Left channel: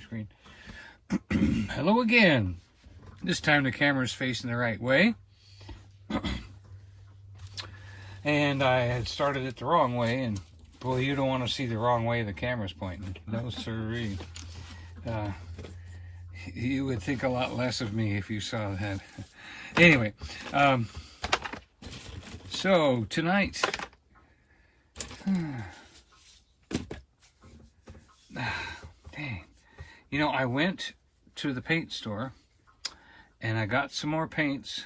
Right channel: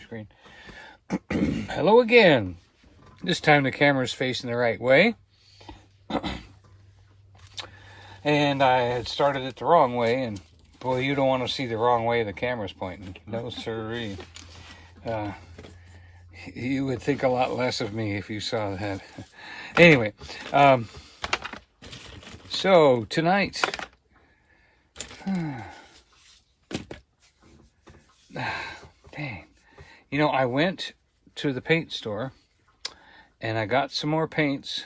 my screen. Hello again. This time the camera's facing the right way. And I had started it the wrong way, and boy, you don't want to see the wrong way the camera's pointing. No sirree. You would think a lot less of me if you saw that. Anyway, so tonight, dang, you know, I went to the paint store and I got some more paints,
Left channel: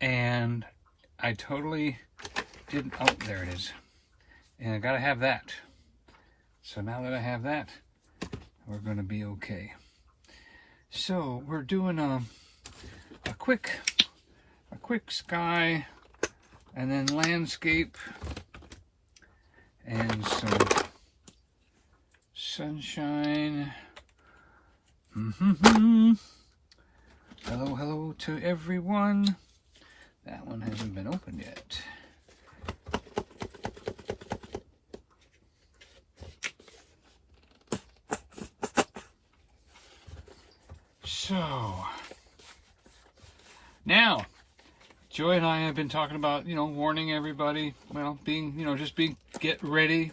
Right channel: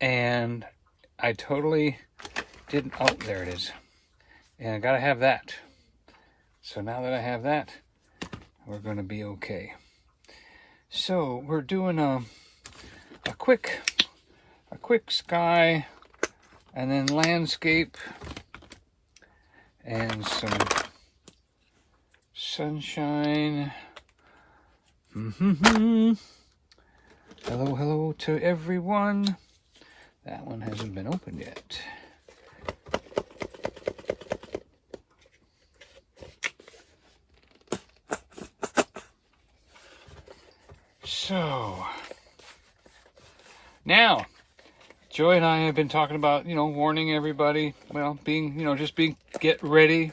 and I totally didn't, oh, there it is. And I gotta have that. So now that I have that, we're gonna be okay. So we're doing a quick sky, and then landscape, and some sunshine. Hello to everyone. That one hasn't been opened yet. So now, Joy and I have been talking about, warning everybody, well, get ready,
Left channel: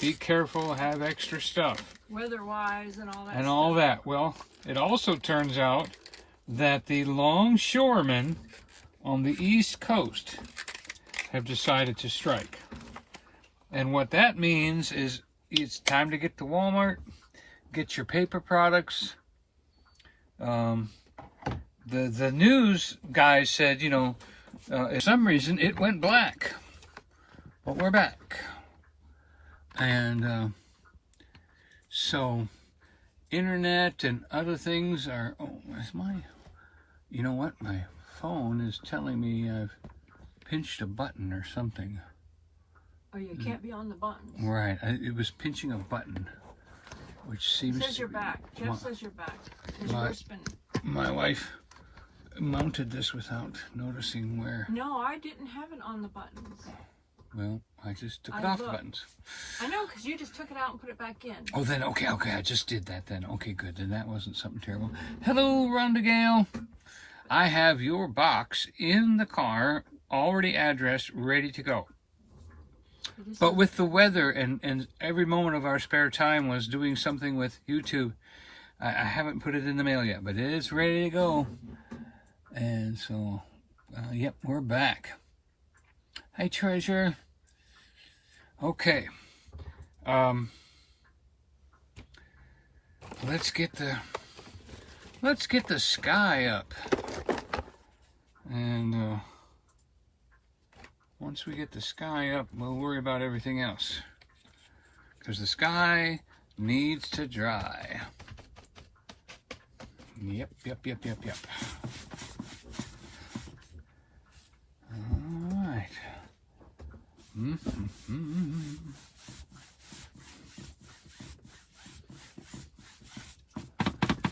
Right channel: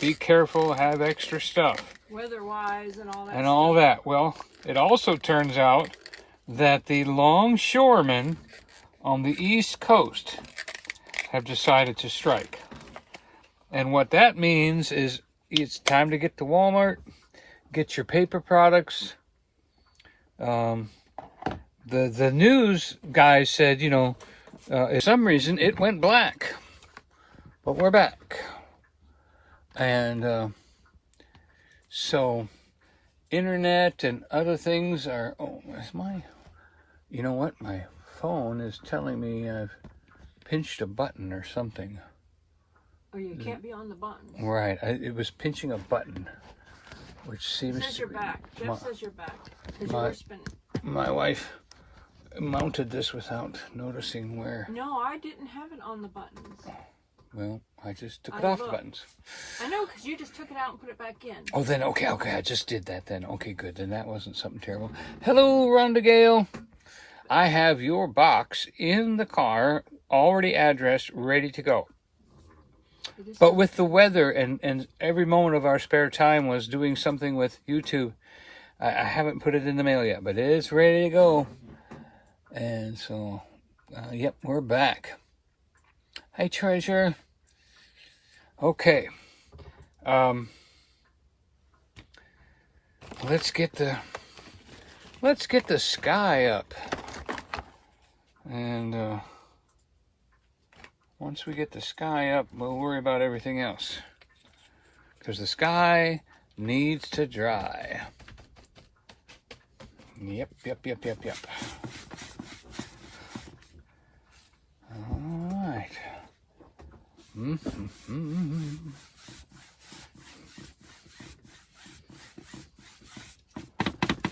be careful, have extra stuff. Weather-wise and all that. And all that. Well, it also turns out that the longshoremen on the East Coast have decided to strike. And what that means is it's time to get to Walmart, get your paper products. The news guys said, for some reason it went black, but we're back. And so internet and other things are, you know what? My phone is telling me I've pinched a button or something. Oh, you can't be on the button. Right. It was pinching a button, which seems... It says you're back. Jeff says you're back. My wife mounted this without noticing where... No, I didn't have it on the buttons. Well, I just took it off the buttons. I know, because you just took it out and put it back in. Oh, then, okay, I just did that then. Okay, good. Then that wasn't something terrible. Hello, Rhonda Gale. I have your box in the car, already addressed, ready to go. But with the weather and every moment of our spare time was doing something with YouTube, I haven't put it in the mail yet, but it is ready to go. And so, yep, we're back. Hey, Treasure. Okay. Let's get the sky up. And once we get the sky up, we'll worry about everything else. Because the sky needs to dry. Yep. All right.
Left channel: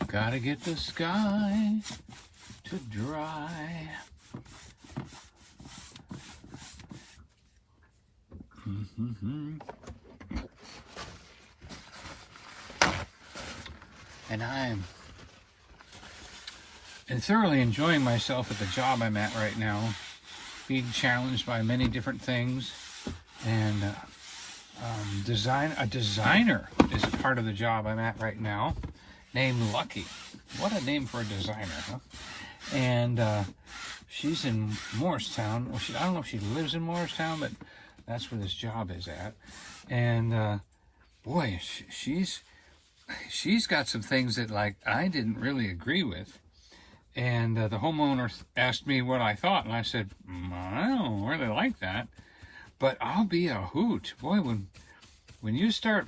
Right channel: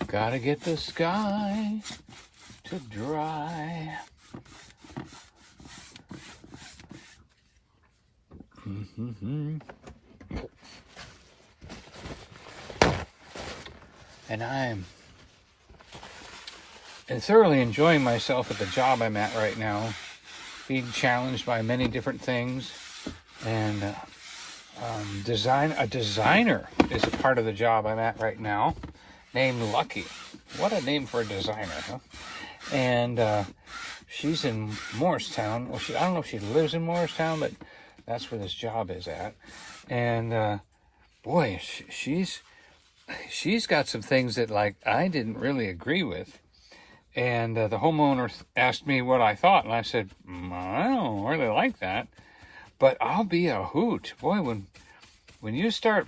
Gotta get the sky to dry. And I'm thoroughly enjoying myself at the job I'm at right now, being challenged by many different things, and a designer is a part of the job I'm at right now, named Lucky. What a name for a designer, huh? And she's in Morristown. Well, I don't know if she lives in Morristown, but that's where this job is at. And boy, she's got some things that, like, I didn't really agree with. And the homeowner asked me what I thought, and I said, I don't really like that, but I'll be a hoot. Boy, when you start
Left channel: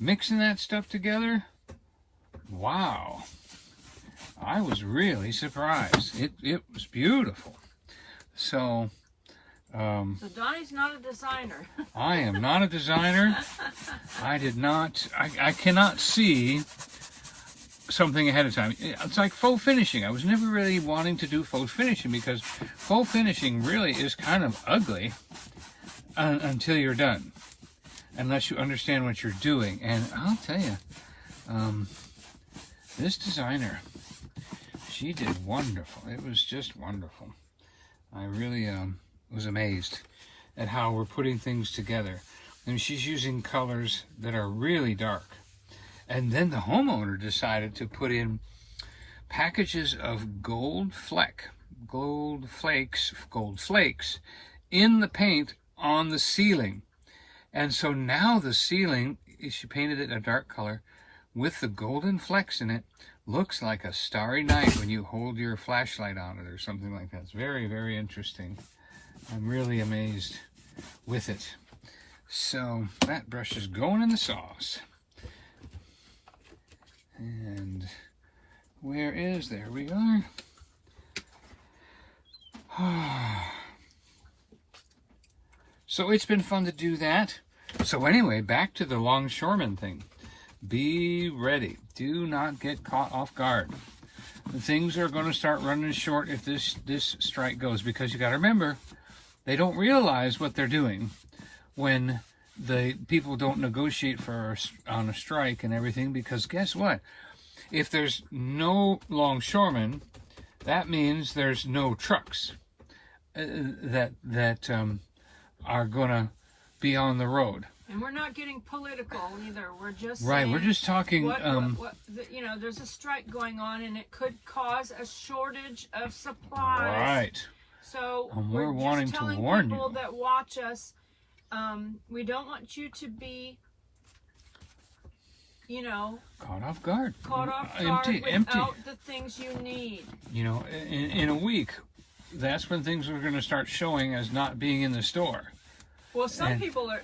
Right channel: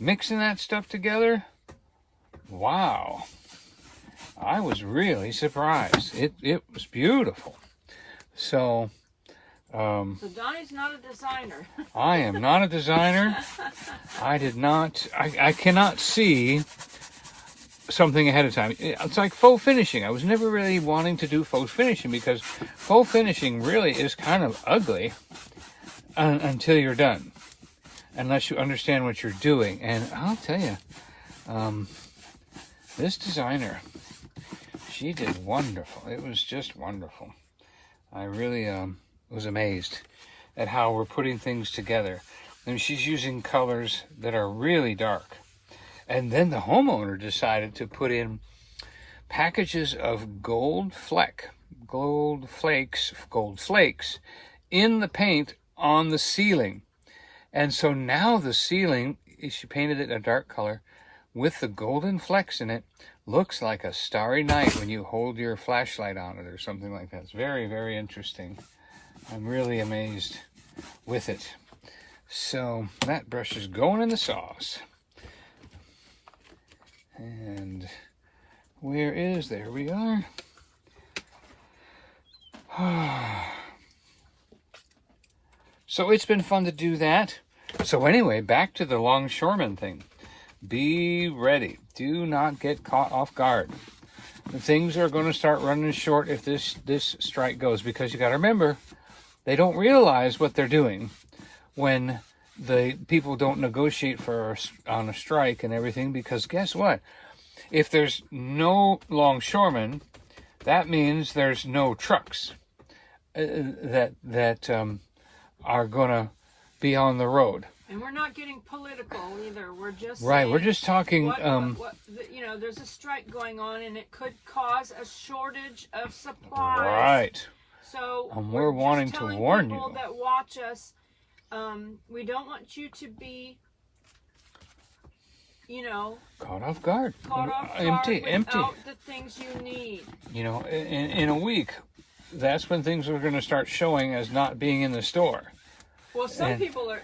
mixing that stuff together, wow, I was really surprised. It was beautiful. So Donnie's not a designer. I am not a designer. I cannot see something ahead of time. It's like faux finishing. I was never really wanting to do faux finishing because faux finishing really is kind of ugly until you're done. unless you understand what you're doing. And I'll tell you, this designer, she did wonderful. It was just wonderful. I really was amazed at how we're putting things together. And she's using colors that are really dark. And then the homeowner decided to put in packages of gold flakes in the paint on the ceiling. And so now the ceiling, she painted it a dark color with the golden flecks in it. Looks like a starry night when you hold your flashlight on it or something like that. It's very, very interesting. I'm really amazed with it. So that brush is going in the sauce. And there we are. So it's been fun to do that. So anyway, back to the longshoreman thing. Be ready. Do not get caught off guard. Things are going to start running short if this strike goes, because you got to remember, they don't realize what they're doing when the people don't negotiate on a strike and everything, because guess what? If there's no longshoremen, that means there's no trucks that are going to be on the road. And we're not getting political either. We're just right. We're just talking. There's a strike going on, and it could cause a shortage of supplies. Right. So we're wanting to warn you. People that watch us, we don't want you to be, caught off guard. Empty. Empty. The things you need. In a week, that's when things are going to start showing as not being in the store. Well, some people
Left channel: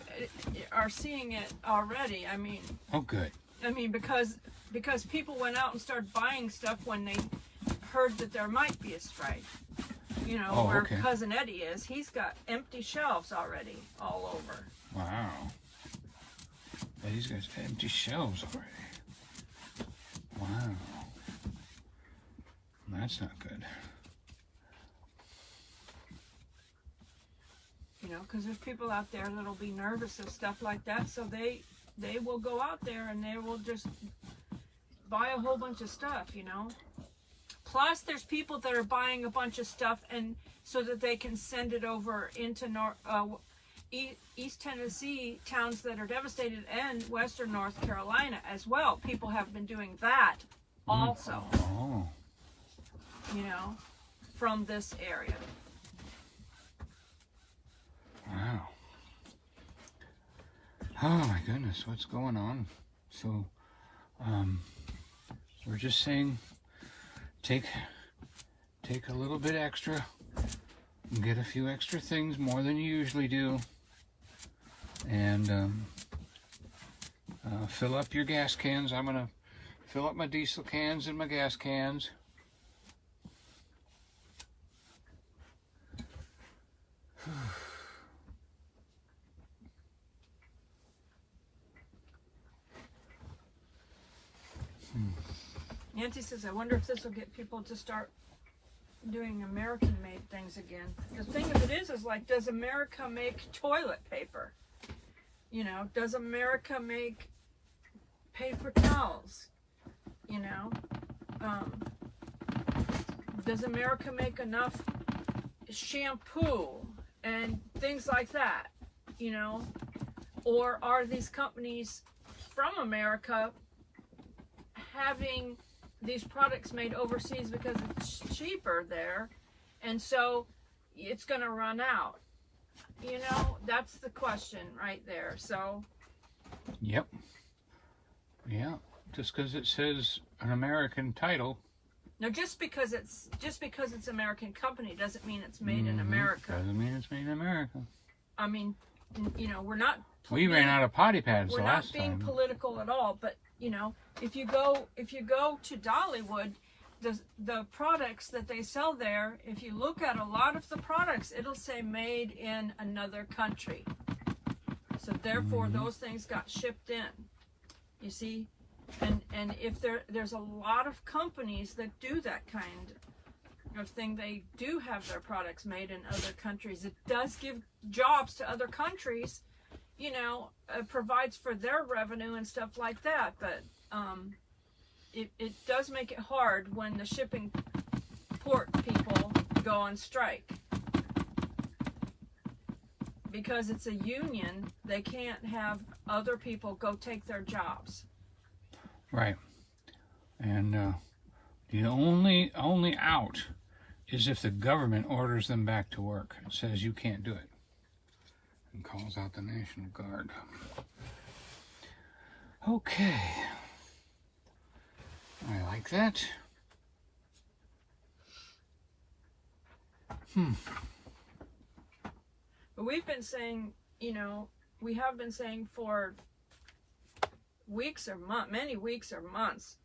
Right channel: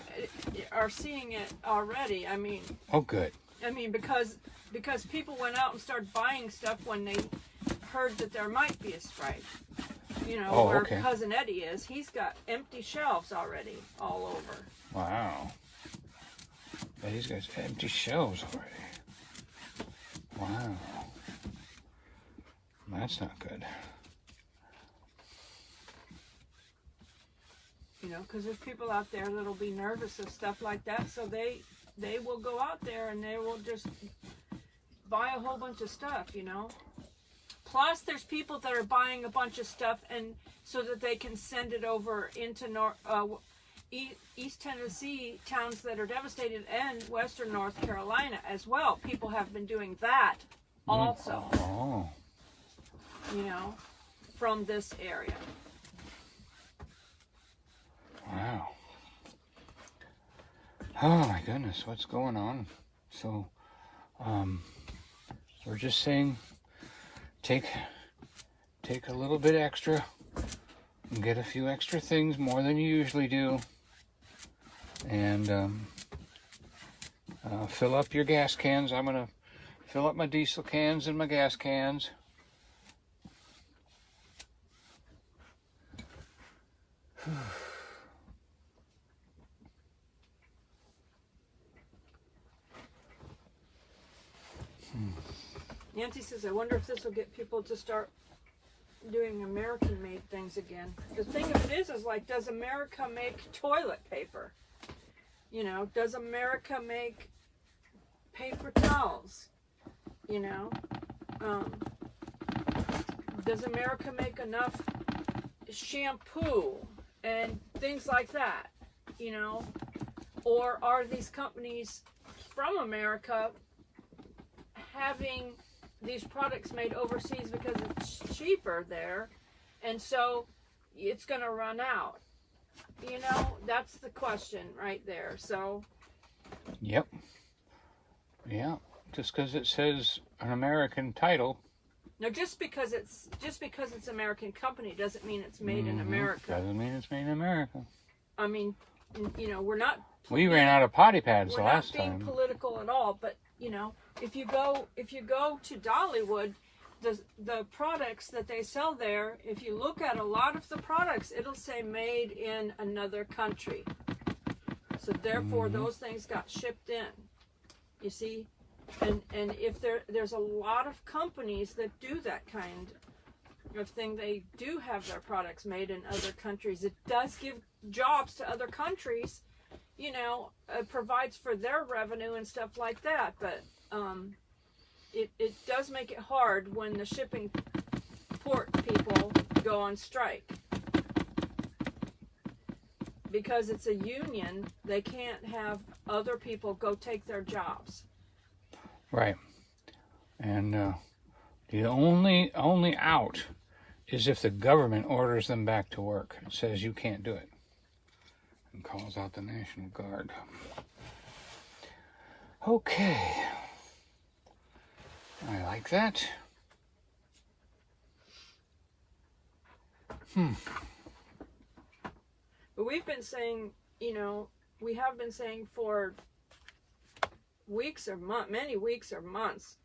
are seeing it already. I mean. Oh, good. I mean, because people went out and started buying stuff when they heard that there might be a strike. Where Cousin Eddie is, he's got empty shelves already all over. Wow. Eddie's got empty shelves already. Wow. That's not good. Because there's people out there that'll be nervous of stuff like that, so they will go out there and they will just buy a whole bunch of stuff, Plus, there's people that are buying a bunch of stuff and so that they can send it over into East Tennessee, towns that are devastated, and Western North Carolina as well. People have been doing that also. Oh. From this area. Wow. Oh my goodness, what's going on? So, we're just saying, take a little bit extra and get a few extra things, more than you usually do, and fill up your gas cans. I'm gonna fill up my diesel cans and my gas cans. Nancy says, I wonder if this will get people to start doing American-made things again. The thing of it is like, does America make toilet paper? Does America make paper towels? Does America make enough shampoo and things like that? Or are these companies from America having these products made overseas because it's cheaper there, and so it's going to run out? That's the question right there. So yep. Yeah, just because it says an American title. No, just because it's American company doesn't mean it's made in America. Doesn't mean it's made in America. I mean, we're not. We ran out of potty pads the last time. We're not being political at all, but if you go to Dollywood, the products that they sell there, if you look at a lot of the products, it'll say made in another country. So therefore, those things got shipped in. You see, and if there's a lot of companies that do that kind of thing, they do have their products made in other countries. It does give jobs to other countries, you know, provides for their revenue and stuff like that. But it does make it hard when the shipping port people go on strike. Because it's a union, they can't have other people go take their jobs. Right. And the only out is if the government orders them back to work. It says you can't do it. And calls out the National Guard. Okay. I like that. But we've been saying, you know, we have been saying for weeks or many weeks or months,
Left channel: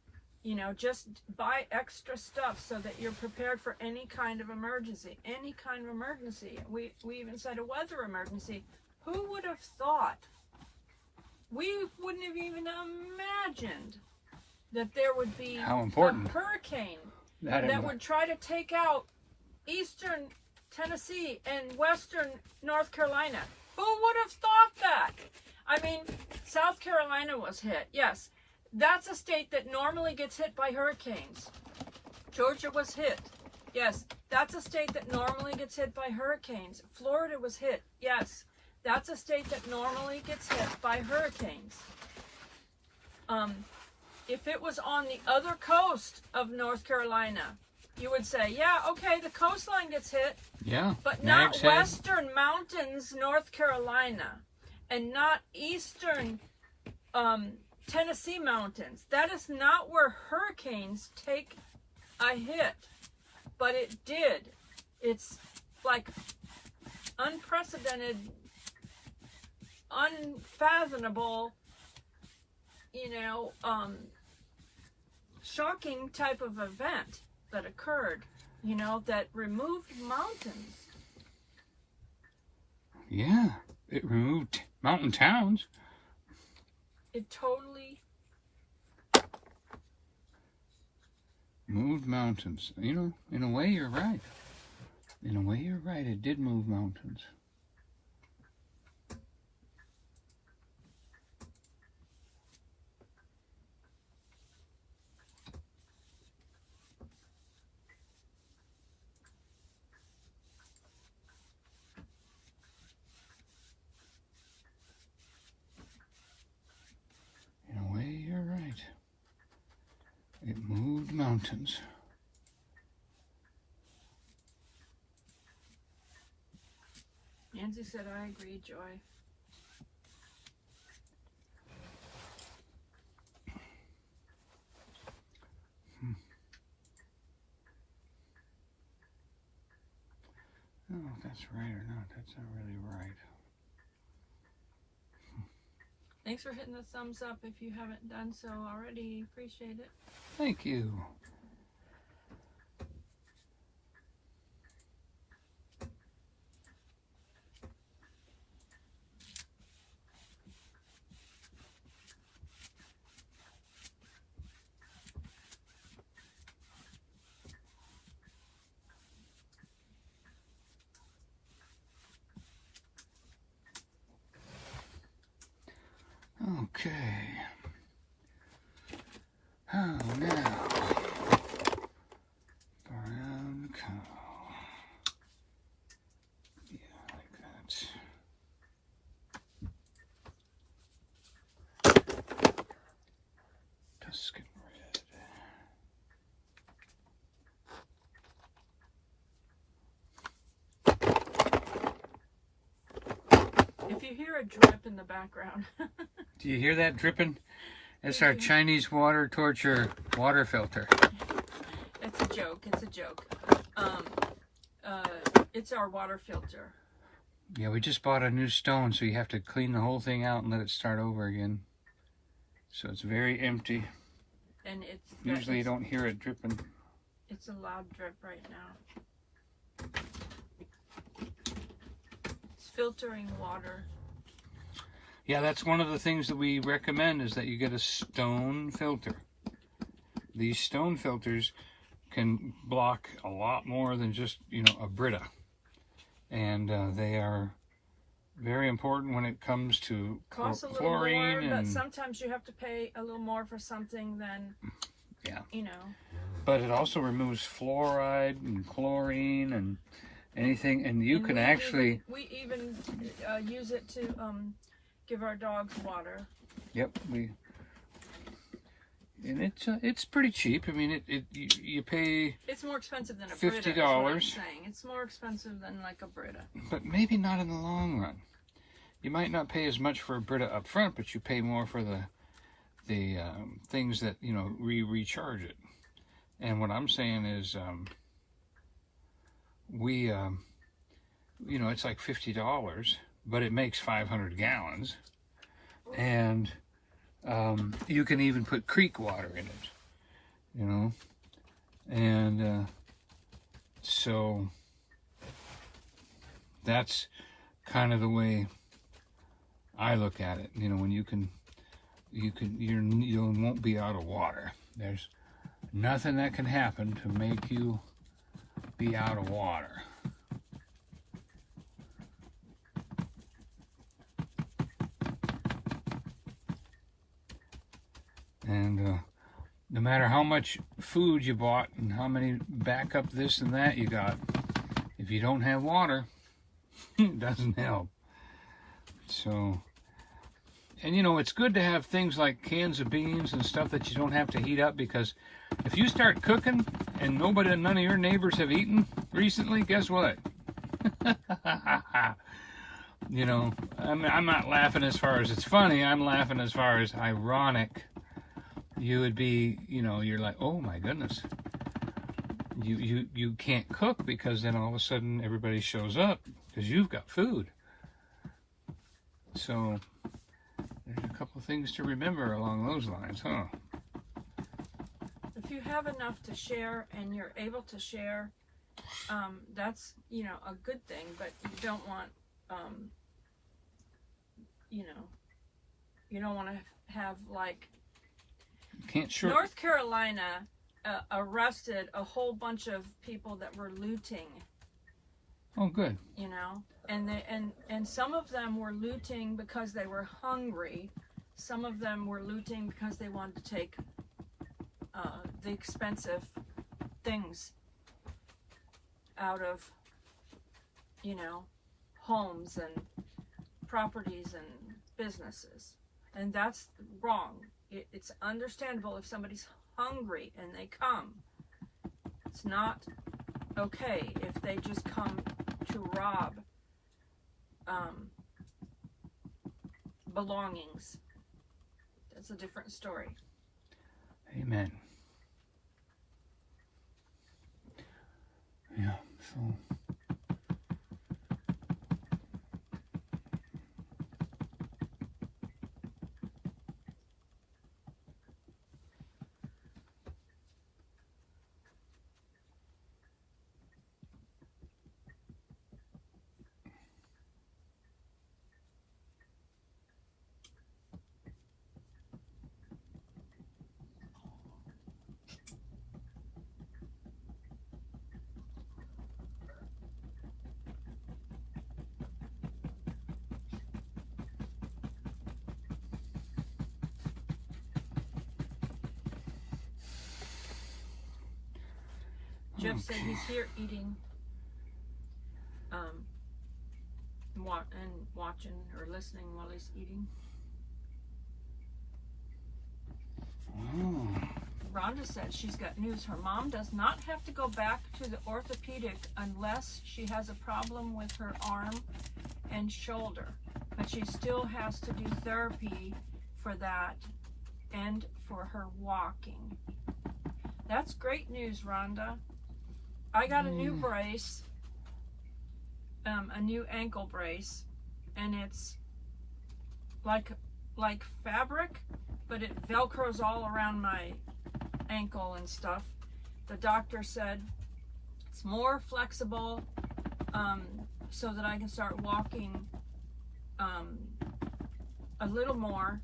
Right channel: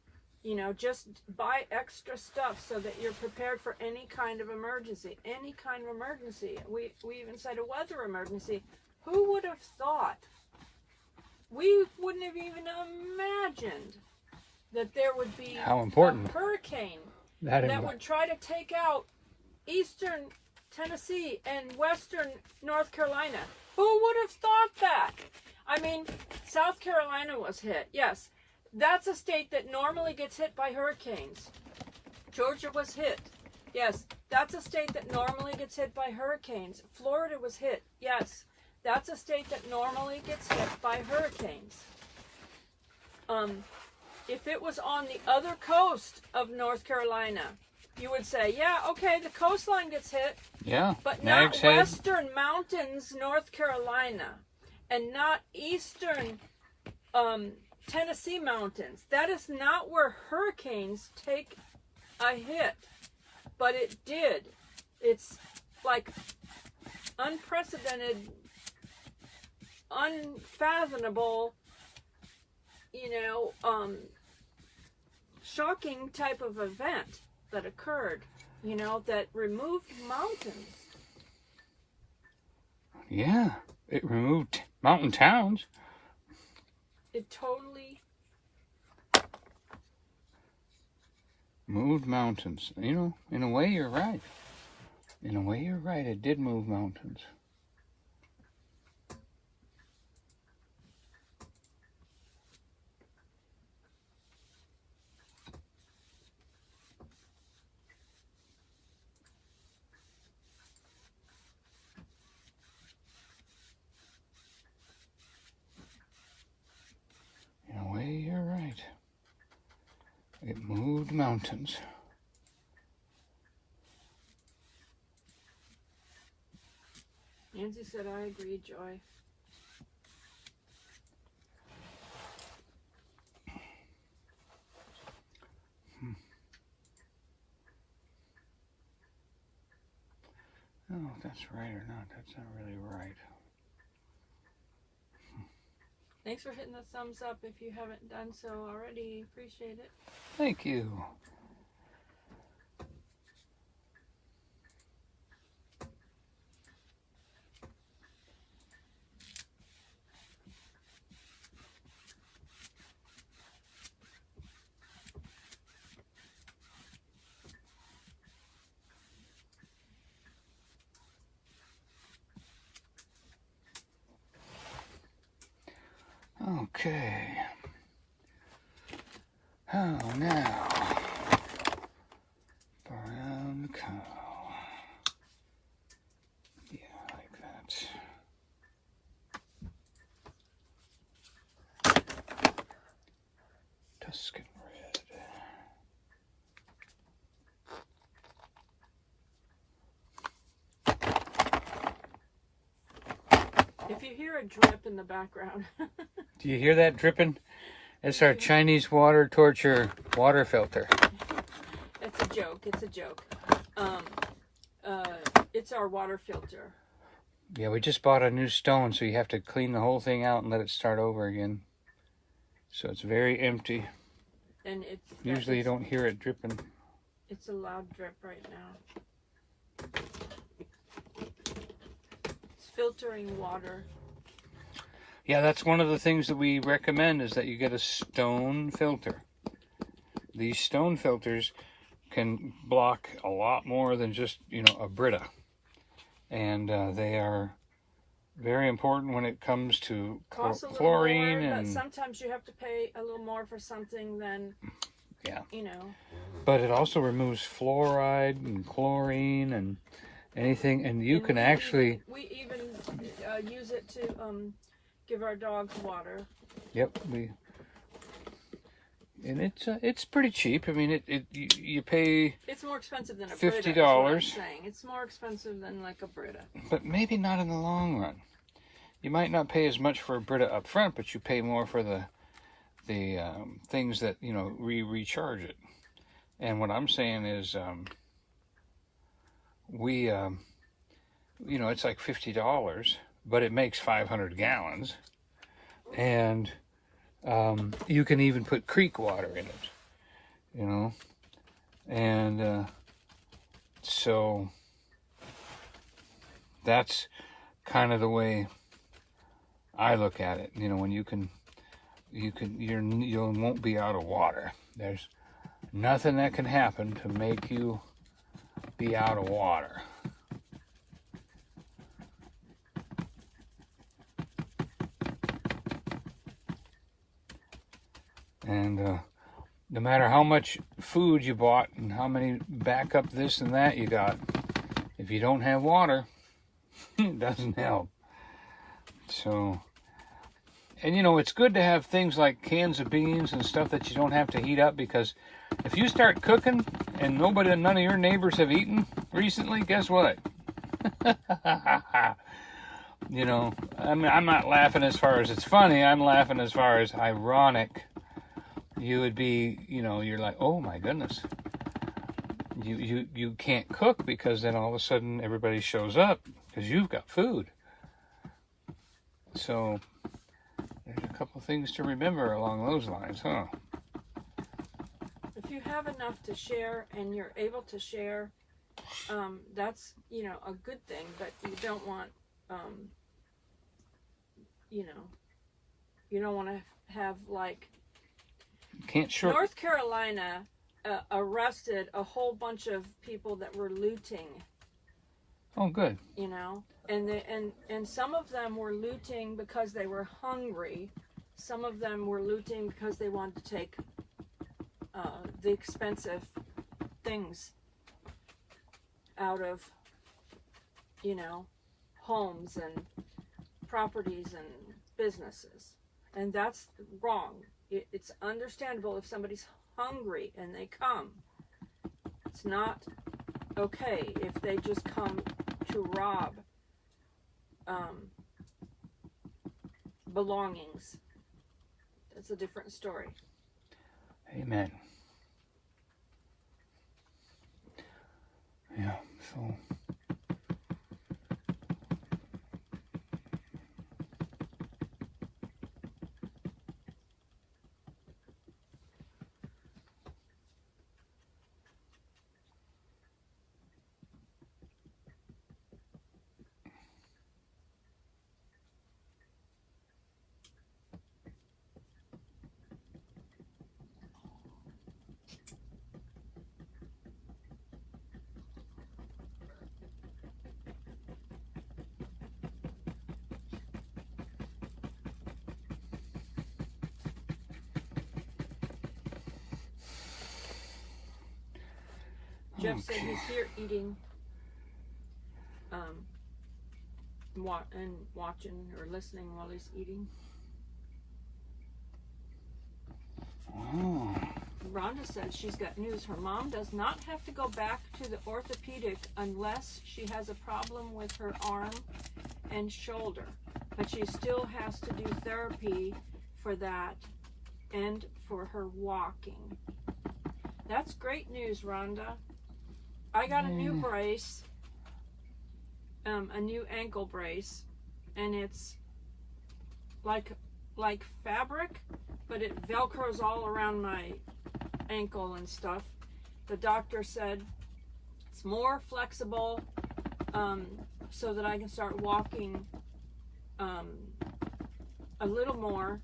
you know, just buy extra stuff so that you're prepared for any kind of emergency. Any kind of emergency. We even said a weather emergency. Who would have thought? We wouldn't have even imagined that there would be How important a hurricane that would try to take out eastern Tennessee and western North Carolina. Who would have thought that? I mean, South Carolina was hit. Yes, that's a state that normally gets hit by hurricanes. Georgia was hit. Yes, that's a state that normally gets hit by hurricanes. Florida was hit. Yes, that's a state that normally gets hit by hurricanes. If it was on the other coast of North Carolina, you would say, yeah, okay, the coastline gets hit. Yeah, But Nag's not Head. western mountains, North Carolina, and not eastern Tennessee mountains. That is not where hurricanes take a hit, but it did. It's like unprecedented, unfathomable, you know, shocking type of event that occurred, you know, that removed mountains. Yeah, it removed mountain towns. It totally Moved mountains. You know, in a way, you're right. In a way, you're right. It did move mountains. In a way, you're right. It moved mountains. Nancy said, I agree, Joy. Oh, if that's right or not, that's not really right. Thanks for hitting the thumbs up if you haven't done so already. Appreciate it. Thank you. Okay. Oh, now. Brown cow. Yeah, like that. Tuscan red. If you hear a drip in the background, Do you hear that dripping? It's our Chinese water torture water filter. it's a joke. It's a joke. It's our water filter. Yeah, we just bought a new stone, so you have to clean the whole thing out and let it start over again. So it's very empty. And it's Usually you don't hear it dripping. It's a loud drip right now. It's filtering water. Yeah, that's one of the things that we recommend is that you get a stone filter. These stone filters can block a lot more than just, you know, a Brita. And they are Very important when it comes to Costs a little chlorine more, and but sometimes you have to pay a little more for something than, yeah. you know. But it also removes fluoride and chlorine and anything, and you And can actually. we even use it to give our dogs water. Yep, and it's pretty cheap. I mean, you pay It's more expensive than a $50. Brita, is what I'm saying. It's more expensive than like a Brita. but maybe not in the long run. You might not pay as much for a Brita up front, but you pay more for the things that recharge it. And what I'm saying is, it's like $50, but it makes 500 gallons, and you can even put creek water in it, and so that's kind of the way I look at it. When you won't be out of water. There's nothing that can happen to make you be out of water. And no matter how much food you bought and how many backup this and that you got, if you don't have water, it doesn't help. So, and it's good to have things like cans of beans and stuff that you don't have to heat up, because if you start cooking and none of your neighbors have eaten recently, guess what? I'm not laughing as far as it's funny. I'm laughing as far as ironic. You would be, you're like, oh my goodness. You can't cook, because then all of a sudden everybody shows up because you've got food. So there's a couple things to remember along those lines, huh? If you have enough to share and you're able to share, that's, a good thing, but you don't want, you don't want to have like, Can't short. North Carolina arrested a whole bunch of people that were looting. Oh, good. And some of them were looting because they were hungry. Some of them were looting because they wanted to take the expensive things out of, homes and properties and businesses. And that's wrong. It's understandable if somebody's hungry and they come. It's not okay if they just come to rob belongings. That's a different story. Amen. Yeah, so... Jeff said he's here eating, and watching or listening while he's eating. Oh. Rhonda said she's got news. Her mom does not have to go back to the orthopedic unless she has a problem with her arm and shoulder, but she still has to do therapy for that and for her walking. That's great news, Rhonda. I got a new brace, a new ankle brace, and it's like fabric, but it velcros all around my ankle and stuff. The doctor said it's more flexible, so that I can start walking a little more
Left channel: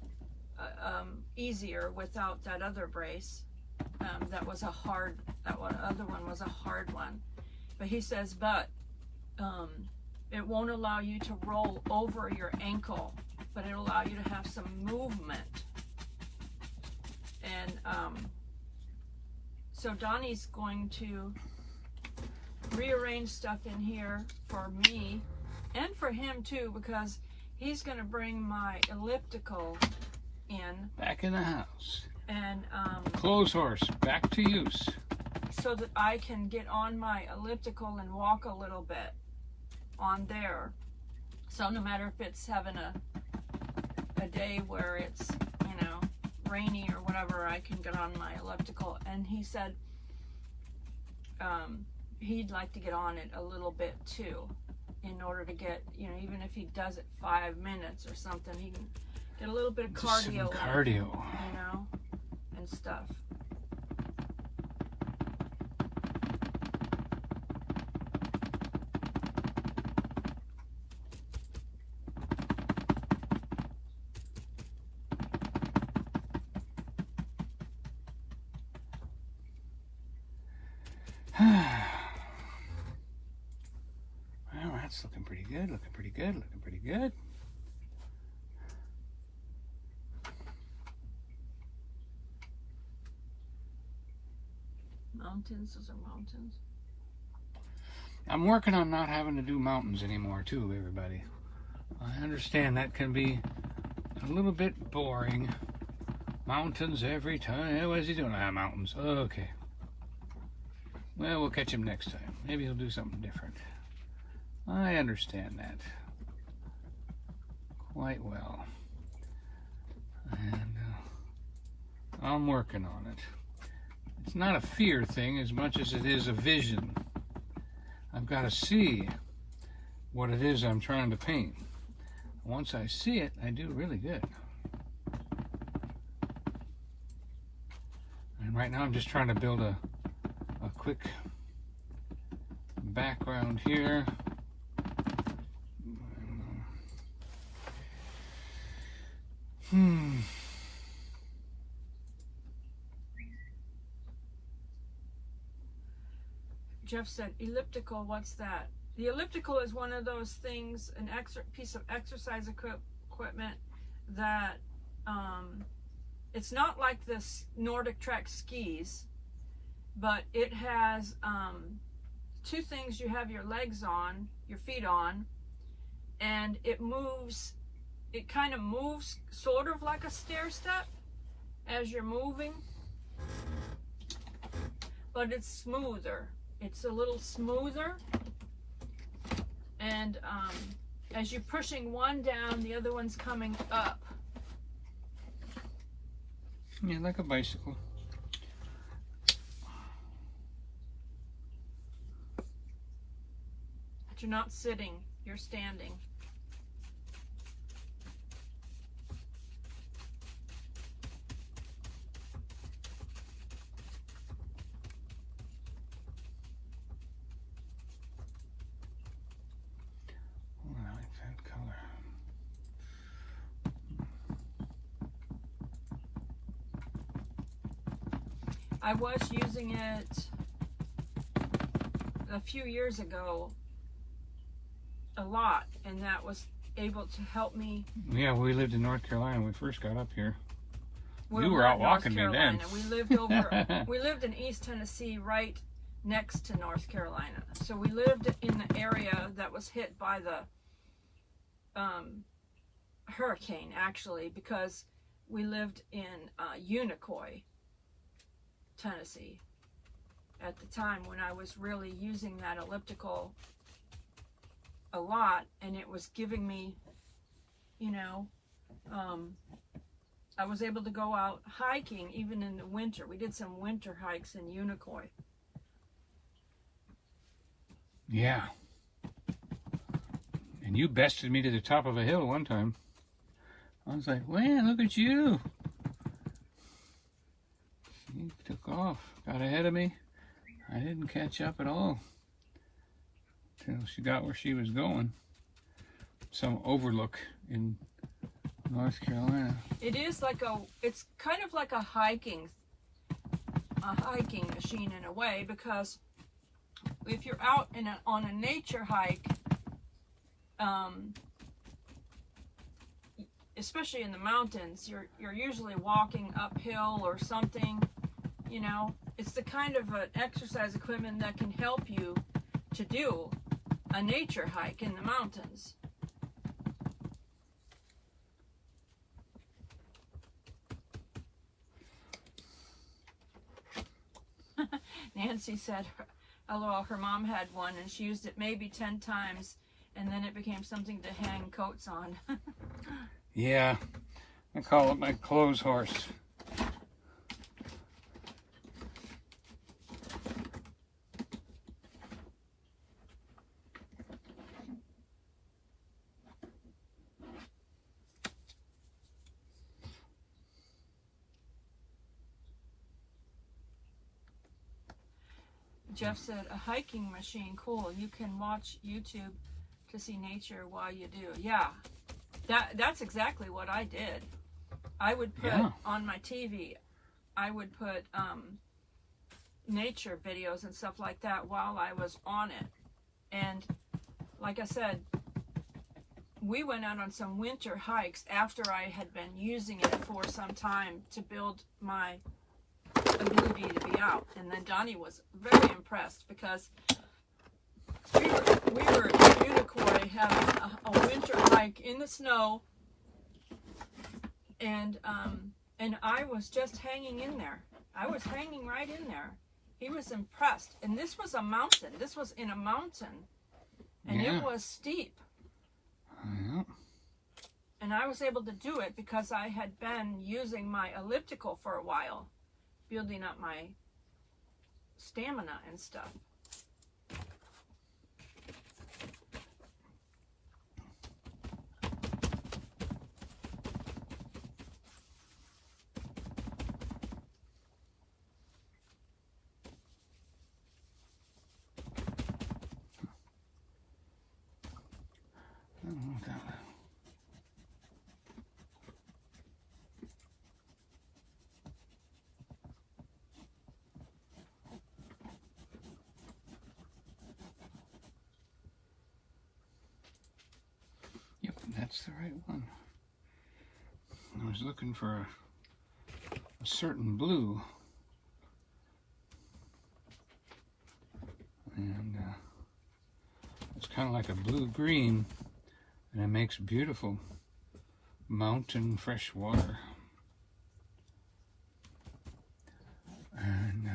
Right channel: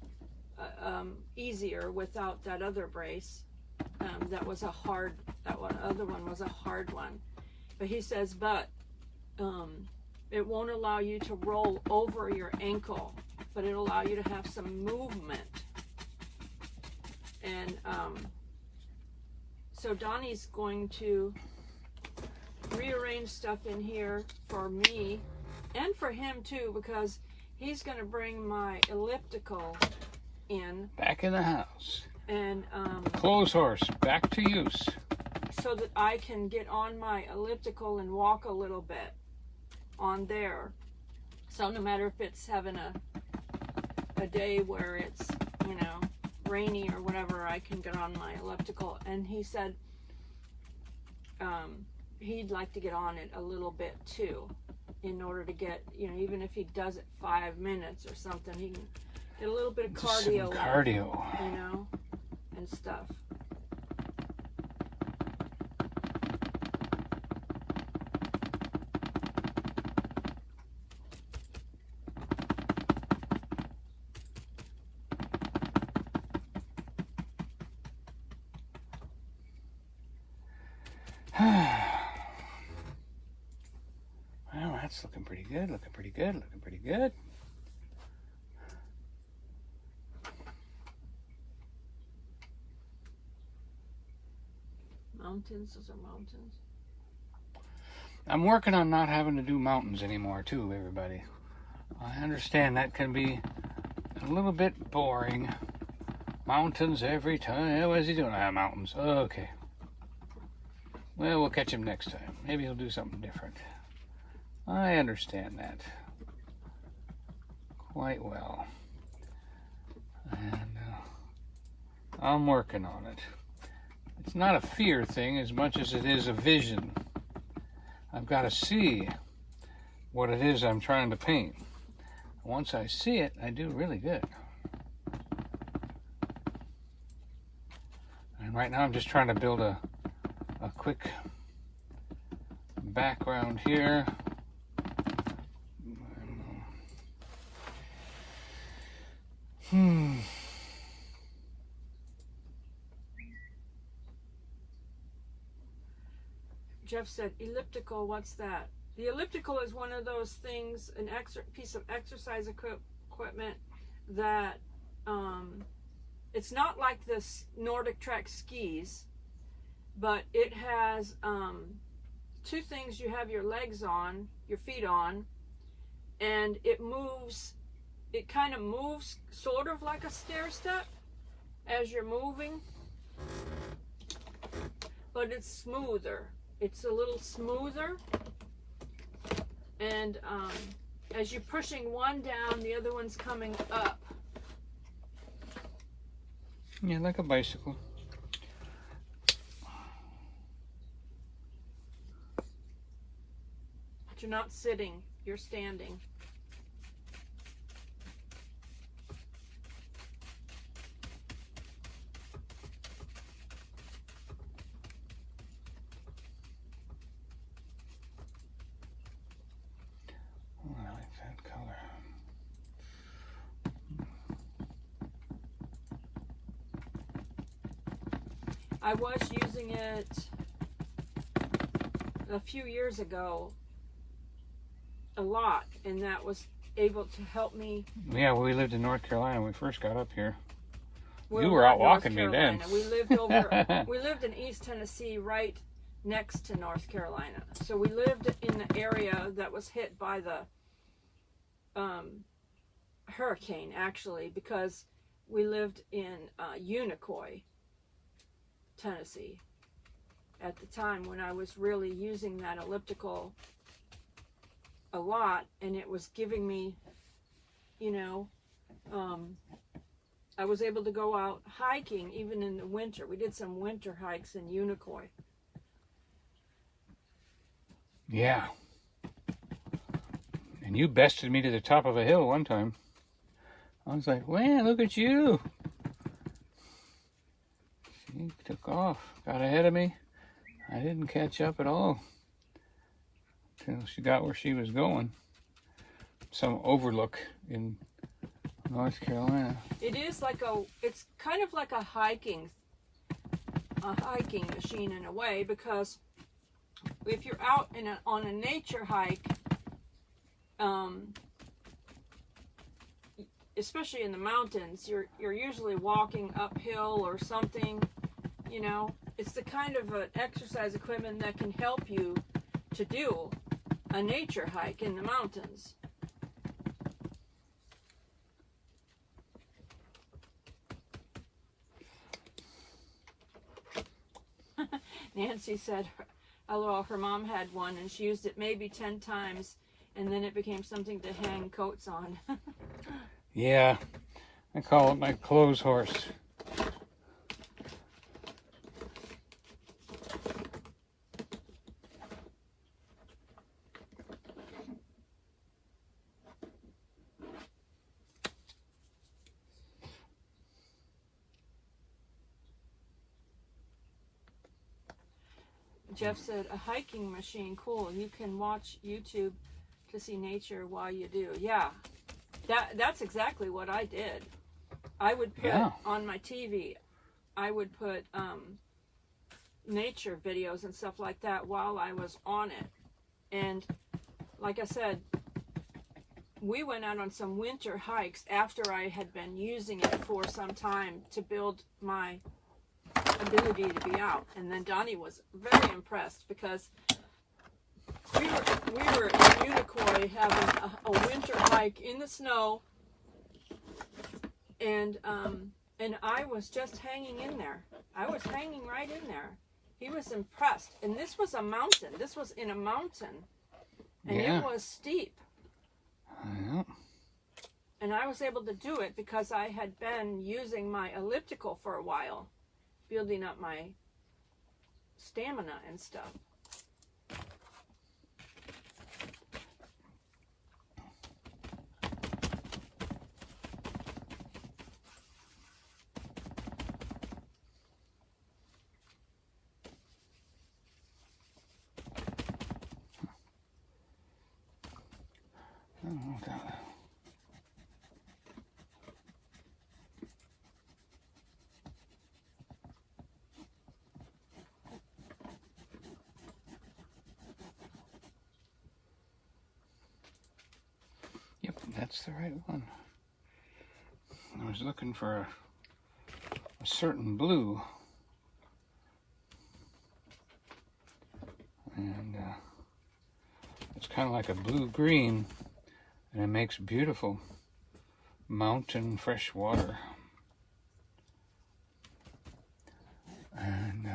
easier without that other brace. That other one was a hard one. But he says, It won't allow you to roll over your ankle, but it'll allow you to have some movement. And so Donnie's going to rearrange stuff in here for me and for him too, because he's going to bring my elliptical in. Back in the house. And Clothes horse, back to use. so that I can get on my elliptical and walk a little bit on there. So no matter if it's having a day where it's, you know, rainy or whatever, I can get on my elliptical. And he said he'd like to get on it a little bit too, in order to get, you know, even if he does it 5 minutes or something, he can get a little bit of cardio, Some cardio, you know, and stuff. Well, that's looking pretty good, looking pretty good, looking pretty good. Mountains, those are mountains. I'm working on not having to do mountains anymore too, everybody. I understand that can be a little bit boring. Mountains every time. What is he doing? Ah, mountains. Okay. Well, we'll catch him next time. Maybe he'll do something different. I understand that quite well. And I'm working on it. It's not a fear thing as much as it is a vision. I've got to see what it is I'm trying to paint. Once I see it, I do really good. And right now I'm just trying to build a quick background here. Jeff said, elliptical, what's that? The elliptical is one of those things, an piece of exercise equipment that, it's not like this Nordic Track skis, but it has two things. You have your legs on, your feet on, and it moves, it kind of moves sort of like a stair step as you're moving, but it's smoother. It's a little smoother, and as you're pushing one down, the other one's coming up. Yeah, like a bicycle. But you're not sitting, you're standing. I was using it a few years ago a lot, and that was able to help me. Yeah, we lived in North Carolina when we first got up here. Well, you were out walking me then. We lived over. We lived in East Tennessee, right next to North Carolina. So we lived in the area that was hit by the hurricane, actually, because we lived in Unicoi, Tennessee, at the time when I was really using that elliptical a lot, and it was giving me, you know, I was able to go out hiking even in the winter. We did some winter hikes in Unicoi. Yeah. And you bested me to the top of a hill one time. I was like, man, look at you. She took off, got ahead of me. I didn't catch up at all until she got where she was going. Some overlook in North Carolina. It is like it's kind of like a hiking machine in a way, because if you're out on a nature hike, especially in the mountains, you're usually walking uphill or something, you know. It's the kind of an exercise equipment that can help you to do a nature hike in the mountains. Nancy said, LOL, her mom had one and she used it maybe 10 times and then it became something to hang coats on. Yeah, I call it my clothes horse. Jeff said, a hiking machine, cool. You can watch YouTube to see nature while you do. Yeah, that's exactly what I did. I would put on my TV, I would put nature videos and stuff like that while I was on it. And like I said, we went out on some winter hikes after I had been using it for some time to build my ability to be out, and then Donnie was very impressed because we were in Unicoi having a winter hike in the snow, and I was just hanging in there. I was hanging right in there. He was impressed, and this was a mountain. This was in a mountain, and it was steep. And I was able to do it because I had been using my elliptical for a while, building up my stamina and stuff. Yep, that's the right one. I was looking for a certain blue, and it's kind of like a blue-green, and it makes beautiful mountain fresh water. And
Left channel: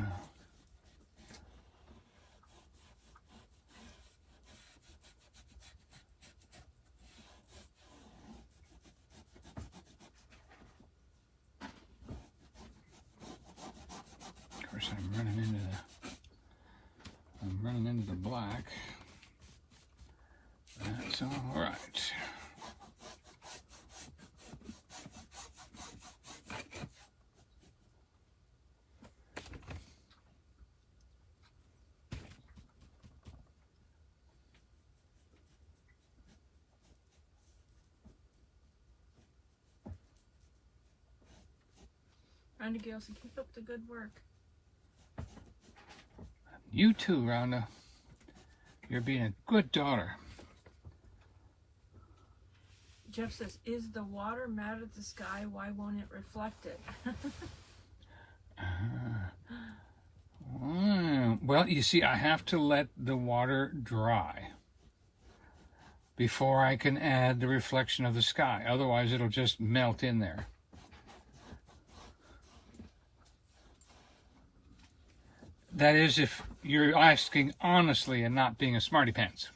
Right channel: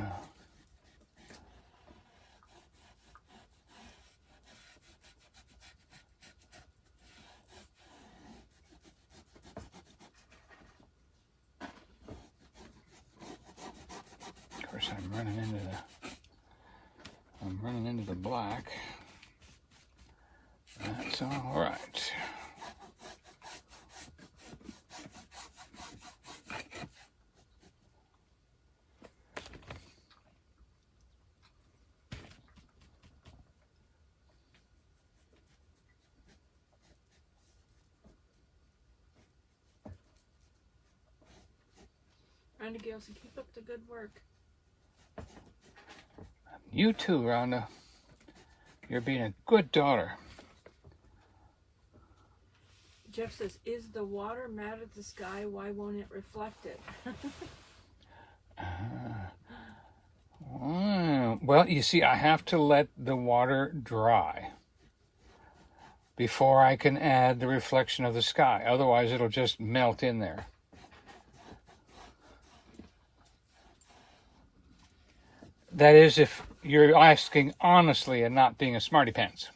of course, I'm running into the black. That's all right. Randy Galeson, keep up the good work. You too, Rhonda. You're being a good daughter. Jeff says, is the water mad at the sky? Why won't it reflect it? Well, you see, I have to let the water dry before I can add the reflection of the sky. Otherwise, it'll just melt in there. That is, if you're asking honestly and not being a smarty pants.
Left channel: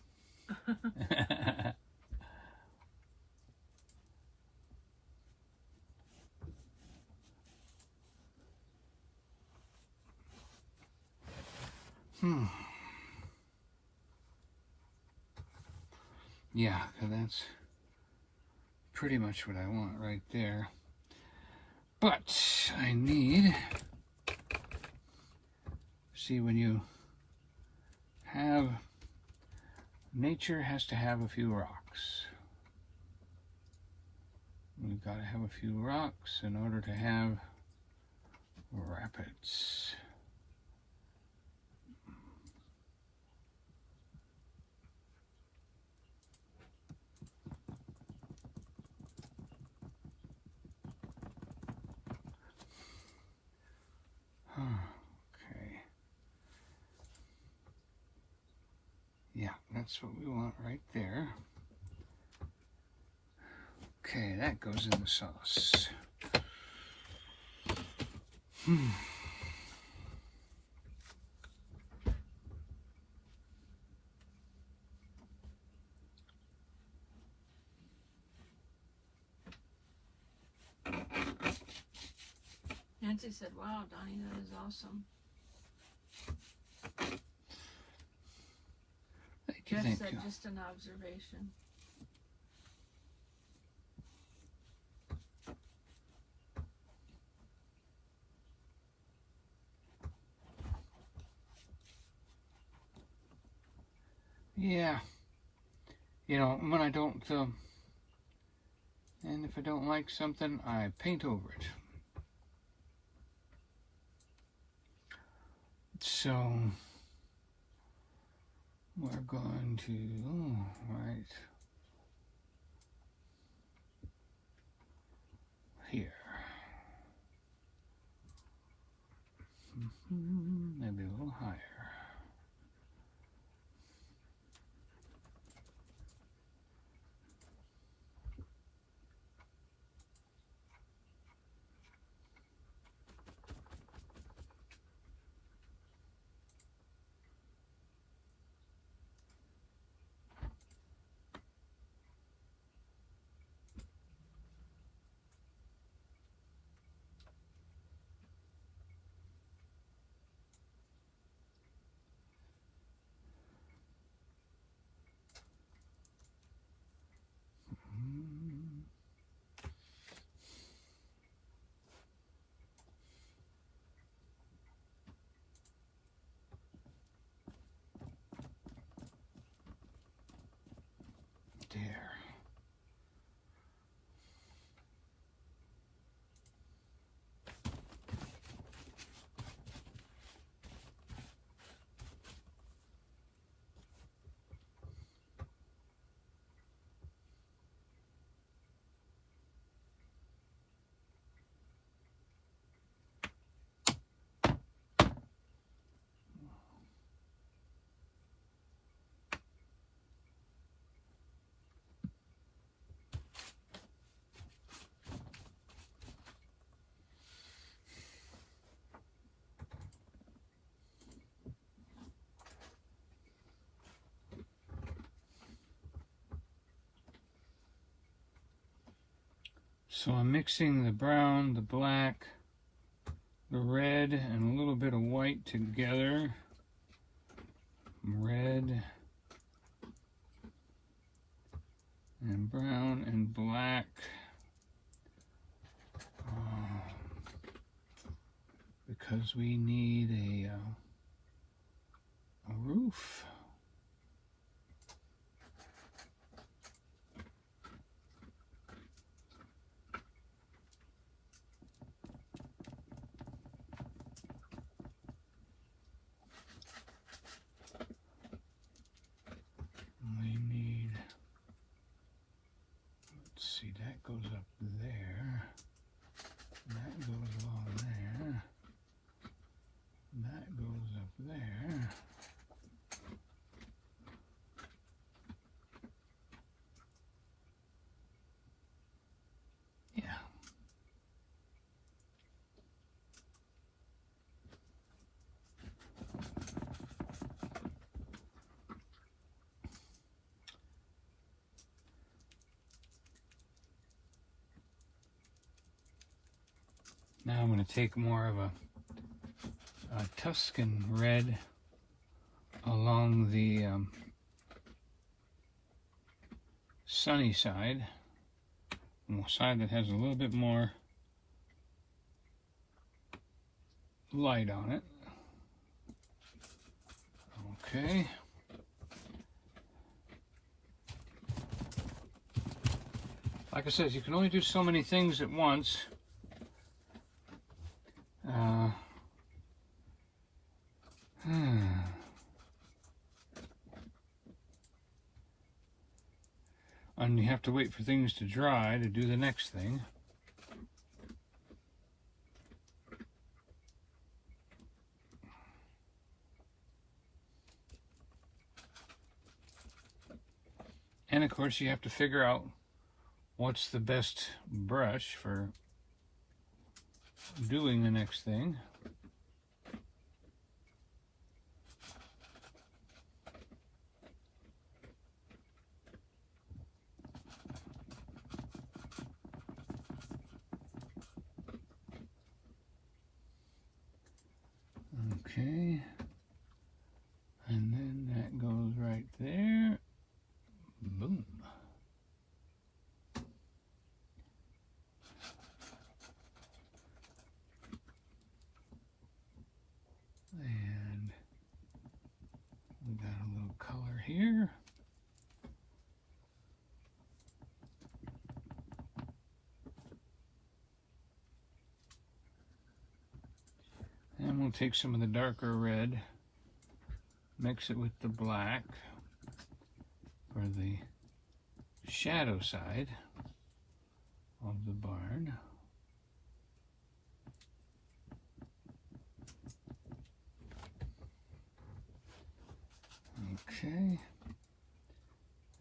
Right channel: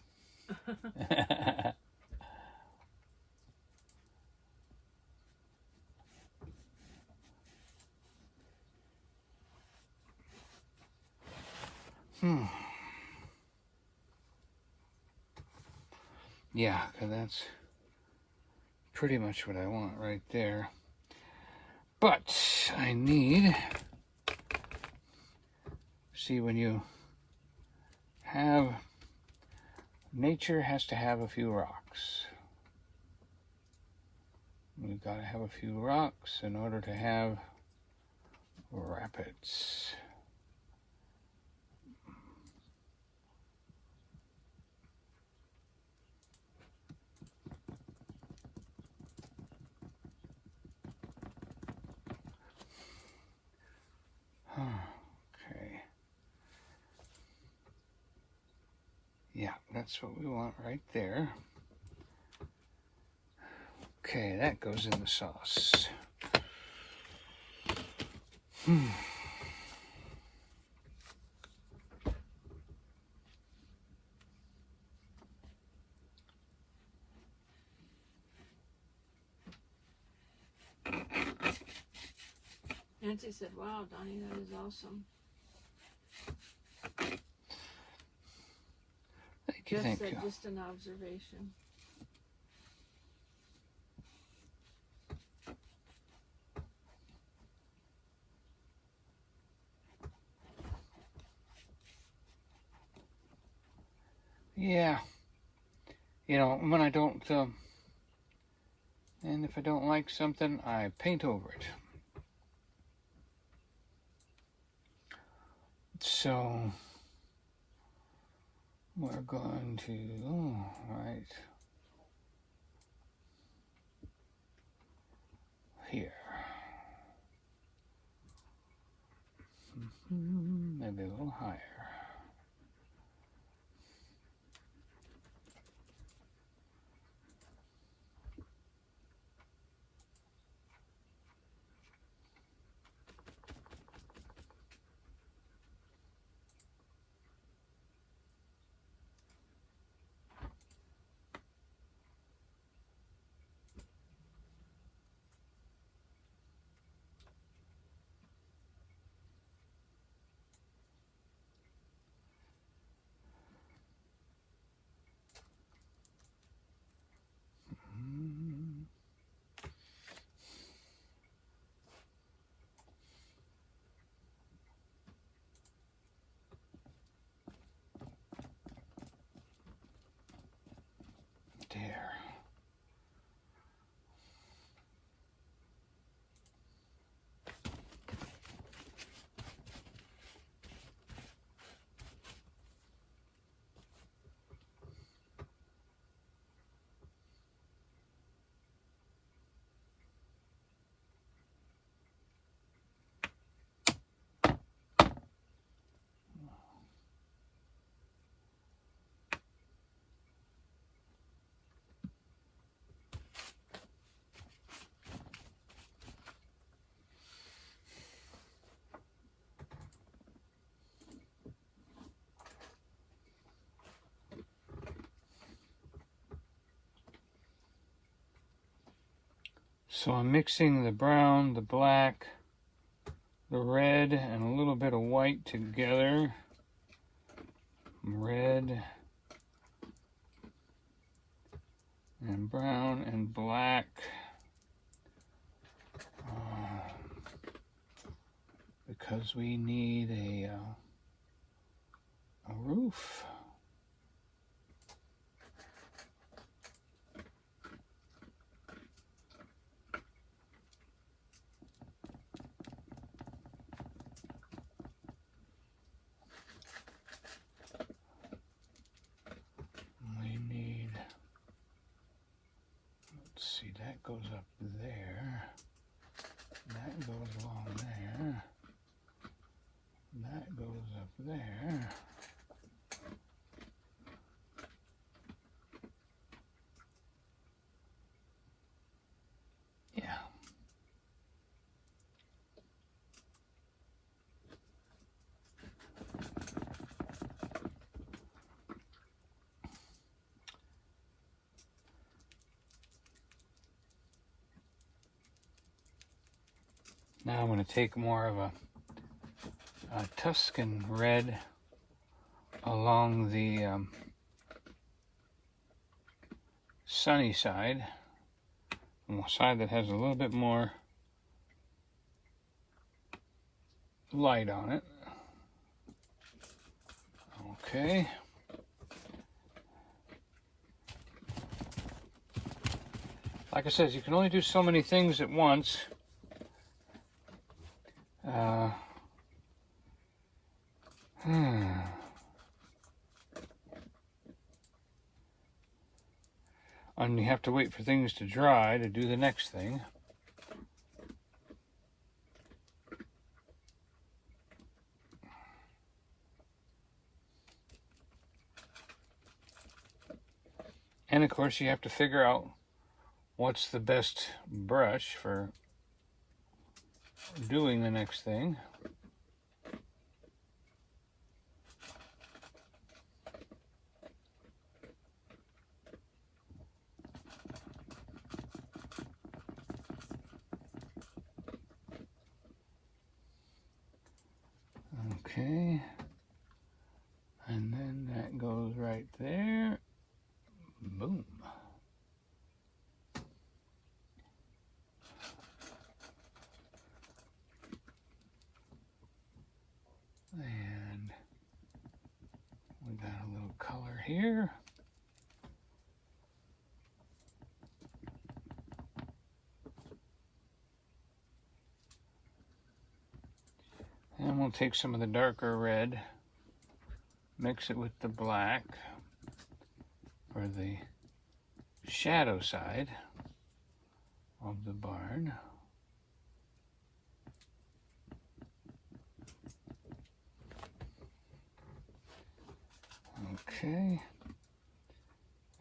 Yeah, because that's pretty much what I want right there. But I need, see, when you have, nature has to have a few rocks. We've got to have a few rocks in order to have rapids. That's what we want right there. Okay, that goes in the sauce. Nancy said, "Wow, Donnie, that is awesome." Thank you, Jeff thank said, you. "Just an observation." Yeah. You know, when I don't, and if I don't like something, I paint over it. So, we're going to, right here. Maybe a little higher. There. So I'm mixing the brown, the black, the red, and a little bit of white together. Red and brown and black. Because we need a roof. We need, let's see, that goes up there. That goes along there. That goes up there. Yeah. Now I'm going to take more of a Tuscan red along the sunny side, on the side that has a little bit more light on it. Okay. Like I said, you can only do so many things at once. And you have to wait for things to dry to do the next thing. And of course you have to figure out what's the best brush for doing the next thing. Okay, and then that goes right there. Boom. And we got a little color here. And we'll take some of the darker red, mix it with the black for the shadow side of the barn. Okay,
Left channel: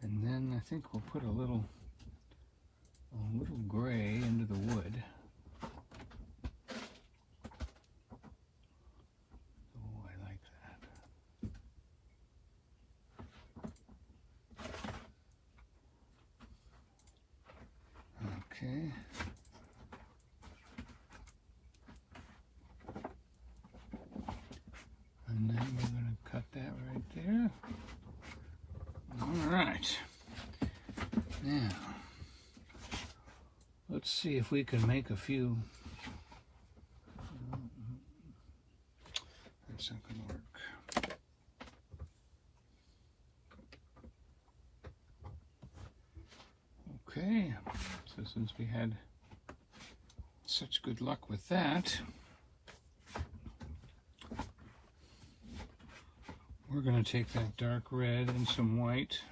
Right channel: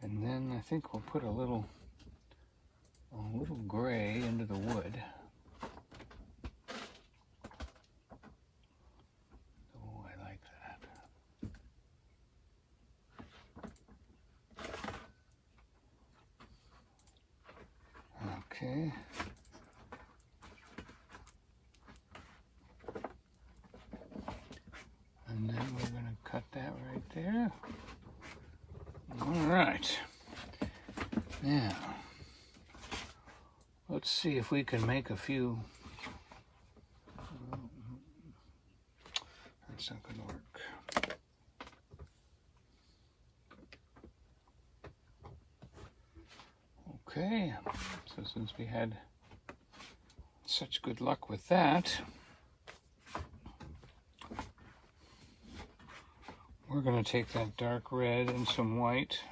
and then I think we'll put a little gray into the wood. Oh, I like that. Okay. And then we're going to cut that right there. All right. Now, let's see if we can make a few. That's not going to work. Okay, so since we had such good luck with that, we're going to take that dark red and some white.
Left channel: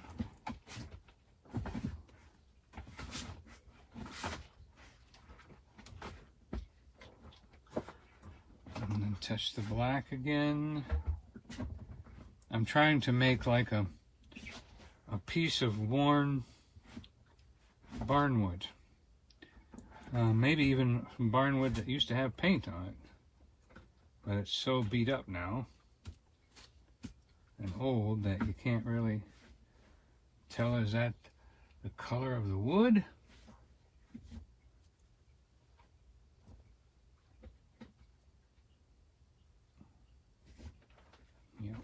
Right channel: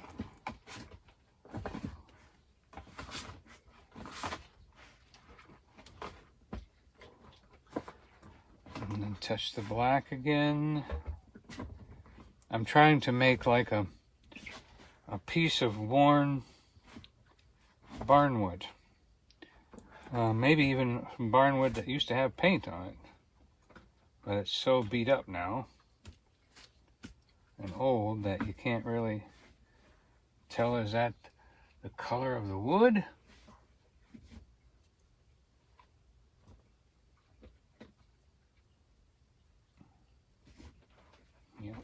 And then touch the black again. I'm trying to make like a piece of worn barnwood. Maybe even some barnwood that used to have paint on it. But it's so beat up now and old that you can't really tell, is that the color of the wood? Yep.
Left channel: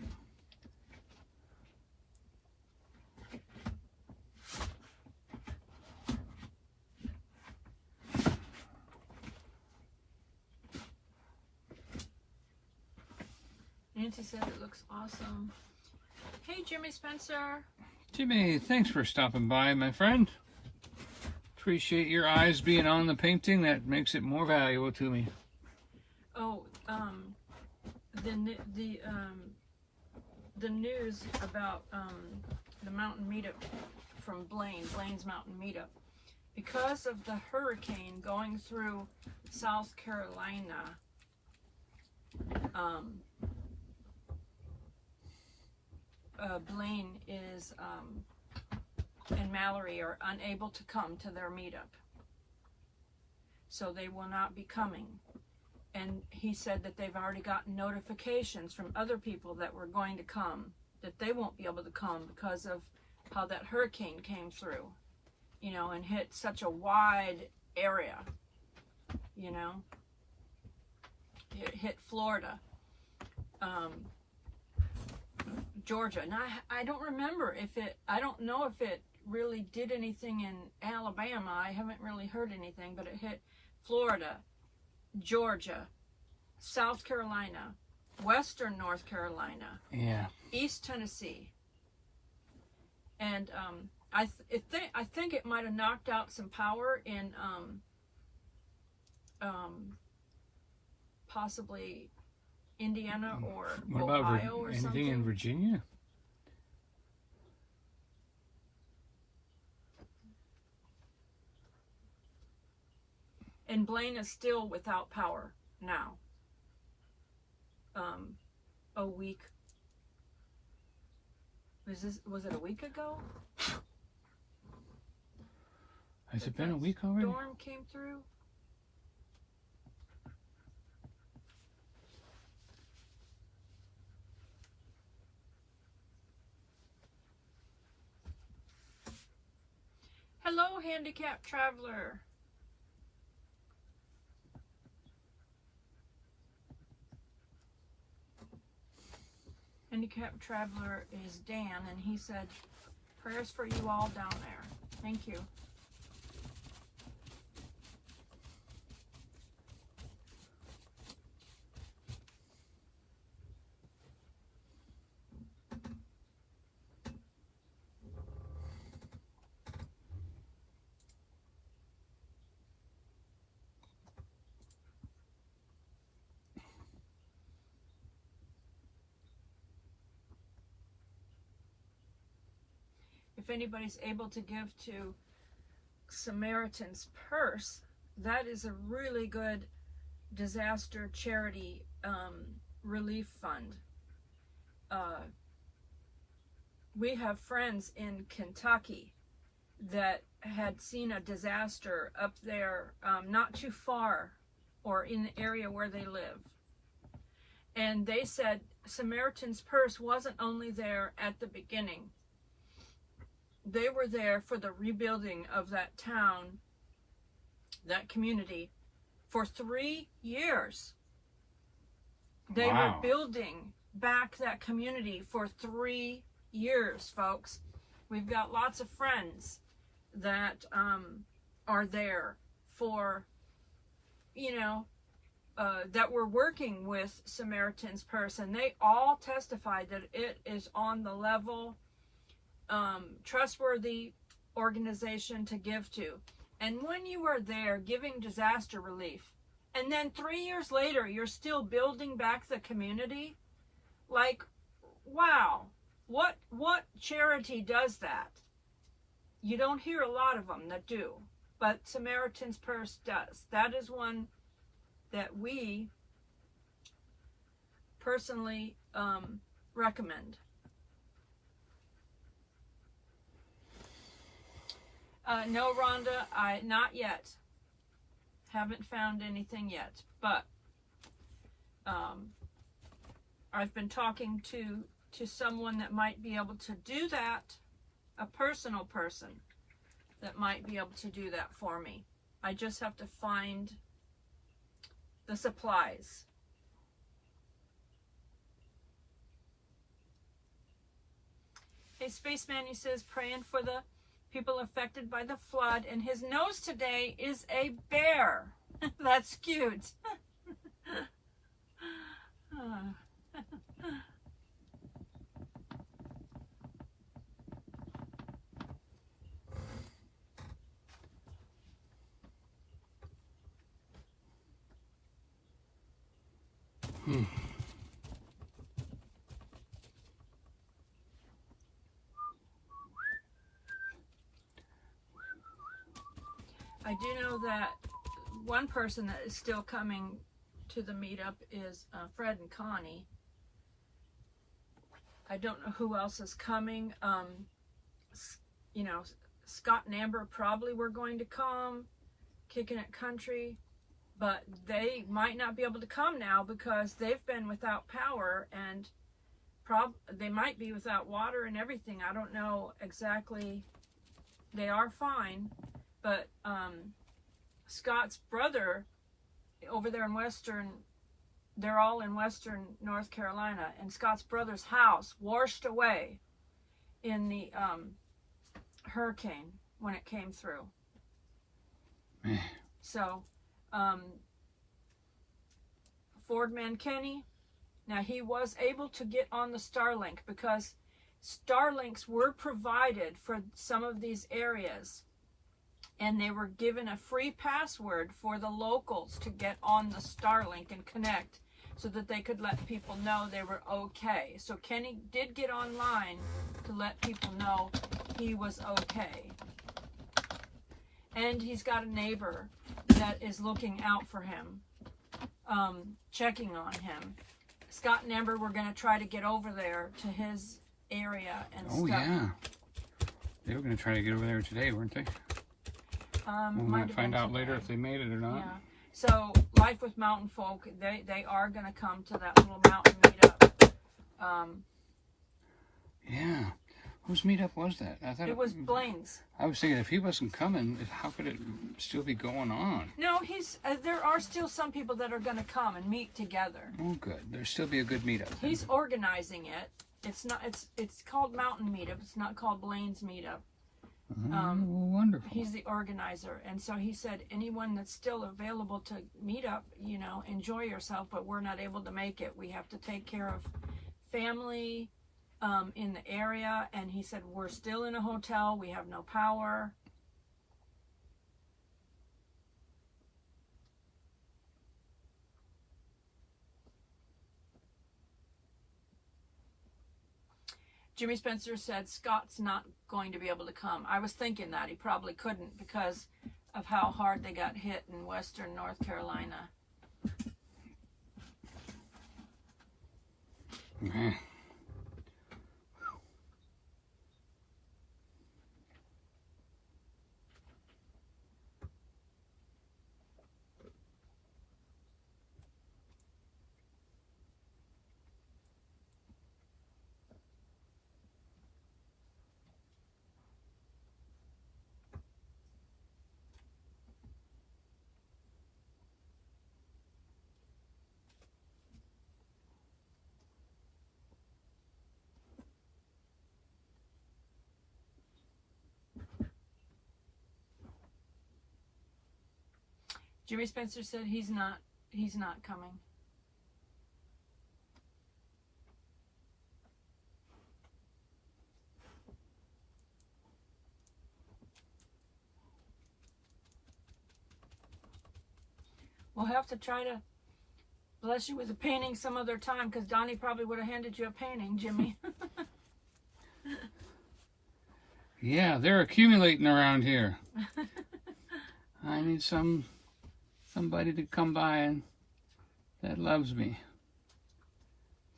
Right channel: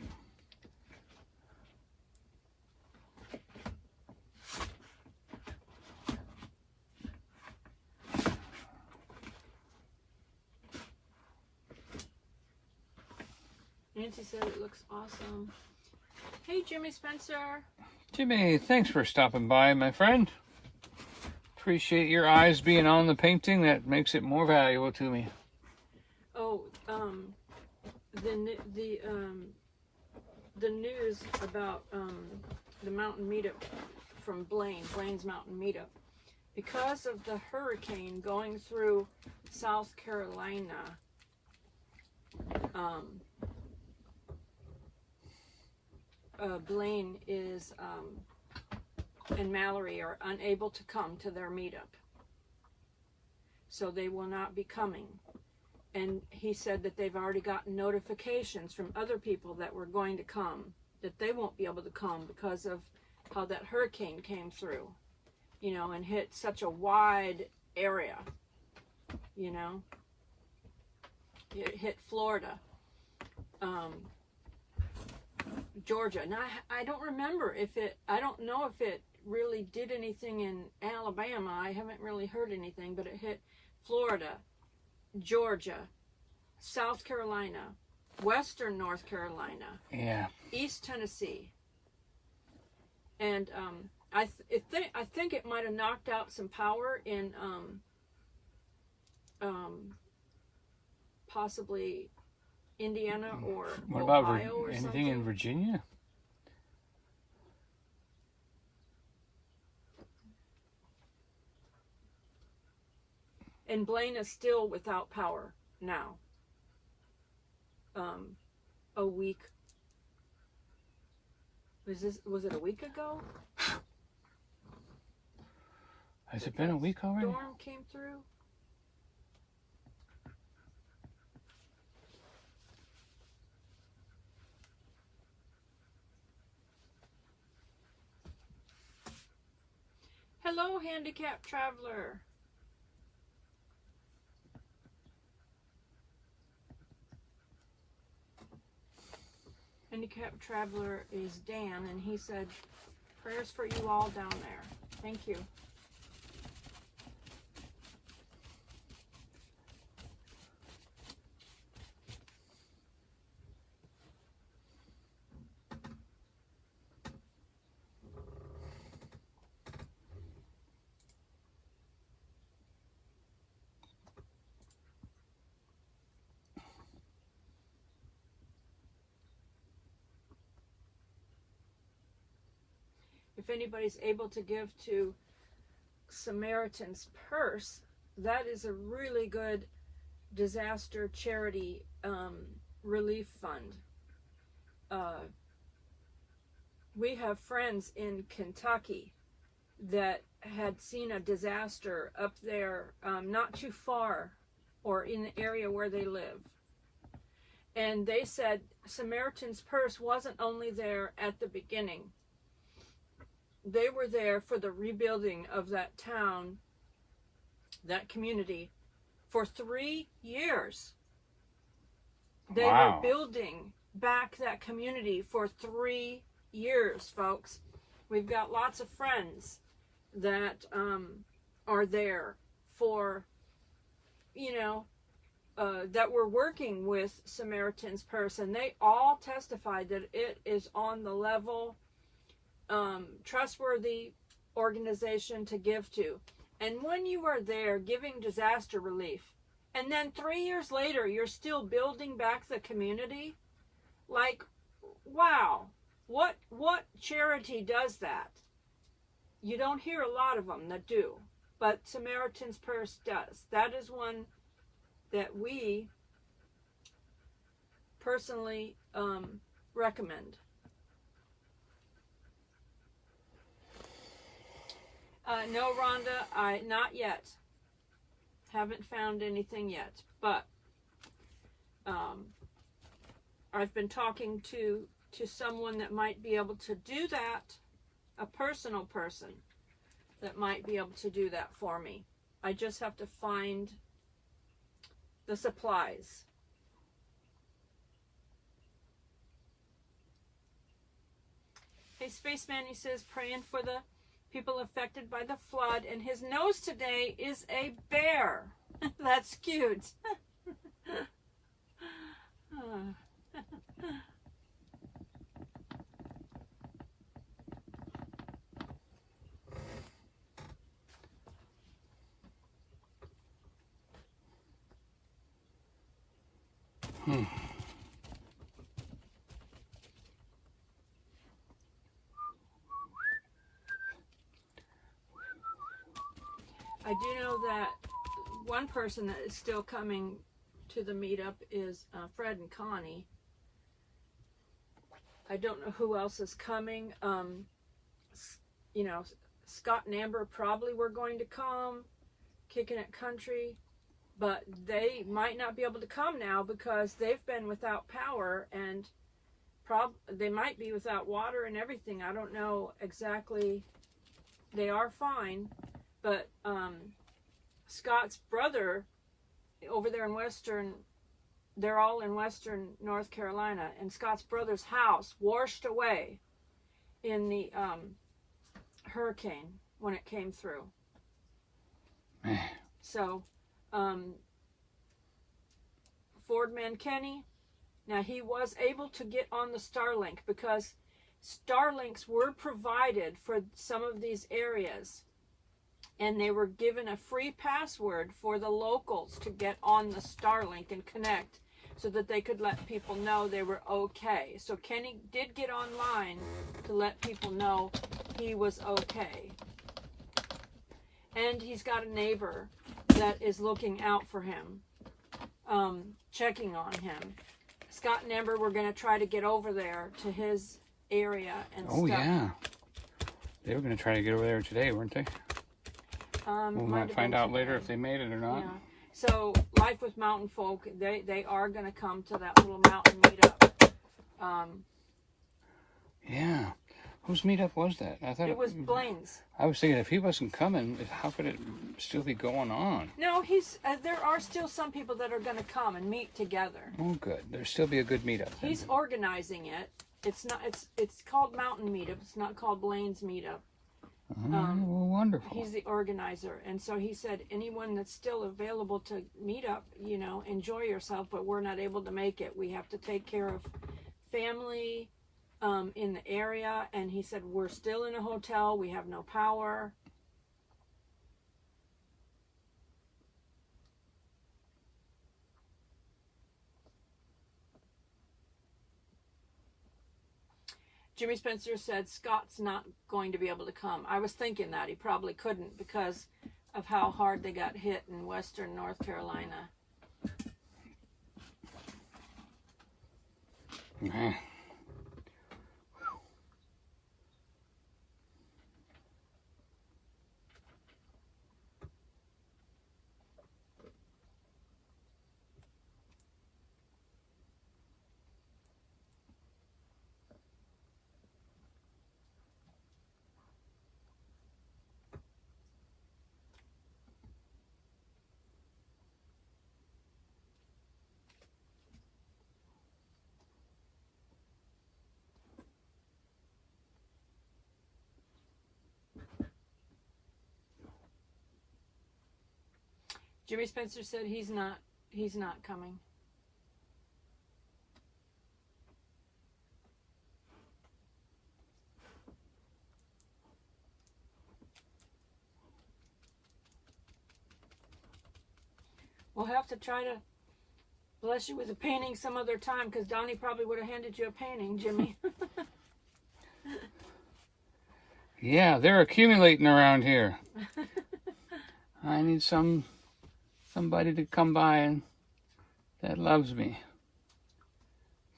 Nancy said it looks awesome. Hey, Jimmy Spencer. Jimmy, thanks for stopping by, my friend. Appreciate your eyes being on the painting. That makes it more valuable to me. Oh, the news about the mountain meetup from Blaine's Mountain Meetup. Because of the hurricane going through South Carolina, Blaine is and Mallory are unable to come to their meetup. So they will not be coming. And he said that they've already gotten notifications from other people that were going to come, that they won't be able to come because of how that hurricane came through, you know, and hit such a wide area, you know. It hit Florida, Georgia. And I don't remember if it, I don't know if it really did anything in Alabama. I haven't really heard anything, but it hit Florida, Georgia, South Carolina, Western North Carolina, Yeah. East Tennessee, and I think it might have knocked out some power in possibly Indiana or What about Ohio or anything something. in Virginia? And Blaine is still without power now. A week. Was it a week ago? Has it been a week already? Storm came through. Hello, handicapped traveler. Handicapped traveler is Dan, and he said, prayers for you all down there. Thank you. If anybody's able to give to Samaritan's Purse, that is a really good disaster charity relief fund. We have friends in Kentucky that had seen a disaster up there, not too far, or in the area where they live. And they said Samaritan's Purse wasn't only there at the beginning. They were there for the rebuilding of that town, that community, for 3 years. They Wow. were building back that community for 3 years, folks. We've got lots of friends that are there for, that were working with Samaritan's Purse, and they all testified that it is on the level, trustworthy organization to give to. And when you are there giving disaster relief, and then 3 years later you're still building back the community, like, wow, what charity does that? You don't hear a lot of them that do, but Samaritan's Purse does. That is one that we personally recommend. No, Rhonda, not yet. Haven't found anything yet, but I've been talking to someone that might be able to do that, a personal person that might be able to do that for me. I just have to find the supplies. Hey, Spaceman, he says, praying for the people affected by the flood, and his nose today is a bear. That's cute. I do know that one person that is still coming to the meetup is Fred and Connie. I don't know who else is coming. Scott and Amber probably were going to come, Kicking It Country, but they might not be able to come now because they've been without power, and they might be without water and everything. I don't know exactly. They are fine, but Scott's brother over there in they're all in western North Carolina, and Scott's brother's house washed away in the hurricane when it came through. So Ford Mankenny, now he was able to get on the Starlink because Starlinks were provided for some of these areas, and they were given a free password for the locals to get on the Starlink and connect so that they could let people know they were okay. So Kenny did get online to let people know he was okay. And he's got a neighbor that is looking out for him, checking on him. Scott and Amber were going to try to get over there to his area and stuff. Yeah. They were going to try to get over there today, weren't they? We might might have find been out later today. if they made it or not. Yeah. So Life with Mountain Folk, they are going to come to that little mountain meetup. Yeah. Whose meetup was that? I thought It was Blaine's. I was thinking if he wasn't coming, how could it still be going on? No, there are still some people that are going to come and meet together. Oh, good. There'll still be a good meetup. Then. He's organizing it. It's not. It's called Mountain Meetup. It's not called Blaine's Meetup. Well, wonderful. He's the organizer, and so he said anyone that's still available to meet up, enjoy yourself. But we're not able to make it. We have to take care of family in the area, and he said we're still in a hotel. We have no power. Jimmy Spencer said Scott's not going to be able to come. I was thinking that he probably couldn't because of how hard they got hit in western North Carolina. Okay. Jimmy Spencer said he's not coming. We'll have to try to bless you with a painting some other time because Donnie probably would have handed you a painting, Jimmy. Yeah, they're accumulating around here. I need somebody to come by and that loves me,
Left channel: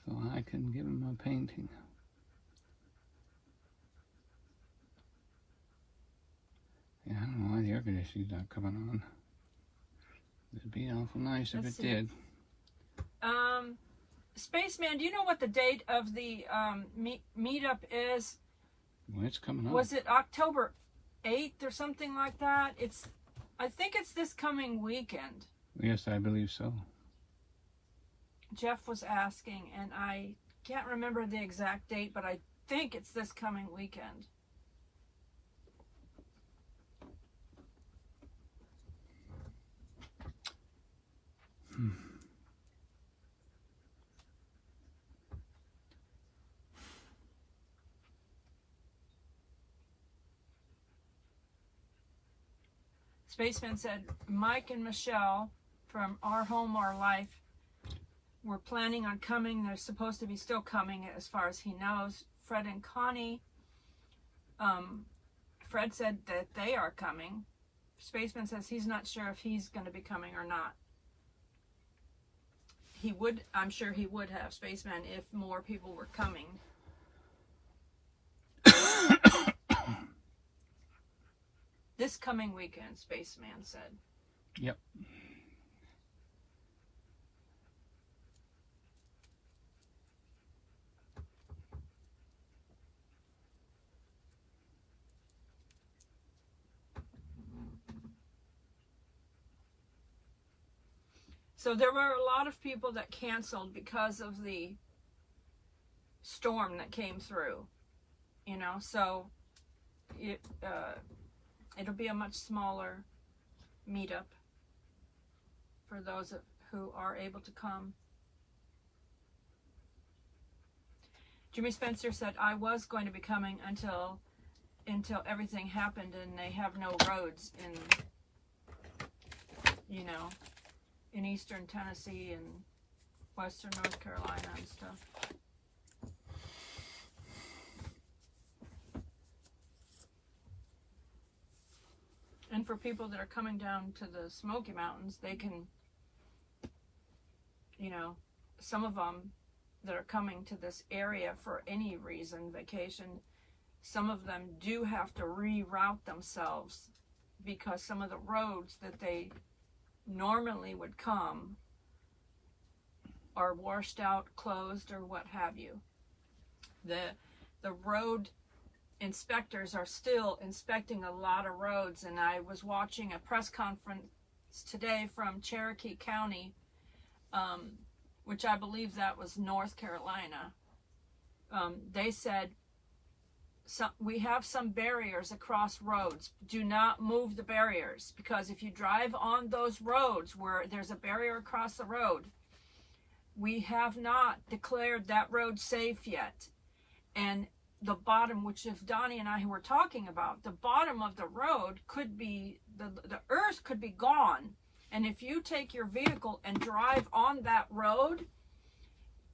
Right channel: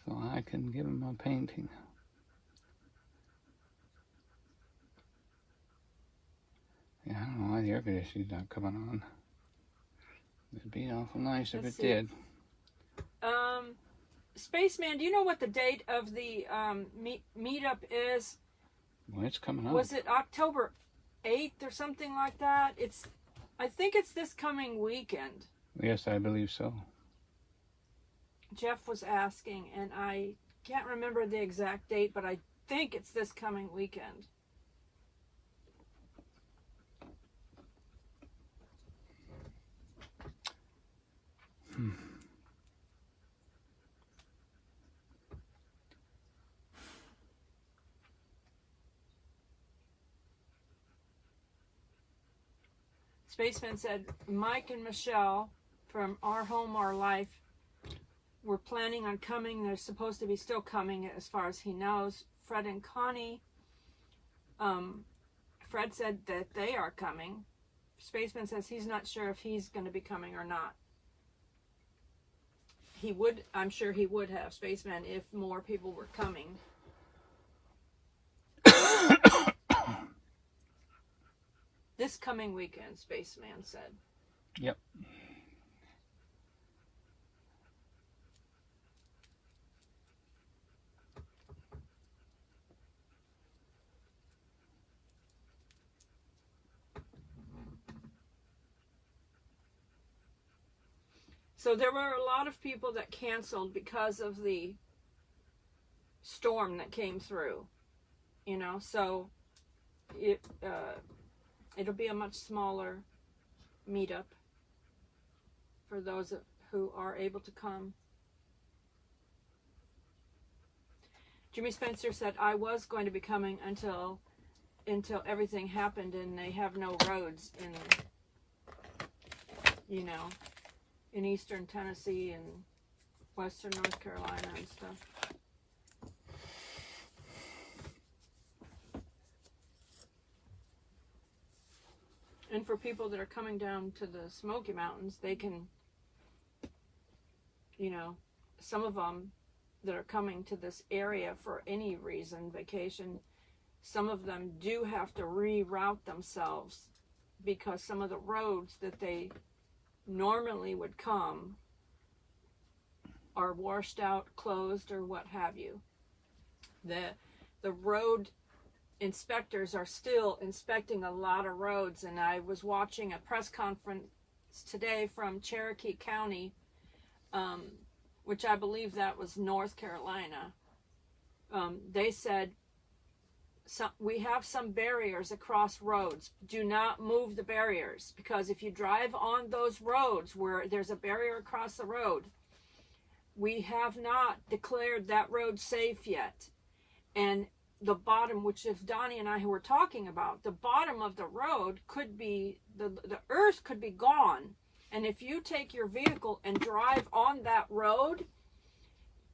so I can give him a painting. Yeah, I don't know why the air conditioning's not coming on. It'd be awful nice if it did. Spaceman, do you know what the date of the meetup is? Well, it's coming up. Was it October 8th or something like that? I think it's this coming weekend. Yes, I believe so. Jeff was asking, and I can't remember the exact date, but I think it's this coming weekend. Spaceman said, Mike and Michelle from Our Home, Our Life were planning on coming. They're supposed to be still coming as far as he knows. Fred and Connie, Fred said that they are coming. Spaceman says he's not sure if he's going to be coming or not. He would, I'm sure he would have, Spaceman, if more people were coming. This coming weekend, Spaceman said. Yep. So there were a lot of people that canceled because of the storm that came through, so it'll be a much smaller meetup for those who are able to come. Jimmy Spencer said, I was going to be coming until everything happened and they have no roads in eastern Tennessee and western North Carolina and stuff. And for people that are coming down to the Smoky Mountains, they can, some of them that are coming to this area for any reason, vacation, some of them do have to reroute themselves because some of the roads that they normally would come are washed out, closed, or what have you. The road inspectors are still inspecting a lot of roads, and I was watching a press conference today from Cherokee County, which I believe that was North Carolina. They said, we have some barriers across roads. Do not move the barriers, because if you drive on those roads where there's a barrier across the road, we have not declared that road safe yet. And the bottom, which if Donnie and I were talking about, the bottom of the road could be, the earth could be gone. And if you take your vehicle and drive on that road,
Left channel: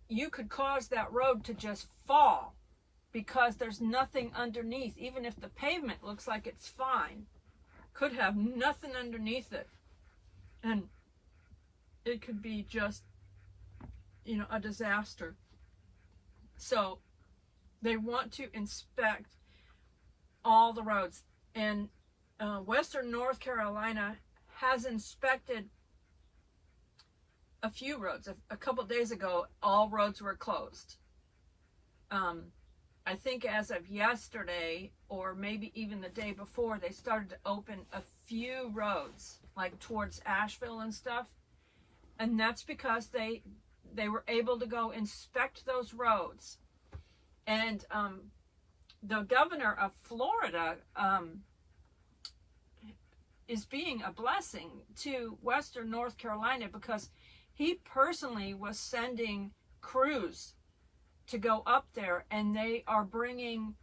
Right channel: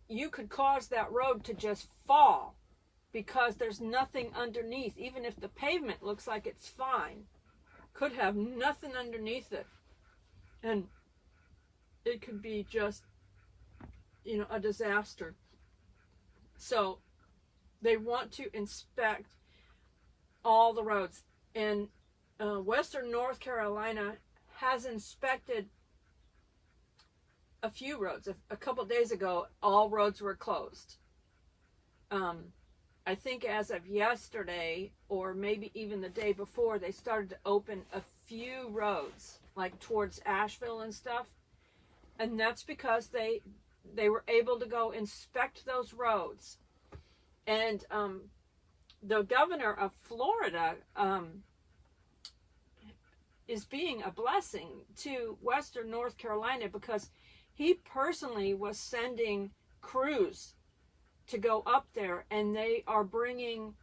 you could cause that road to just fall, because there's nothing underneath. Even if the pavement looks like it's fine, could have nothing underneath it. And it could be just, a disaster. So they want to inspect all the roads. And Western North Carolina has inspected a few roads. A couple days ago, all roads were closed. I think as of yesterday, or maybe even the day before, they started to open a few roads, like towards Asheville and stuff. And that's because they were able to go inspect those roads. And the governor of Florida is being a blessing to Western North Carolina, because he personally was sending crews to go up there, and they are bringing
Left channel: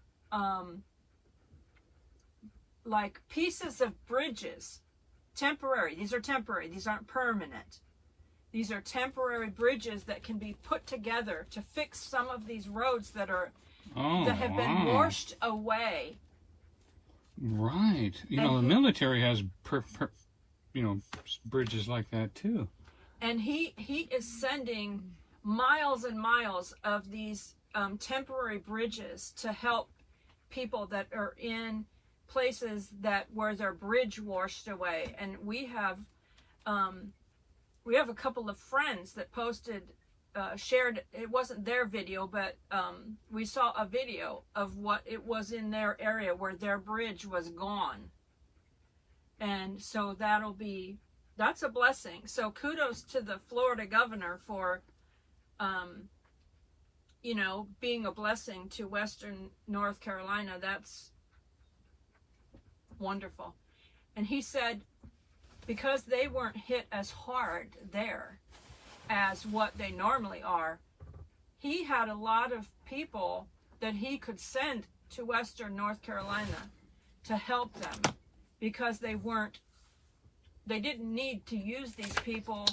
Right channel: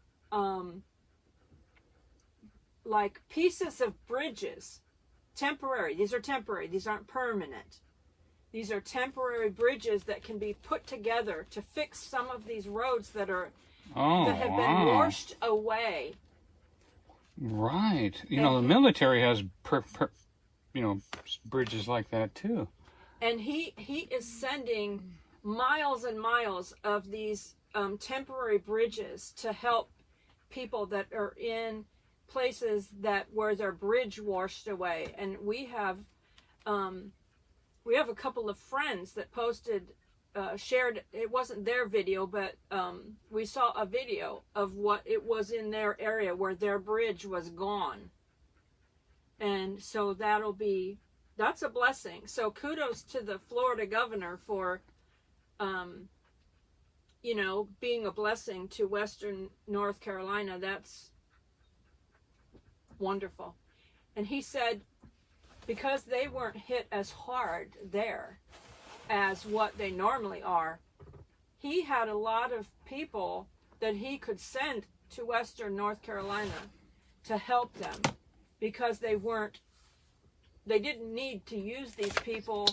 like pieces of bridges, temporary. These are temporary. These aren't permanent. These are temporary bridges that can be put together to fix some of these roads that have been washed away. Right. The military has bridges like that too. And he is sending miles and miles of these temporary bridges to help people that are in places where their bridge washed away. And we have a couple of friends that posted, shared, it wasn't their video, but we saw a video of what it was in their area where their bridge was gone. And so that's a blessing. So kudos to the Florida governor for, being a blessing to Western North Carolina. That's wonderful. And he said, because they weren't hit as hard there as what they normally are, he had a lot of people that he could send to Western North Carolina to help them, because they didn't need to use these people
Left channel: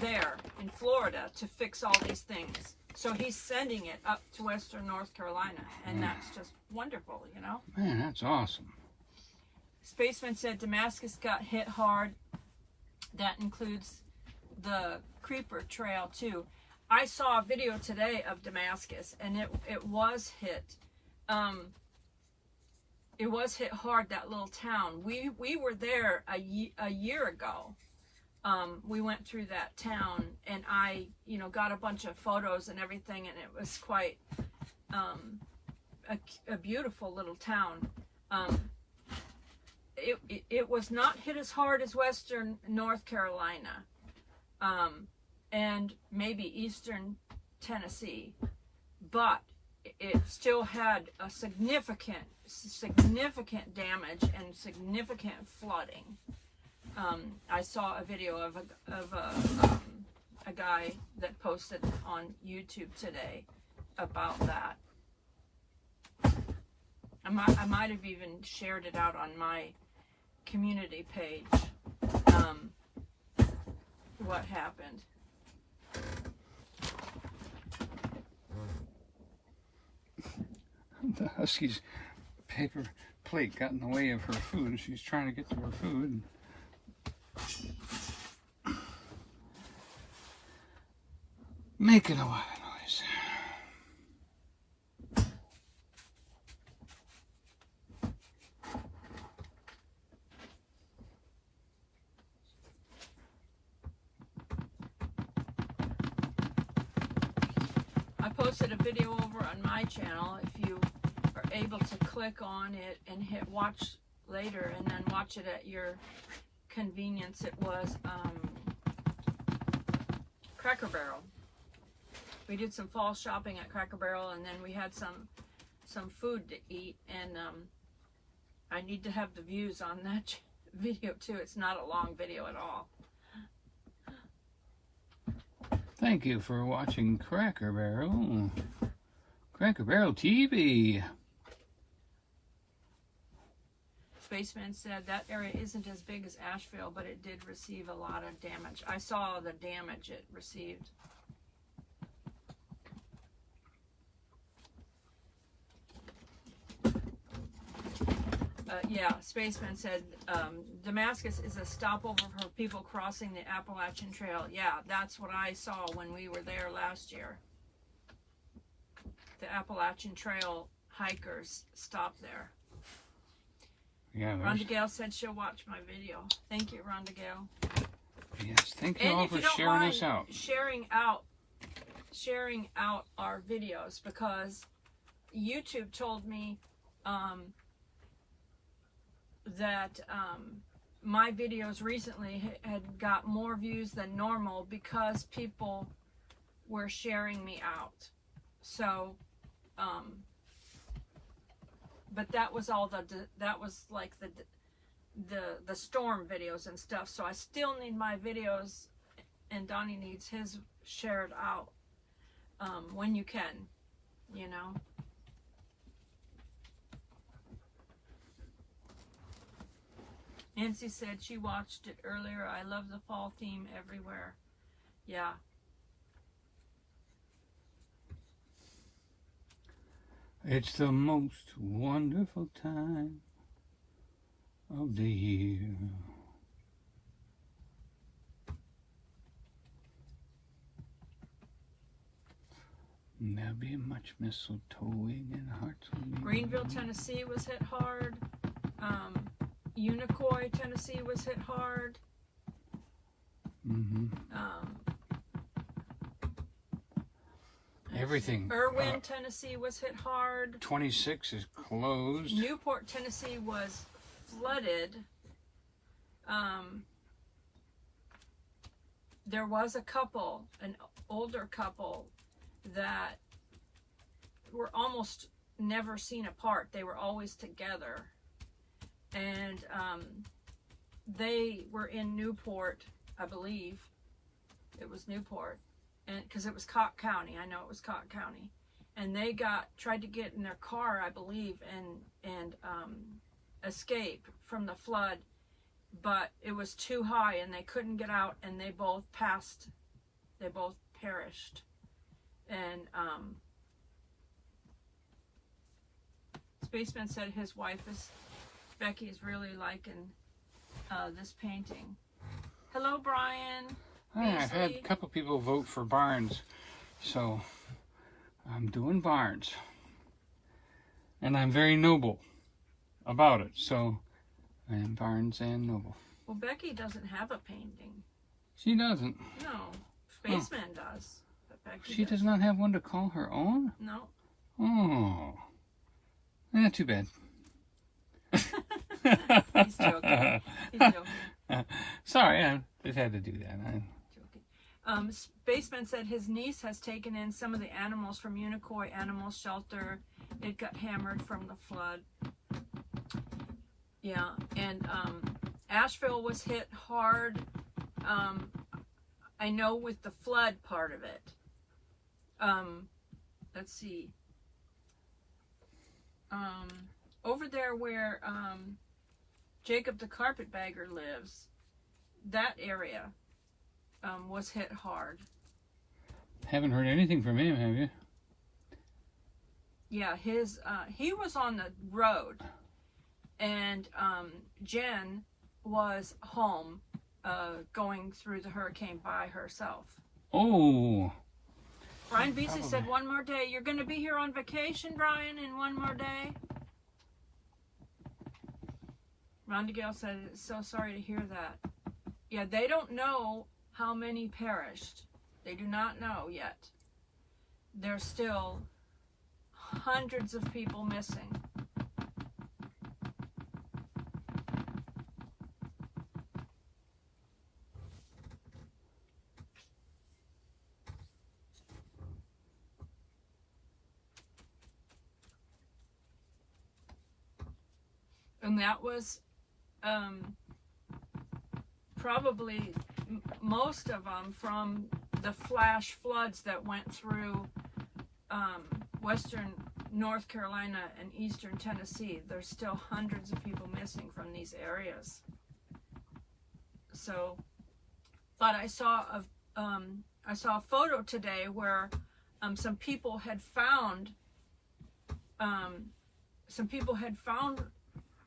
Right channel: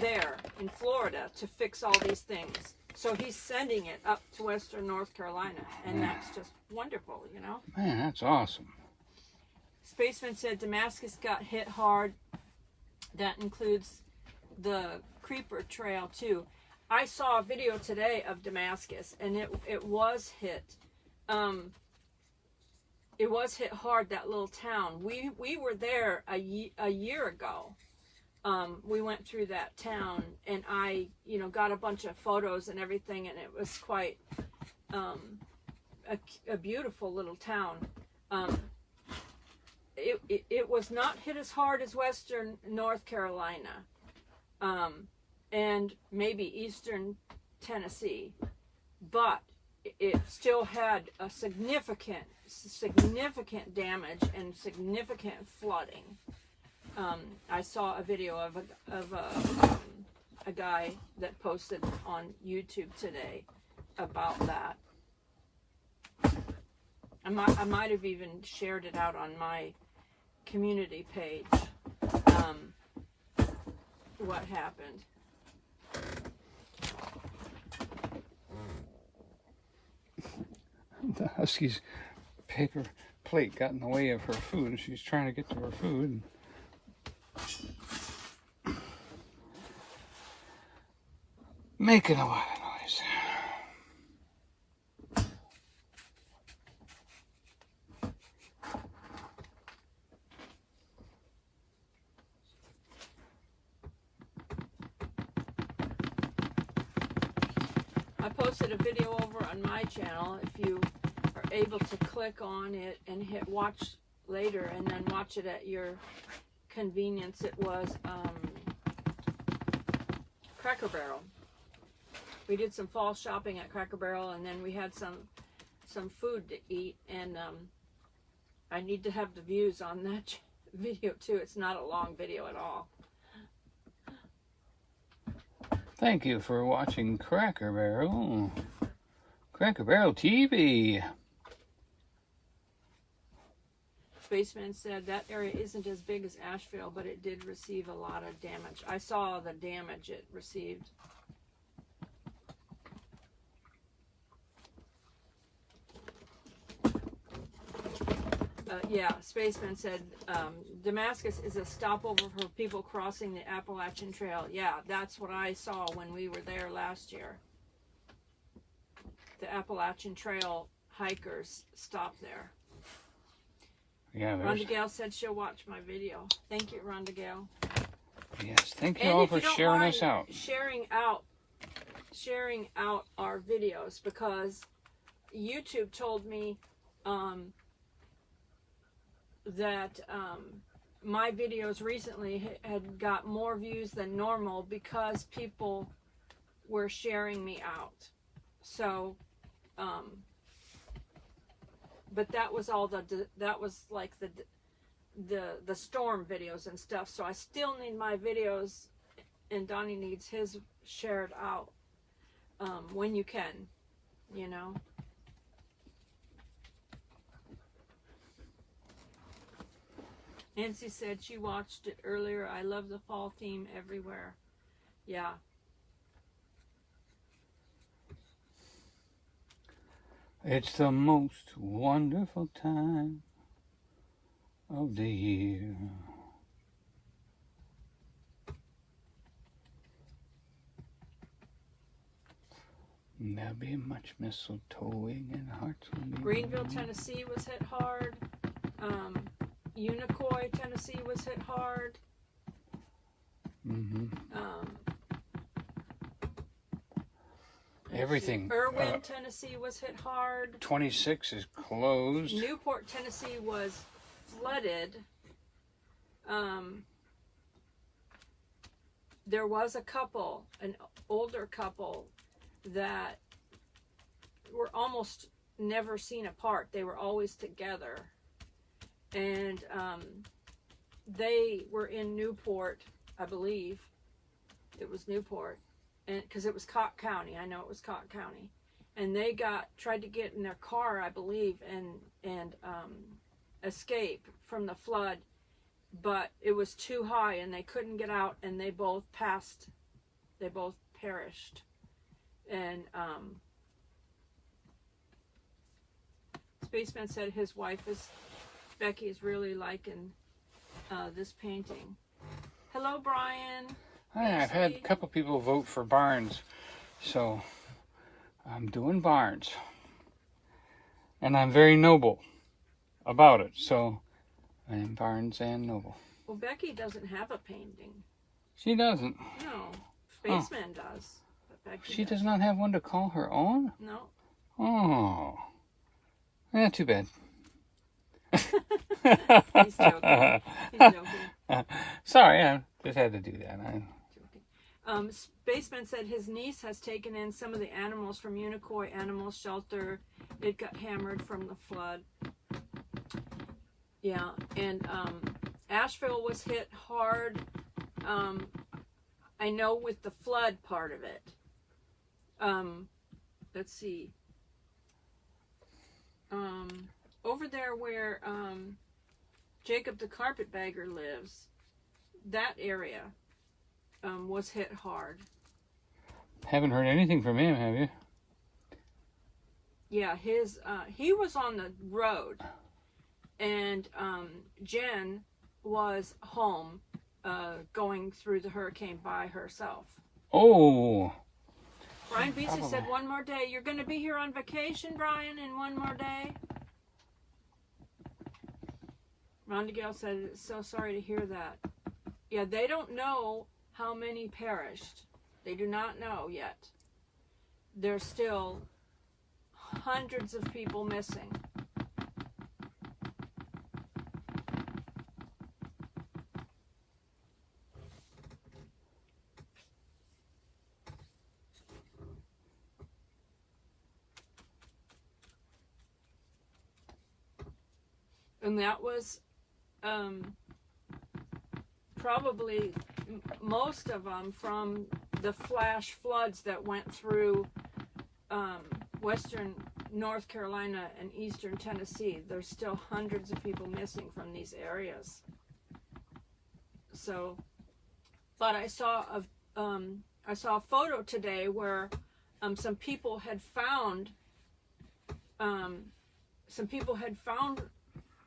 there in Florida to fix all these things. So he's sending it up to Western North Carolina, and that's just wonderful, Man, that's awesome. Spaceman said Damascus got hit hard. That includes the Creeper Trail too. I saw a video today of Damascus, and it was hit. It was hit hard, that little town. We were there a year ago. We went through that town, and I got a bunch of photos and everything, and it was quite a beautiful little town. It was not hit as hard as Western North Carolina, and maybe Eastern Tennessee, but it still had a significant damage and significant flooding. I saw a video of a guy that posted on YouTube today about that. I might have even shared it out on my community page, what happened. The husky's paper plate got in the way of her food. She's trying to get to her food. Making a lot of noise. I posted a video over on my channel. If you are able to click on it and hit watch later and then watch it at your convenience, it was Cracker Barrel. We did some fall shopping at Cracker Barrel, and then we had some food to eat, and I need to have the views on that video too. It's not a long video at all. Thank you for watching Cracker Barrel. Cracker Barrel TV. Spaceman said that area isn't as big as Asheville, but it did receive a lot of damage. I saw the damage it received. Yeah, Spaceman said Damascus is a stopover for people crossing the Appalachian Trail. Yeah, that's what I saw when we were there last year. The Appalachian Trail hikers stop there. Yeah, Rhonda Gale said she'll watch my video. Thank you, Rhonda Gale. Yes, thank you And all if for you don't sharing mind us out. Sharing out our videos, because YouTube told me that my videos recently had got more views than normal because people were sharing me out. So, but that was all that was like the storm videos and stuff. So I still need my videos, and Donnie needs his shared out when you can, you know. Nancy said she watched it earlier. I love the fall theme everywhere. Yeah. It's the most wonderful time of the year. There'll be much mistletoeing and hearts. Greenville, Tennessee was hit hard. Unicoi, Tennessee was hit hard. Everything. Irwin, Tennessee was hit hard. 26 is closed. Newport, Tennessee was flooded. There was a couple, an older couple, that were almost never seen apart. They were always together. And they were in Newport, I believe. It was Newport. And because it was Cott County. I know it was Cott County. And they tried to get in their car, I believe, and escape from the flood. But it was too high and they couldn't get out, and they both passed. They both perished. And Spaceman said his wife Becky is really liking this painting. Hello, Brian. I've had a couple people vote for Barnes, so I'm doing Barnes. And I'm very noble about it, so I'm Barnes and Noble. Well, Becky doesn't have a painting. She doesn't. No, Spaceman does. But Becky She does not have one to call her own? No. Oh. Yeah, too bad. He's joking. He's joking. Sorry, I just had to do that. Spaceman said his niece has taken in some of the animals from Unicoi Animal Shelter. It got hammered from the flood. Yeah, and Asheville was hit hard. I know with the flood part of it. Let's see. Over there where Jacob the Carpetbagger lives, that area was hit hard. Haven't heard anything from him, have you? Yeah, he was on the road, and Jen was home going through the hurricane by herself. Oh. Brian Beasley said, one more day. You're going to be here on vacation, Brian, in one more day? Rhonda Gale said, so sorry to hear that. Yeah, they don't know how many perished. They do not know yet. there's still hundreds of people missing. And that was probably most of them from the flash floods that went through western North Carolina and eastern Tennessee. There's still hundreds of people missing from these areas. So, but I saw a photo today where some people had found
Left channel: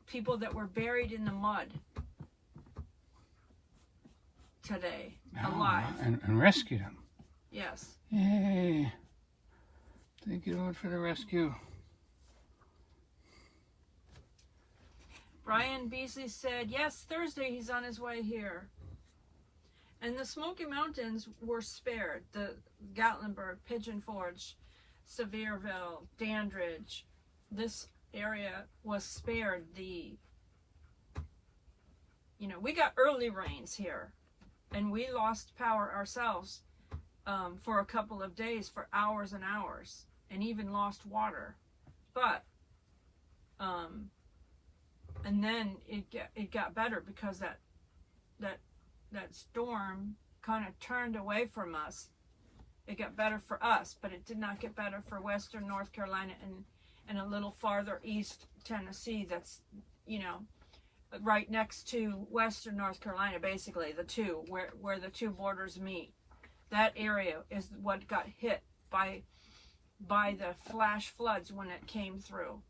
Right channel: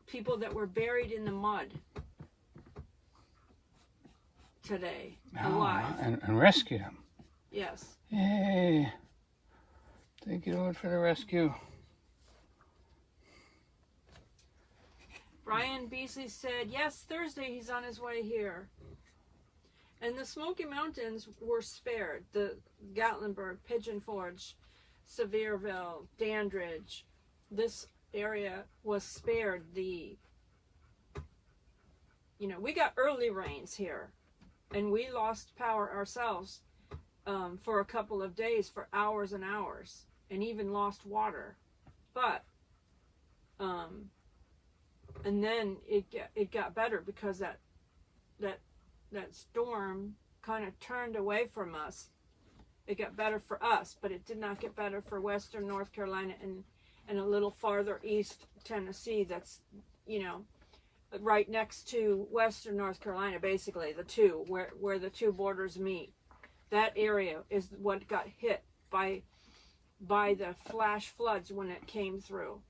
people that were buried in the mud today, alive. And rescued them. Yes. Yay. Thank you, Lord, for the rescue. Brian Beasley said, yes, Thursday he's on his way here. And the Smoky Mountains were spared. The Gatlinburg, Pigeon Forge, Sevierville, Dandridge, this area was spared. We got early rains here, and we lost power ourselves for a couple of days, for hours and hours, and even lost water. But and then it got better because that storm kind of turned away from us. It got better for us, but it did not get better for western North Carolina and a little farther east Tennessee. That's right next to western North Carolina, basically the two where the two borders meet. That area is what got hit by the flash floods when it came through.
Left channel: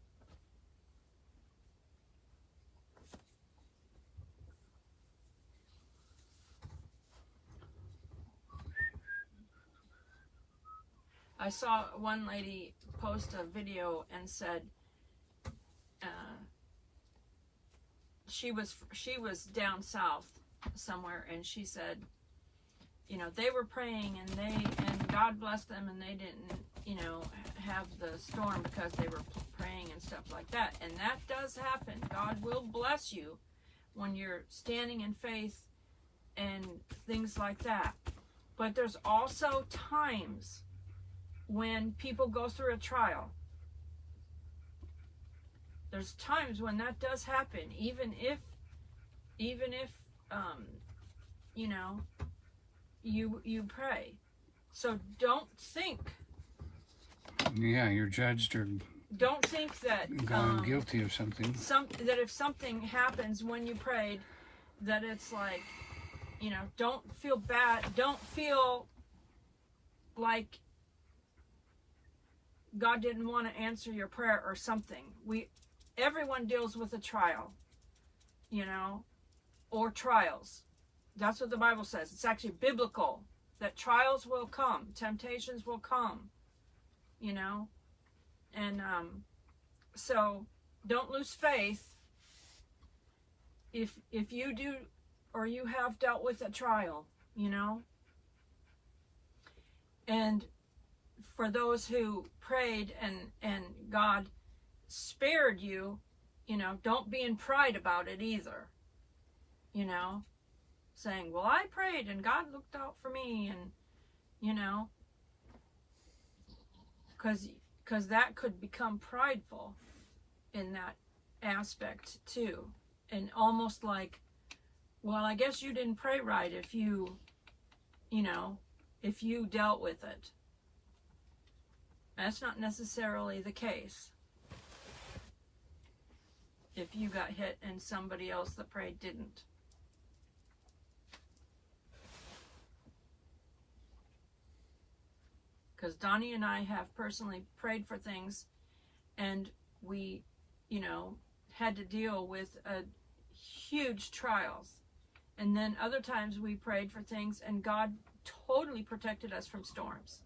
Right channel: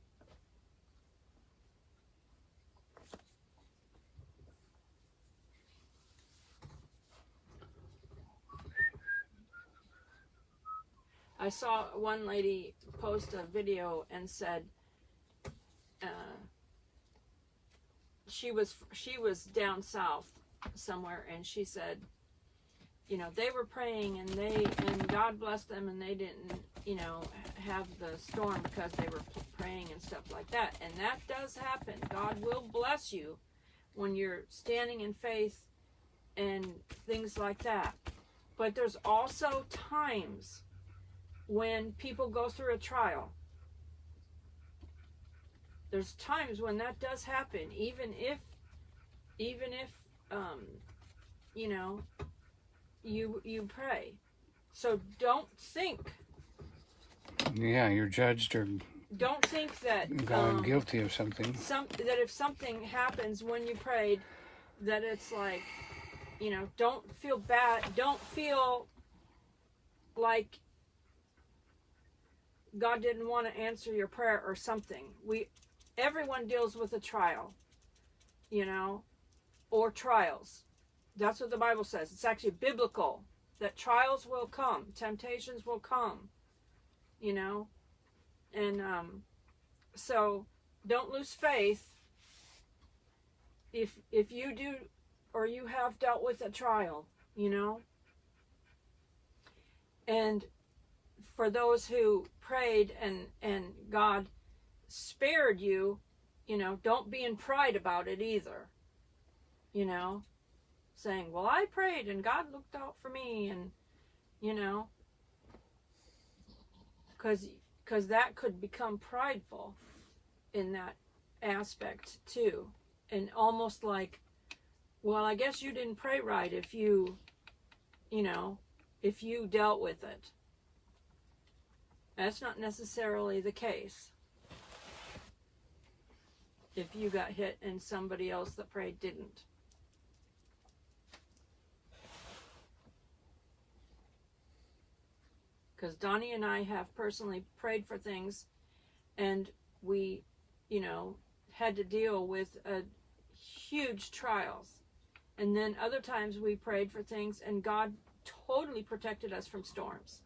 I saw one lady post a video and said she was down south somewhere, and she said, they were praying and God blessed them, and they didn't, have the storm because they were praying and stuff like that. And that does happen. God will bless you when you're standing in faith and things like that. But there's also times when people go through a trial. There's times when that does happen, even if you pray. So don't think. Yeah, you're judged or don't think that guilty of something. That if something happens when you prayed, that it's like, don't feel bad. Don't feel like God didn't want to answer your prayer or something. Everyone deals with a trial, or trials. That's what the Bible says. It's actually biblical that trials will come, temptations will come, and so don't lose faith if you do or you have dealt with a trial, and for those who prayed and God spared you, don't be in pride about it either. Saying, well, I prayed and God looked out for me, and because that could become prideful in that aspect too, and almost like, well, I guess you didn't pray right if you dealt with it. That's not necessarily the case. If you got hit and somebody else that prayed didn't. Because Donnie and I have personally prayed for things, and we, had to deal with huge trials. And then other times we prayed for things and God totally protected us from storms.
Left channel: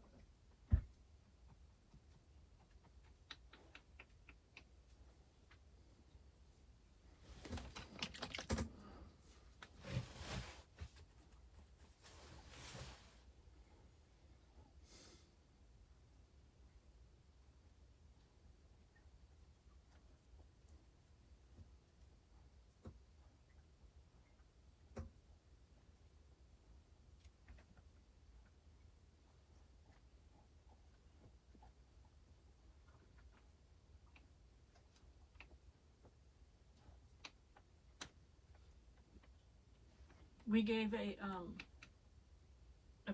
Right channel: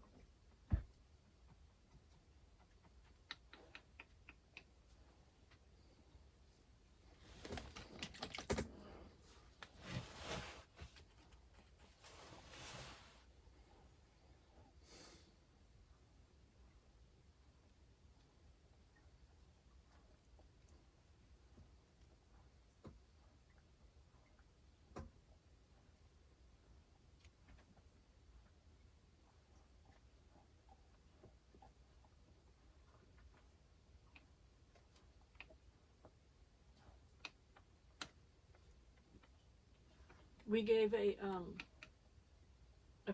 we gave a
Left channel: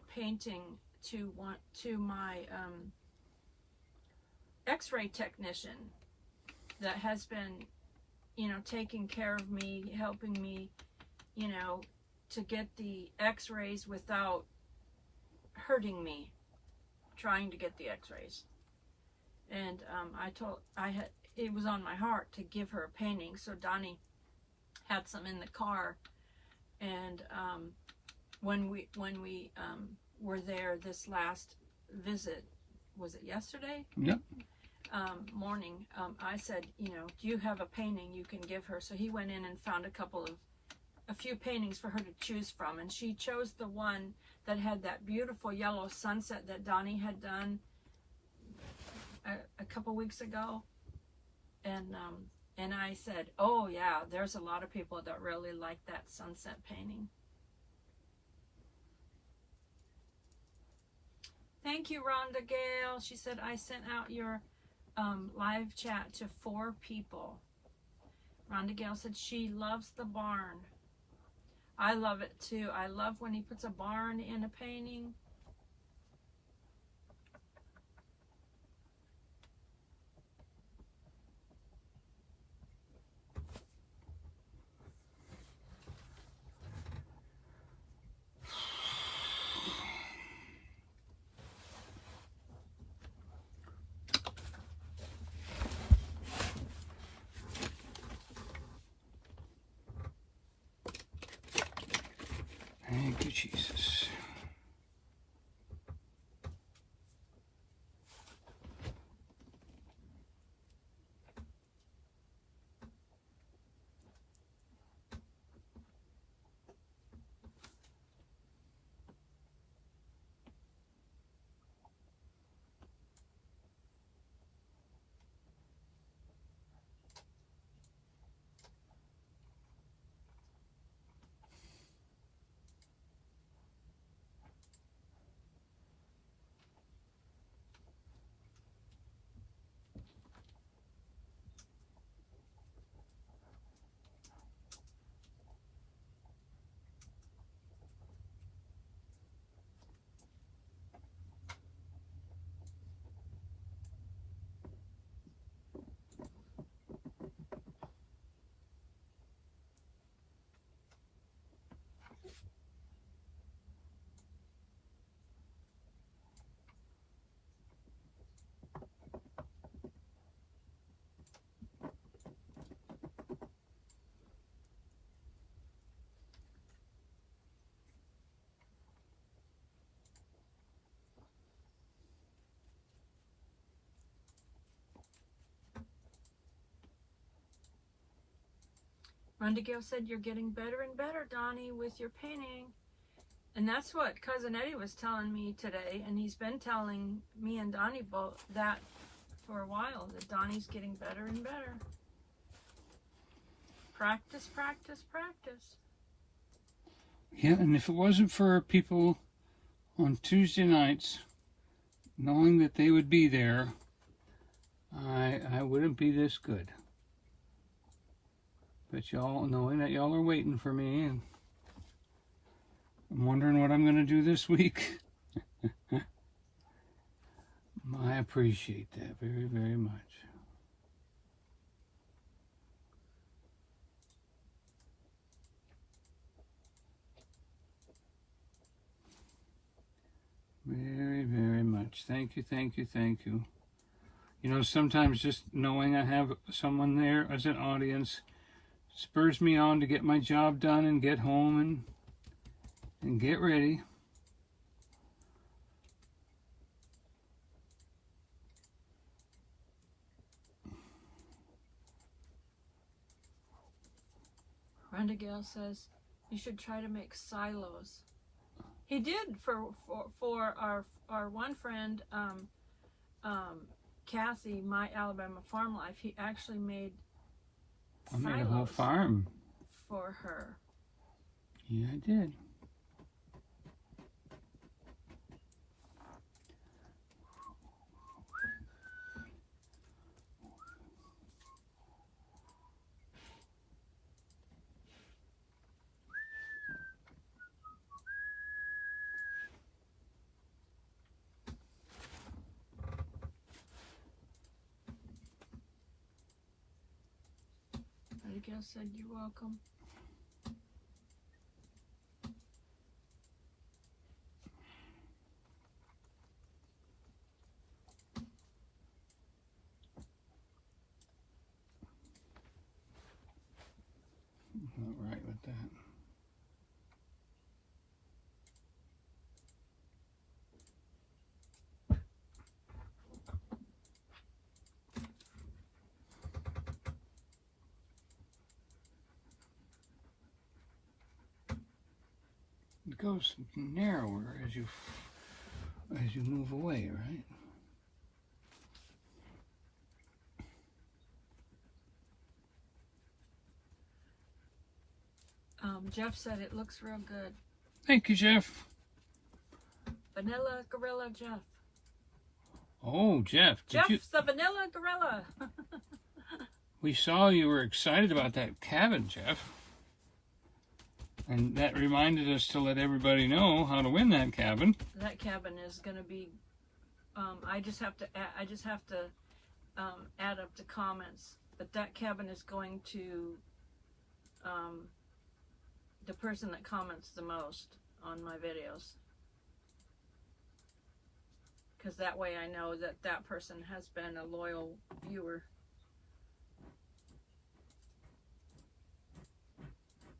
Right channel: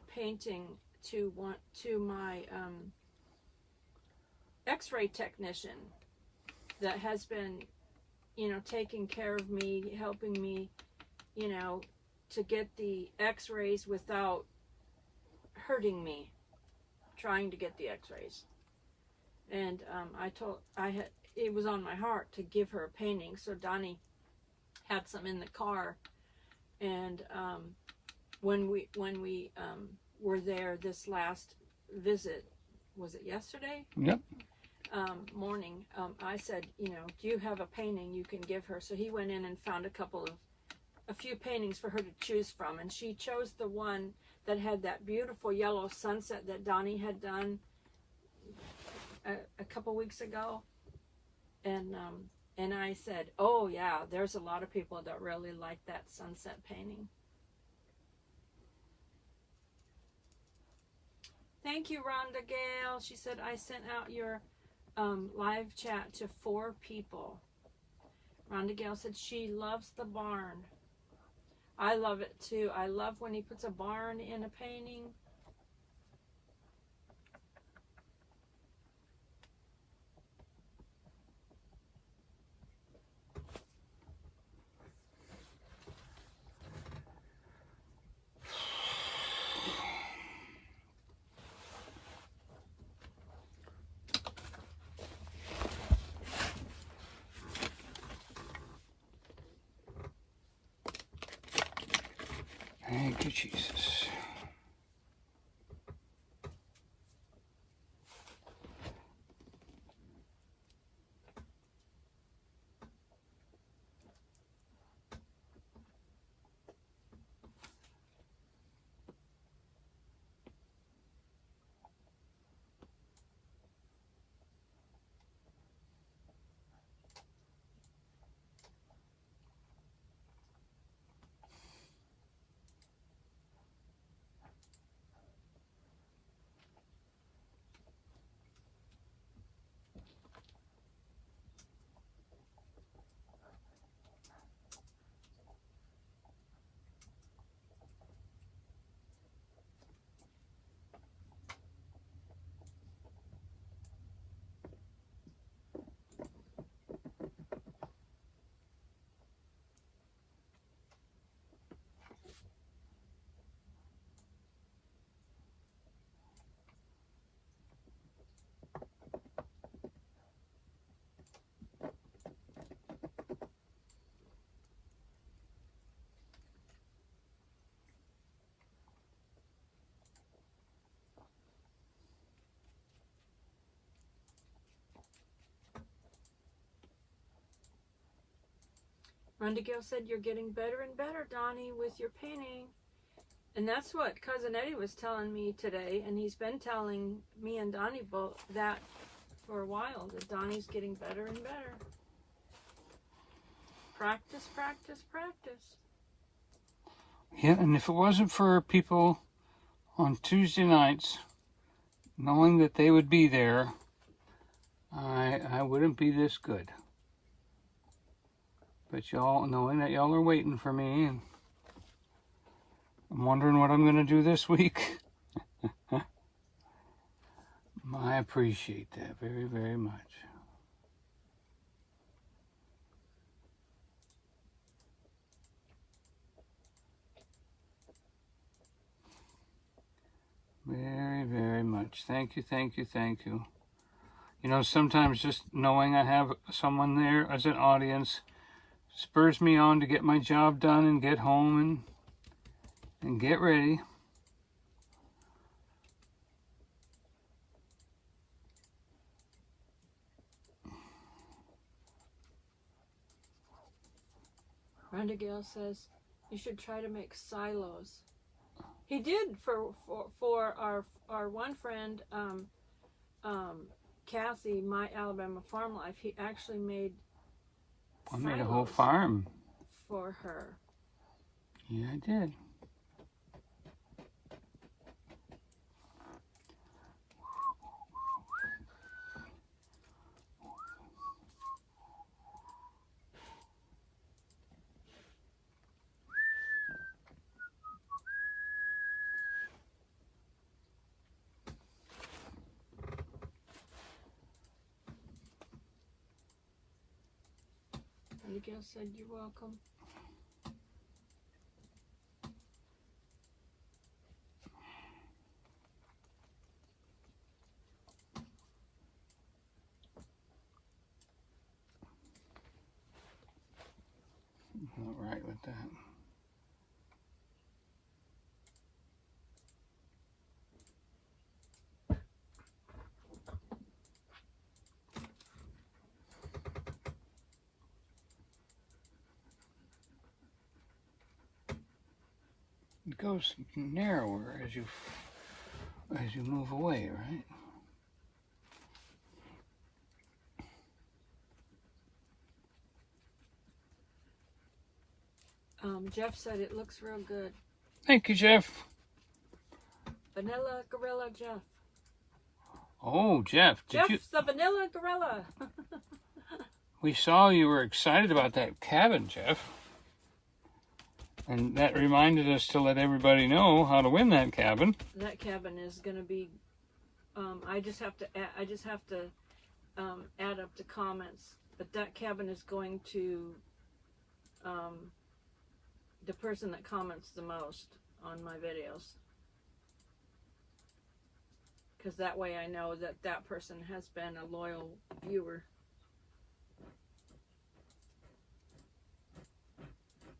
painting to my X-ray technician that has been, you know, taking care of me, helping me, you know, to get the X-rays without hurting me, trying to get the X-rays. And it was on my heart to give her a painting, so Donnie had some in the car. And when we were there this last visit, was it yesterday? Yep. Morning, I said, you know, do you have a painting you can give her? So he went in and found a few paintings for her to choose from, and she chose the one that had that beautiful yellow sunset that Donnie had done a couple weeks ago. And I said, oh yeah, there's a lot of people that really like that sunset painting. Thank you, Rhonda Gale. She said, I sent out your live chat to 4 people. Rhonda Gale said she loves the barn. I love it too. I love when he puts a barn in a painting. Thank you, Jesus. Rhonda Gale said, you're getting better and better, Donnie, with your painting. And that's what Cousin Eddie was telling me today, and he's been telling me and Donnie both that for a while, that Donnie's getting better and better. Practice, practice, practice. Yeah, and if it wasn't for people on Tuesday nights, knowing that they would be there, I wouldn't be this good. But y'all, knowing that y'all are waiting for me, and I'm wondering what I'm going to do this week. I appreciate that very, very much. Very, very much. Thank you, thank you, thank you. You know, sometimes just knowing I have someone there as an audience spurs me on to get my job done and get home and get ready. Rhonda Gale says, you should try to make silos. He did for our one friend, Kathy, My Alabama Farm Life. He actually made I made a whole farm for her. Yeah, I did. Abigail said you're welcome. Not right with that. It goes narrower as you move away, right? Jeff said it looks real good. Thank you, Jeff. Vanilla Gorilla Jeff. Oh, Jeff, Jeff's the Vanilla Gorilla. We saw you were excited about that cabin, Jeff. And that reminded us to let everybody know how to win that cabin. That cabin is going to be. I just have to add up the comments. But that cabin is going to the person that comments the most on my videos. Because that way I know that that person has been a loyal viewer.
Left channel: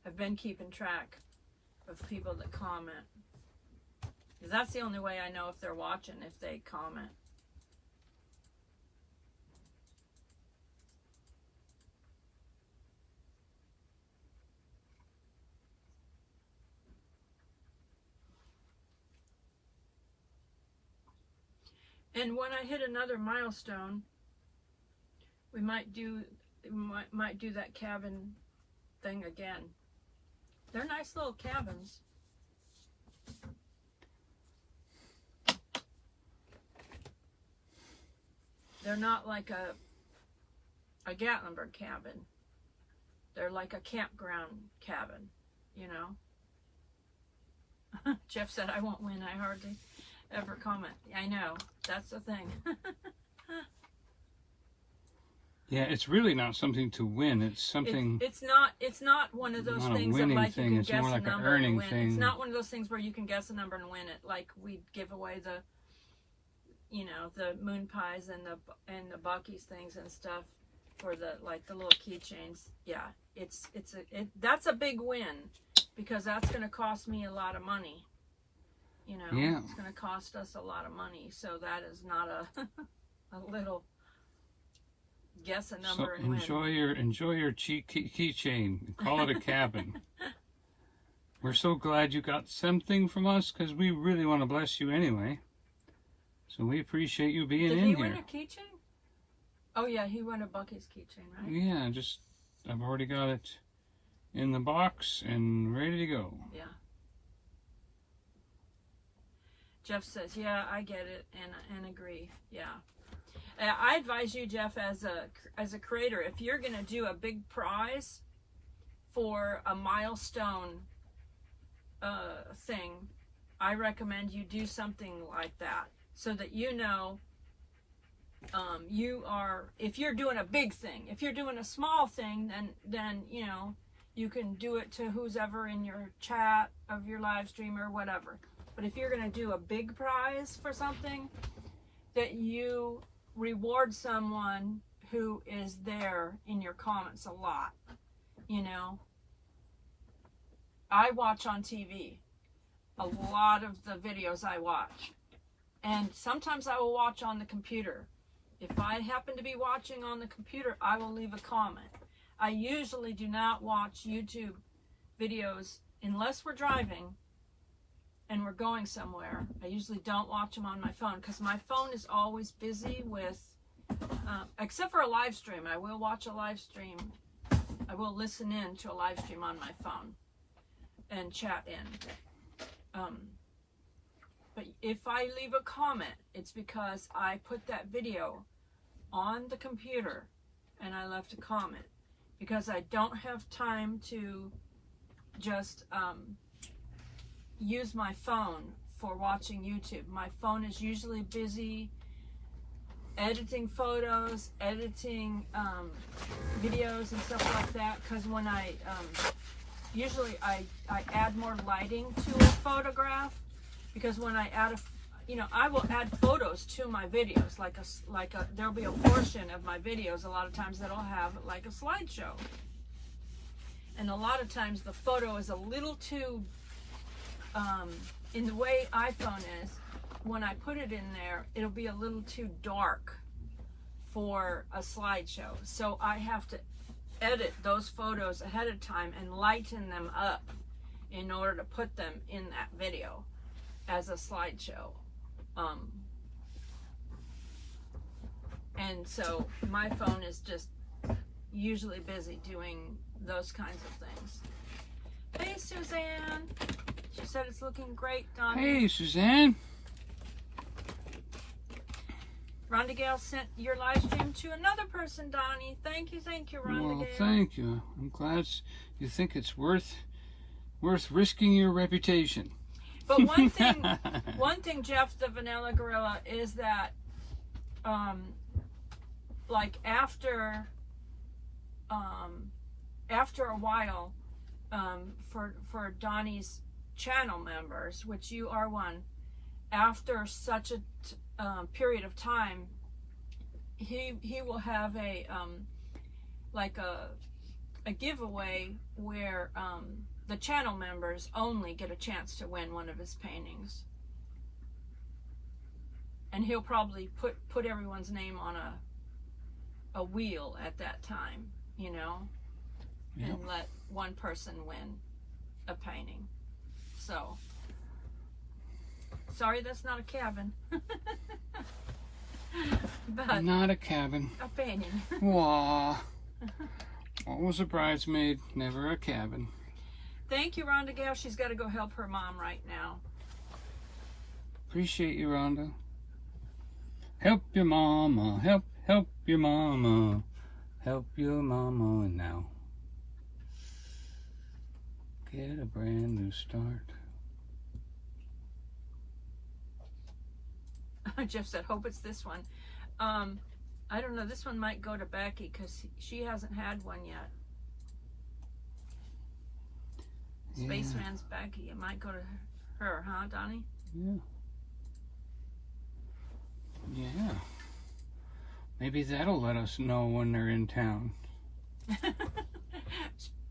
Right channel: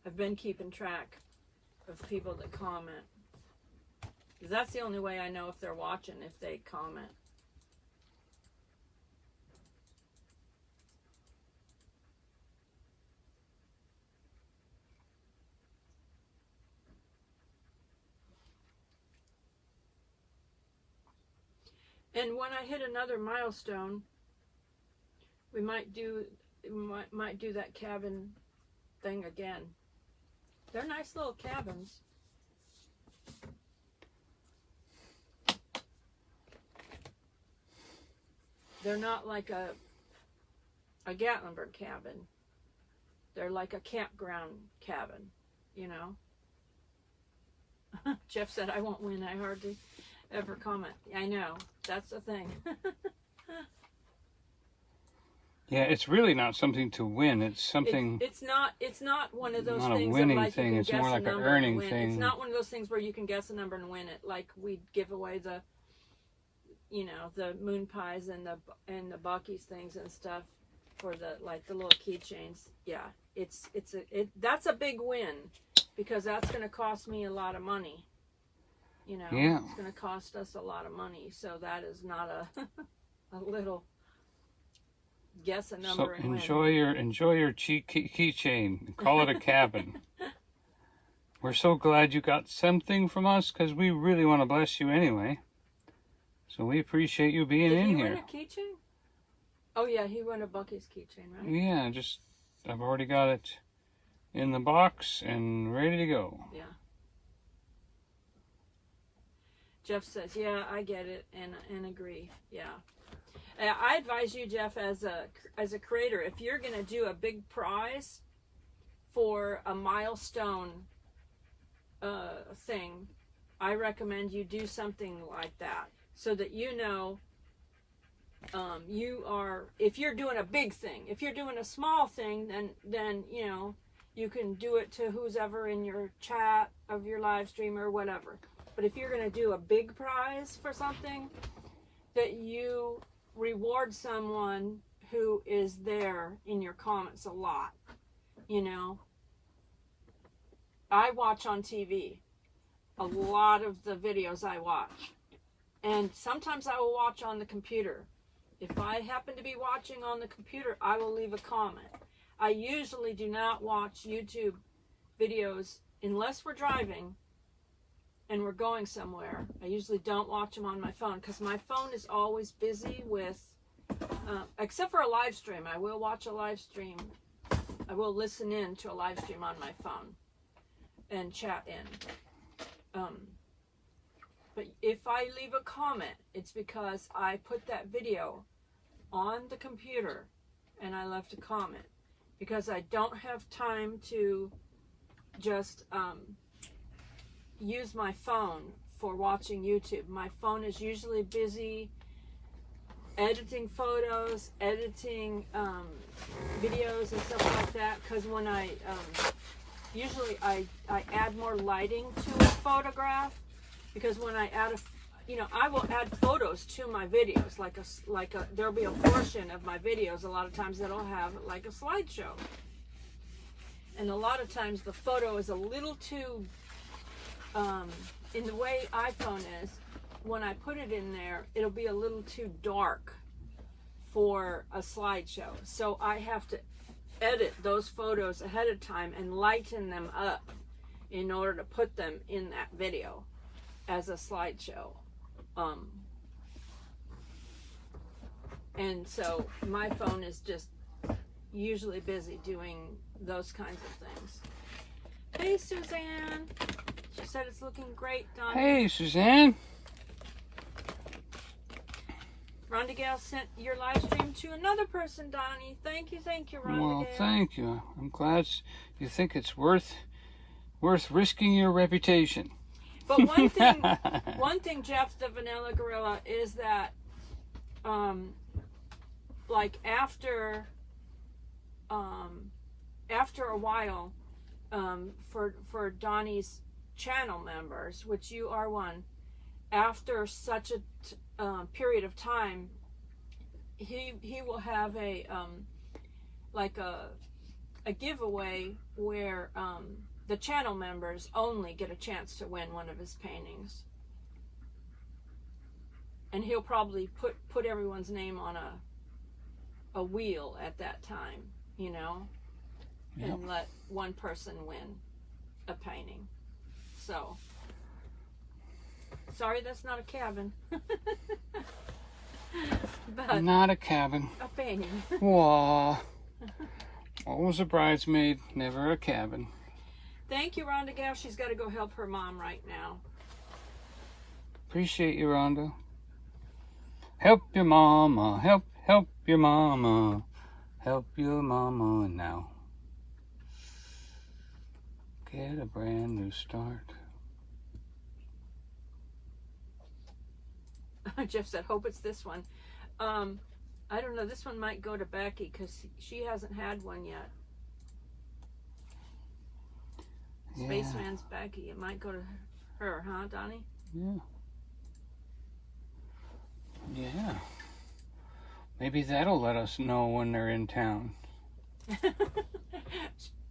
I've been keeping track of people that comment. Because that's the only way I know if they're watching, if they comment. And when I hit another milestone, we might do that cabin thing again. They're nice little cabins. They're not like a Gatlinburg cabin. They're like a campground cabin, you know. Jeff said, I won't win. I hardly ever comment. I know. That's the thing. Yeah, it's really not something to win. It's something. It's not one of those not a things winning that like thing. you It's can more guess like a an number earning and win. thing. It's not one of those things where you can guess a number and win it. Like we'd give away the, you know, the moon pies and the Buc-ee's things and stuff for the like the little keychains. Yeah, that's a big win because that's going to cost me a lot of money. You know, Yeah. It's going to cost us a lot of money. So that is not a little guess a number So and win. enjoy your keychain. Call it a cabin. We're so glad you got something from us because we really want to bless you anyway. So we appreciate you being Did in he here. win a keychain? Oh yeah, he won a Buc-ee's keychain, right? Yeah, I've already got it in the box and ready to go. Yeah. Jeff says, yeah, I get it and agree. Yeah. I advise you, Jeff, as a creator, if you're going to do a big prize for a milestone thing, I recommend you do something like that so that you know if you're doing a big thing. If you're doing a small thing, then you know, you can do it to who's ever in your chat of your live stream or whatever. But if you're going to do a big prize for something, that you reward someone who is there in your comments a lot. You know, I watch on TV. A lot of the videos I watch. And sometimes I will watch on the computer. If I happen to be watching on the computer, I will leave a comment. I usually do not watch YouTube videos unless we're driving and we're going somewhere. I usually don't watch them on my phone because my phone is always busy with, except for a live stream. I will watch a live stream. I will listen in to a live stream on my phone and chat in. But if I leave a comment, it's because I put that video on the computer and I left a comment because I don't have time to just use my phone for watching YouTube. My phone is usually busy editing photos, editing videos and stuff like that. Because when I usually I add more lighting to a photograph, because when I add I will add photos to my videos, there'll be a portion of my videos a lot of times that'll have like a slideshow. And a lot of times the photo is a little too, in the way iPhone is, when I put it in there, it'll be a little too dark for a slideshow. So I have to edit those photos ahead of time and lighten them up in order to put them in that video as a slideshow. And so my phone is just usually busy doing those kinds of things. Hey, Suzanne. She said it's looking great, Donnie. Hey, Suzanne. Rhonda Gale sent your live stream to another person, Donnie. Thank you, Rhonda Well, Gale. thank you. I'm glad you think it's worth risking your reputation. But one thing, Jeff the Vanilla Gorilla, is that, like after a while, for Donnie's channel members, which you are one, after such a period of time, he will have a giveaway where the channel members only get a chance to win one of his paintings, and he'll probably put everyone's name on a wheel at that time, Yep. and let one person win a painting. So sorry, that's not a cabin. But Not a cabin. a painting. Wah. Always a bridesmaid, never a cabin. Thank you, Rhonda Gale. She's got to go help her mom right now. Appreciate you, Rhonda. Help your mama, help your mama, help your mama now. Get a brand new start. Jeff said, hope it's this one. I don't know. This one might go to Becky because she hasn't had one yet. Yeah. Spaceman's Becky. It might go to her, huh, Donnie? Yeah. Yeah. Maybe that'll let us know when they're in town.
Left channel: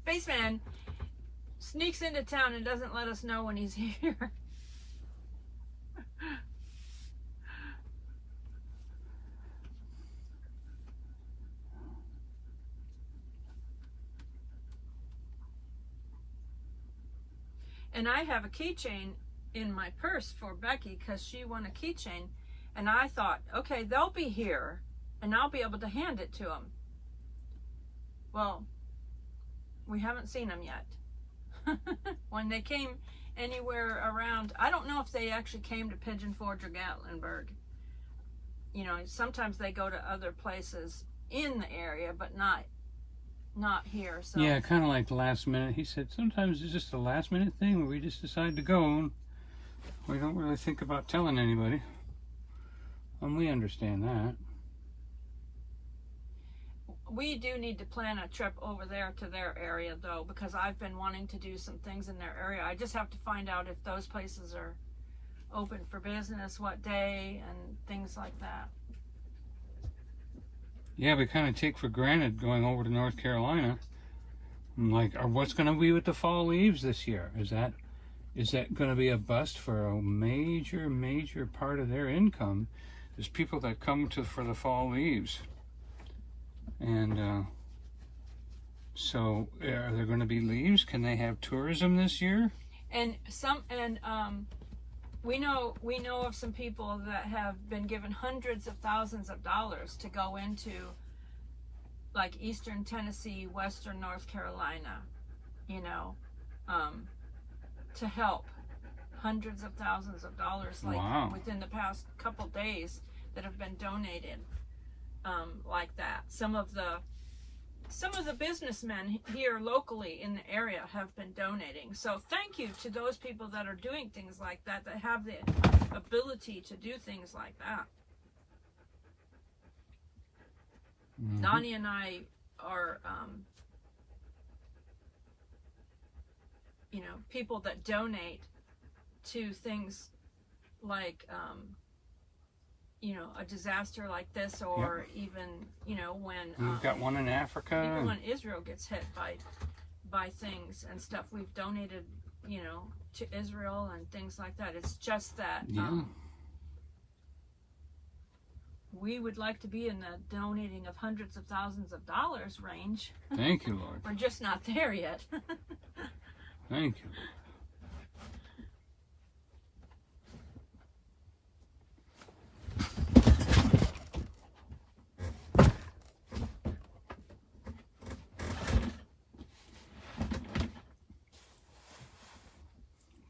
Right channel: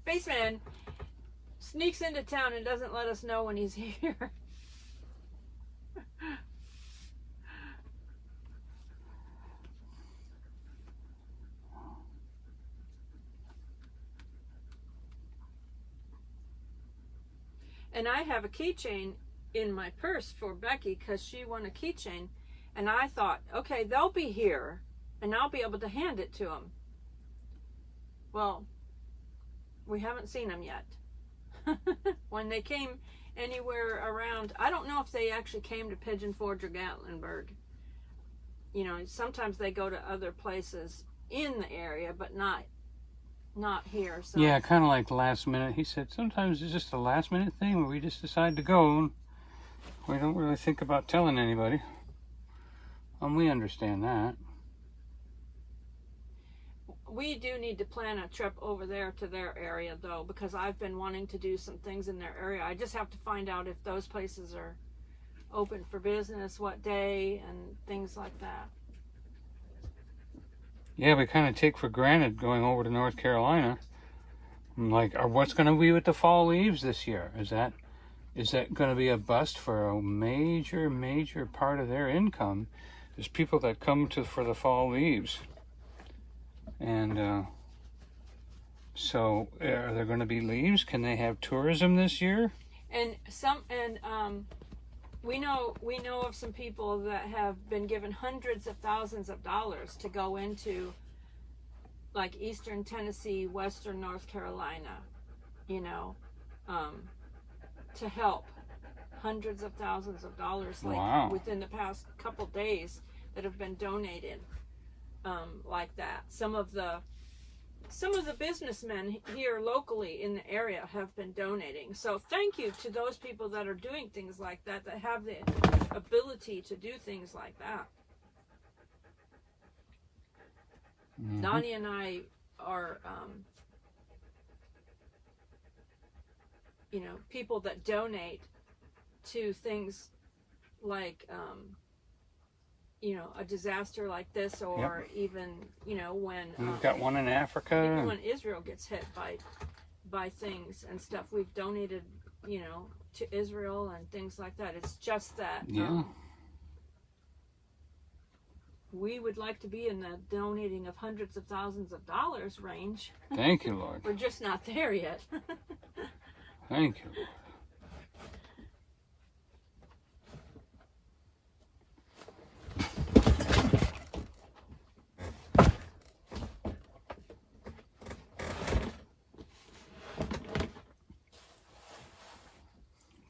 Spaceman sneaks into town and doesn't let us know when he's here. And I have a keychain in my purse for Becky because she won a keychain. And I thought, okay, they'll be here and I'll be able to hand it to them. Well, we haven't seen them yet. When they came anywhere around, I don't know if they actually came to Pigeon Forge or Gatlinburg. Sometimes they go to other places in the area, but not here. So. Yeah, kind of like last minute. He said sometimes it's just a last minute thing where we just decide to go and we don't really think about telling anybody. We understand that. We do need to plan a trip over there to their area, though, because I've been wanting to do some things in their area. I just have to find out if those places are open for business, what day, and things like that. Yeah, we kind of take for granted going over to North Carolina. Like, what's going to be with the fall leaves this year? Is that going to be a bust for a major part of their income? There's people that come for the fall leaves. And so are there going to be leaves? Can they have tourism this year? We know of some people that have been given hundreds of thousands of dollars to go into like Eastern Tennessee, Western North Carolina, to help. Hundreds of thousands of dollars Wow. within the past couple days that have been donated like that. Some of the businessmen here locally in the area have been donating. So thank you to those people that are doing things like that have the ability to do things like that. Donnie and I are, people that donate to things like, a disaster like this, or even, when We've got one in Africa. even when Israel gets hit by things and stuff, we've donated, to Israel and things like that. It's just that we would like to be in the donating of hundreds of thousands of dollars range. Thank you, Lord. We're just not there yet. Thank you.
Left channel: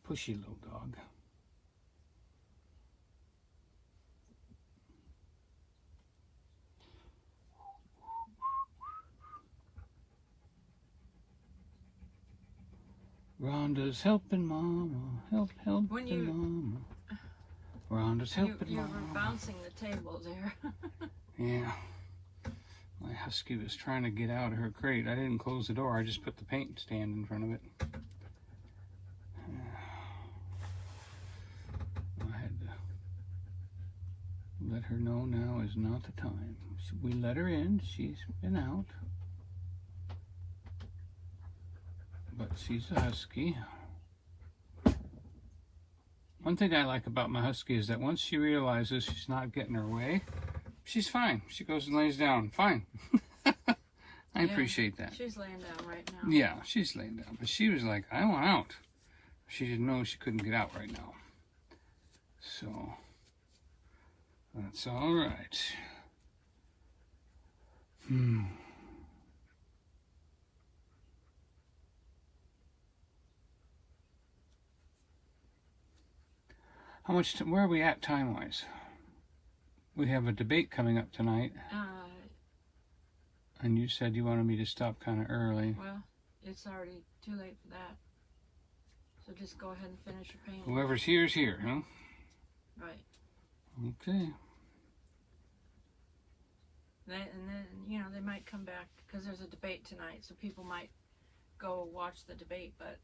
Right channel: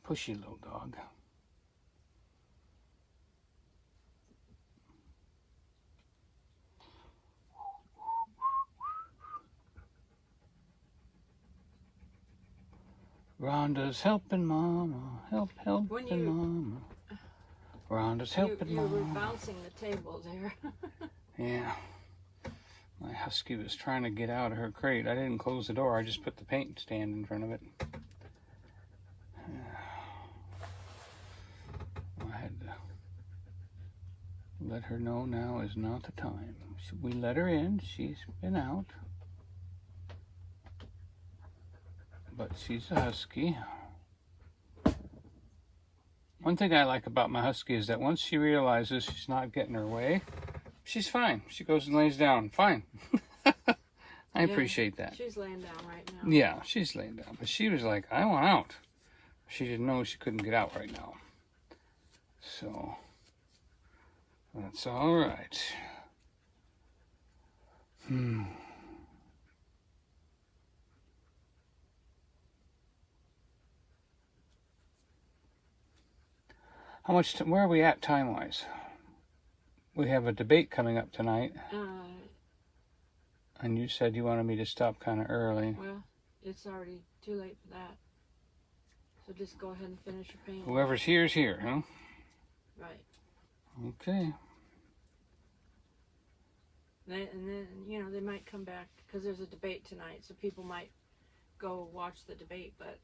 Pushy little dog. Rhonda's helping Mama, helping Mama. Rhonda's helping you Mama. were bouncing the table there. Yeah. My husky was trying to get out of her crate. I didn't close the door. I just put the paint stand in front of it. I had to let her know now is not the time. We let her in. She's been out. But she's a husky. One thing I like about my husky is that once she realizes she's not getting her way, she's fine. She goes and lays down. Fine. I appreciate that. She's laying down right now. Yeah, she's laying down. But she was like, I want out. She didn't know she couldn't get out right now. So, that's all right. How much? Where are we at time-wise? We have a debate coming up tonight, and you said you wanted me to stop kind of early. Well, it's already too late for that. So just go ahead and finish your painting. Whoever's here is here, huh? Right. Okay. And then, they might come back because there's a debate tonight, so people might go watch the debate, but,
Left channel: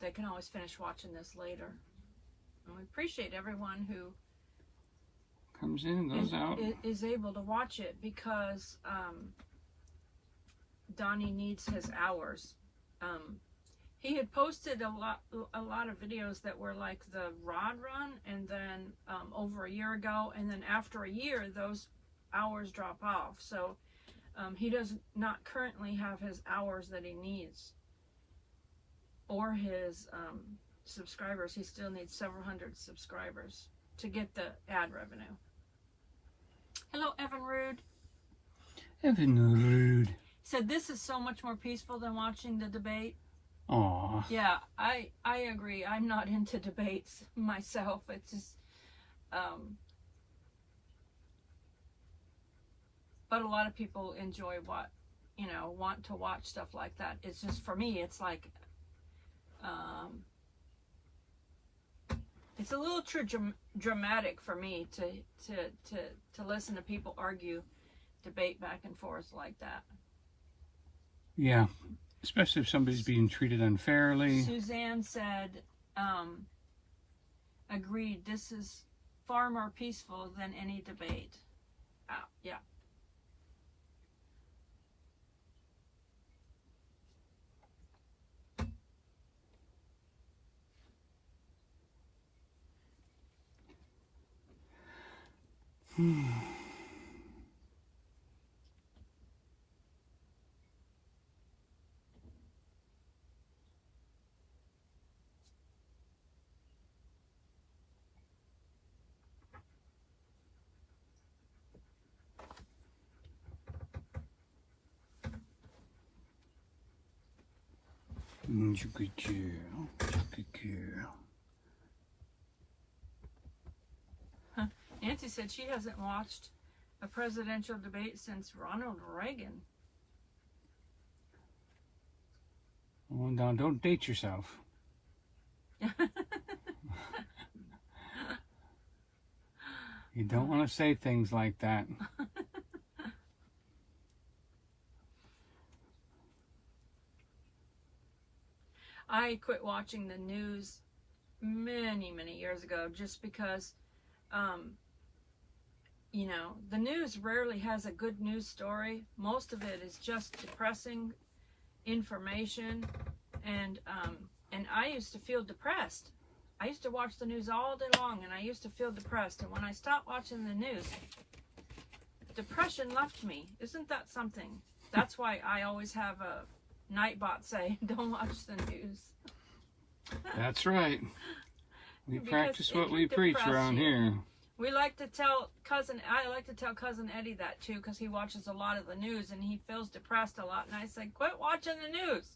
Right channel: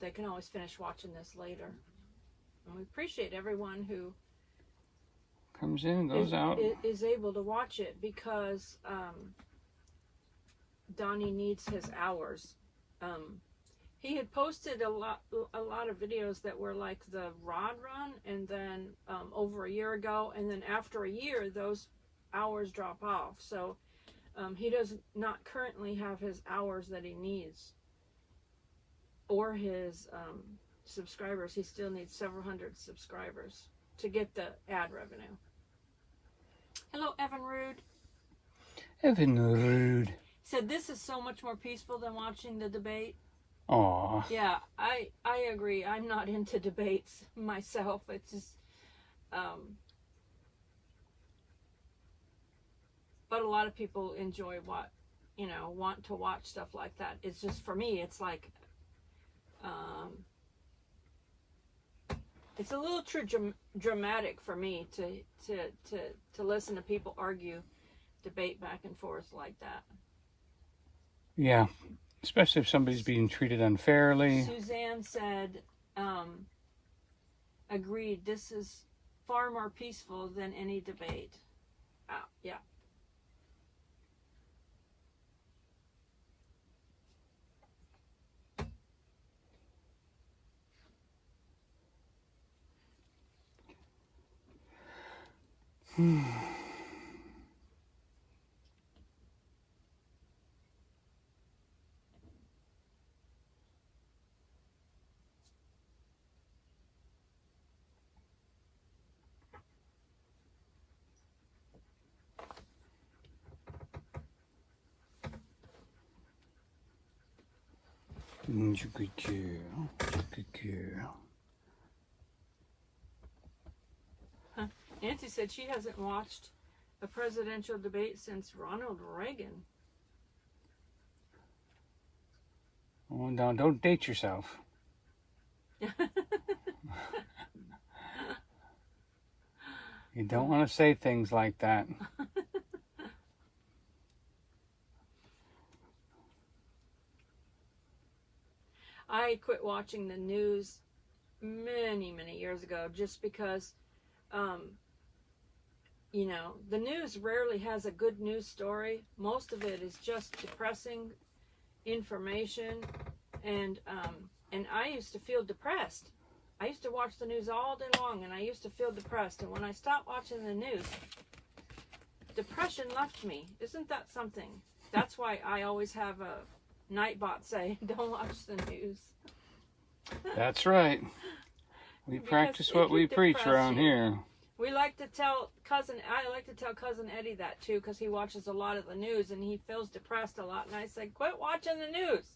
they can always finish watching this later. And we appreciate everyone who Comes in, goes out. is able to watch it because Donnie needs his hours. He had posted a lot of videos that were like the rod run, and then over a year ago, and then after a year those hours drop off. So he does not currently have his hours that he needs, or his subscribers. He still needs several hundred subscribers to get the ad revenue. Hello, Evan Rude. Evan Rude. Said this is so much more peaceful than watching the debate. Aw. Yeah, I agree. I'm not into debates myself. It's just, but a lot of people enjoy want to watch stuff like that. It's just, for me, it's like, it's a little too dramatic for me to listen to people argue, debate back and forth like that. Yeah. Especially if somebody's being treated unfairly. Suzanne said, agreed, this is far more peaceful than any debate. Yeah. You good girl. Good girl. Nancy said she hasn't watched a presidential debate since Ronald Reagan. Oh, now don't date yourself. You don't want to say things like that. I quit watching the news many, many years ago just because, you know, the news rarely has a good news story. Most of it is just depressing information, and I used to feel depressed. I used to watch the news all day long, and I used to feel depressed. And when I stopped watching the news, depression left me. Isn't that something? That's why I always have a Nightbot say, "Don't watch the news." That's right. We Because practice it what can we preach depress around you. here. I like to tell cousin Eddie that too, because he watches a lot of the news and he feels depressed a lot. And I said, "Quit watching the news."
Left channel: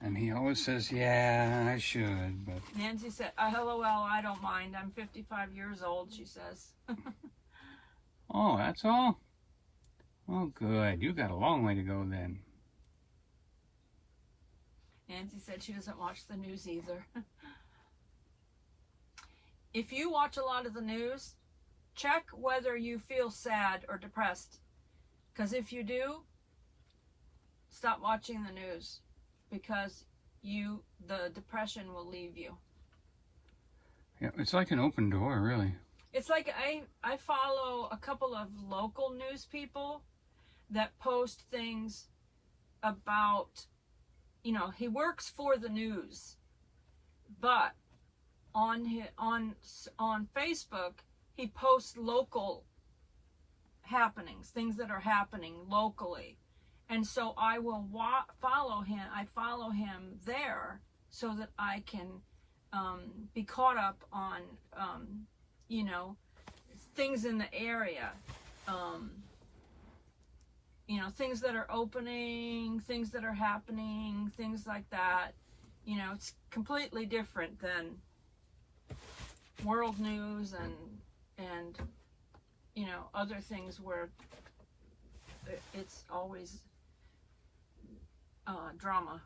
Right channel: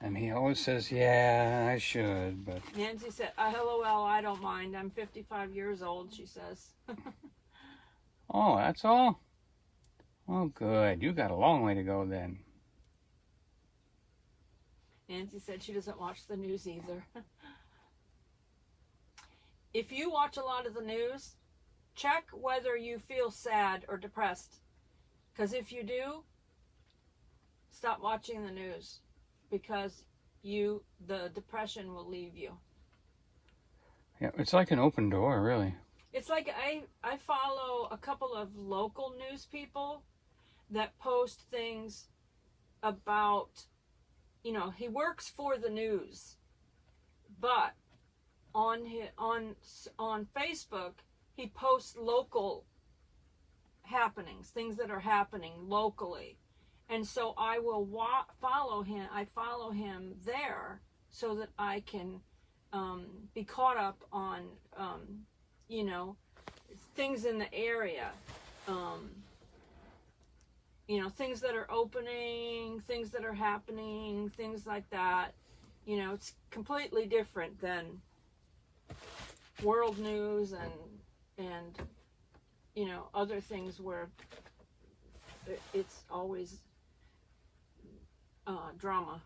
And he always says, yeah, I should, but... Nancy said, "LOL, I don't mind. I'm 55 years old," she says. Oh, that's all? Oh, good. You got a long way to go then. Nancy said she doesn't watch the news either. If you watch a lot of the news, check whether you feel sad or depressed. Because if you do, stop watching the news. Because the depression will leave you. Yeah, it's like an open door, really. It's like I follow a couple of local news people that post things about, you know, he works for the news, but on Facebook he posts local happenings, things that are happening locally, and so I will follow him. I follow him there so that I can be caught up on you know, things in the area. You know, things that are opening, things that are happening, things like that. You know, it's completely different than world news and you know, other things where it's always drama.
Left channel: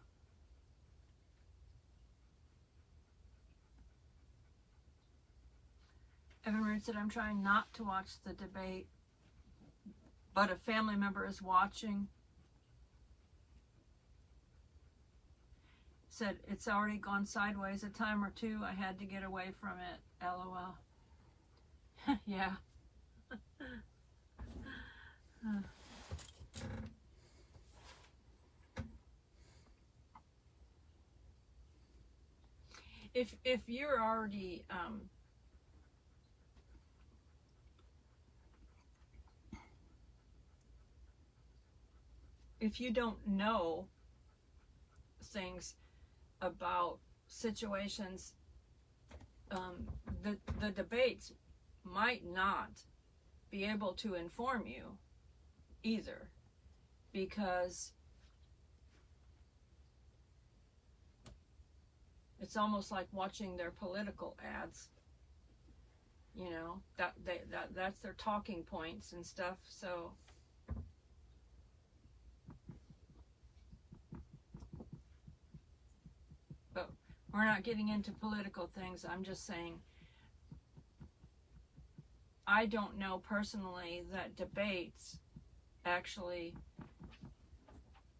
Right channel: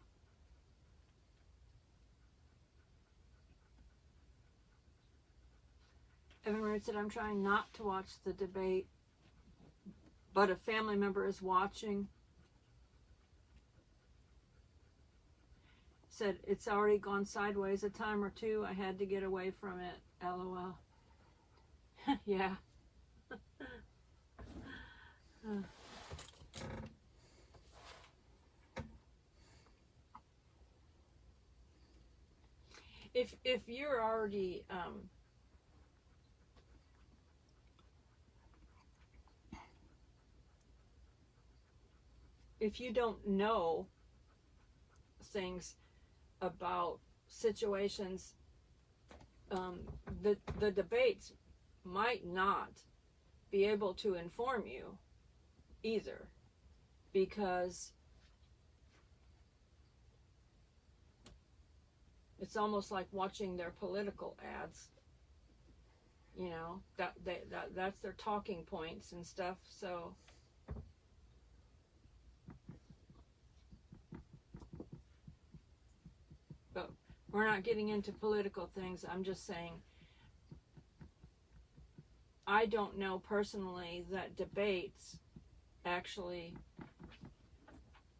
Evan Root said, "I'm trying not to watch the debate, but a family member is watching." Said, "It's already gone sideways a time or two. I had to get away from it. LOL." Yeah. If you're already if you don't know things about situations, the debates might not be able to inform you either, because it's almost like watching their political ads. You know, that's their talking points and stuff. So but we're not getting into political things. I'm just saying, I don't know personally that debates actually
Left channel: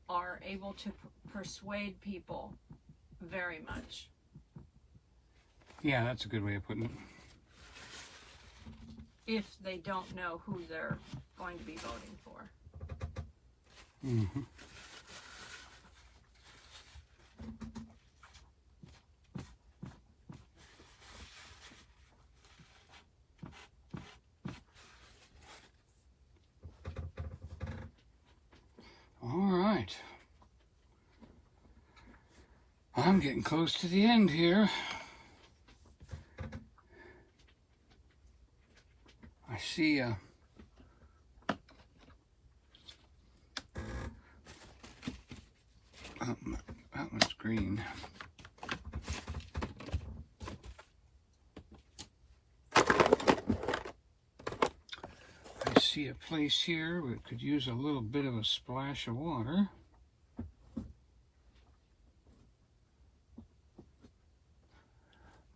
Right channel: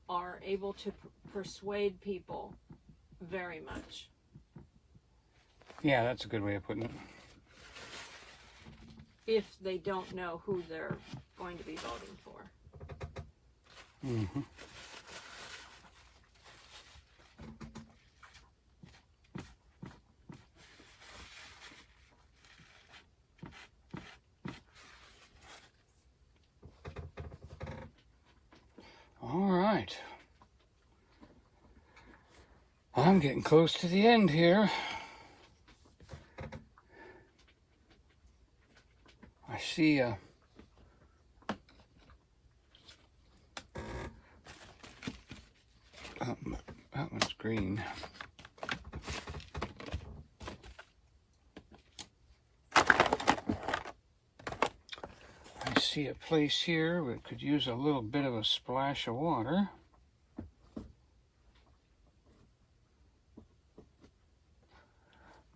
are able to persuade people very much. Yeah, that's a good way of putting it. If they don't know who they're going to be voting for. Mm-hmm. All right. I'm getting close to the end here. I see that one's green. I see a place here where it could use a little bit of a splash of water.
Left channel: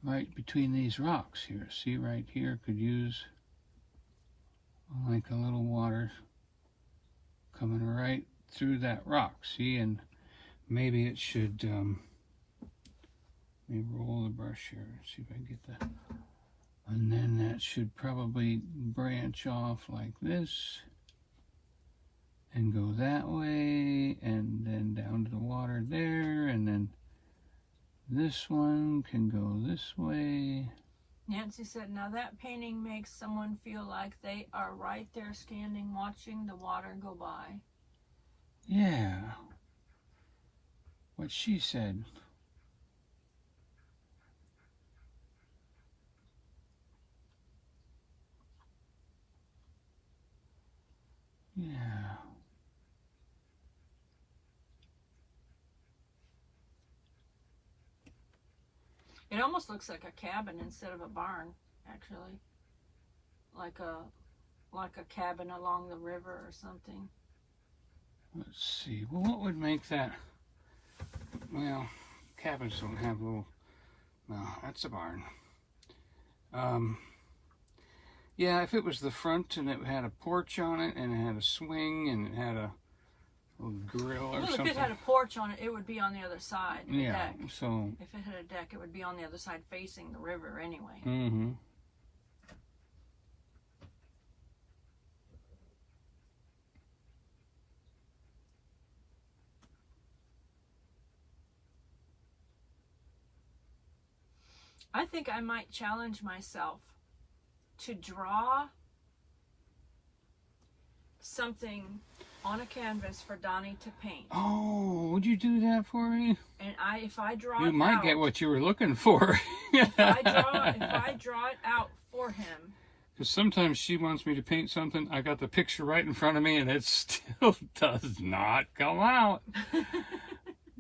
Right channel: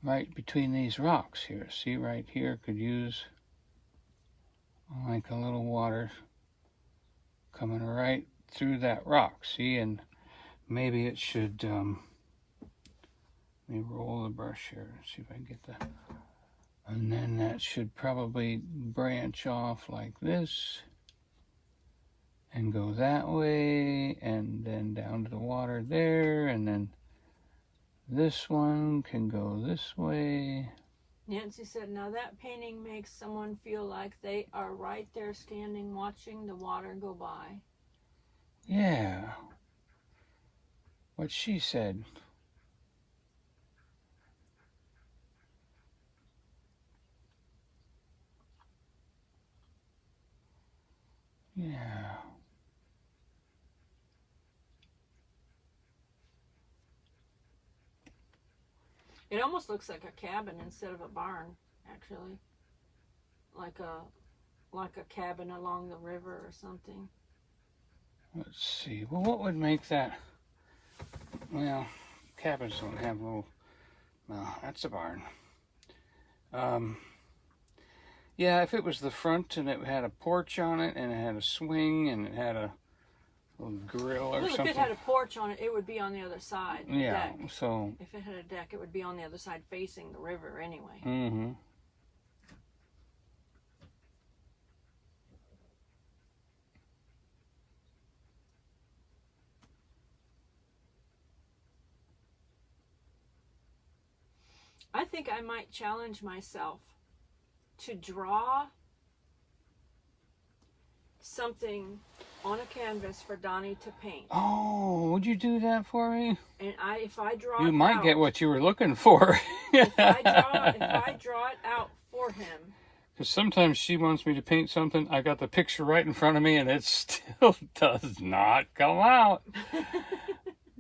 Right between these rocks here. See, right here could use like a little water coming right through that rock. See, and maybe it should, let me roll the brush here, see if I can get the, and then that should probably branch off like this and go that way, and then down to the water there, and then this one can go this way. Nancy said, now that painting makes someone feel like they are right there standing watching the water go by. Yeah. What she said. Yeah. It almost looks like a cabin instead of a barn, actually. Like a cabin along the river or something. Let's see. Well, what would make that? Well, cabins don't have little. No, that's a barn. Yeah, if it was the front and it had a porch on it and it had a swing and it had a little grill or something. If it had a porch on it, it would be on the other side. Yeah. Deck. So. If it had a deck, it would be on the other side facing the river anyway. Mm-hmm. I think I might challenge myself to draw something on a canvas for Donnie to paint. Oh, would you do that for me? And if I draw you it might out, get what you were looking for. if I draw it out for him. Because sometimes she wants me to paint something. I got the picture right in front of me and it still does not come out.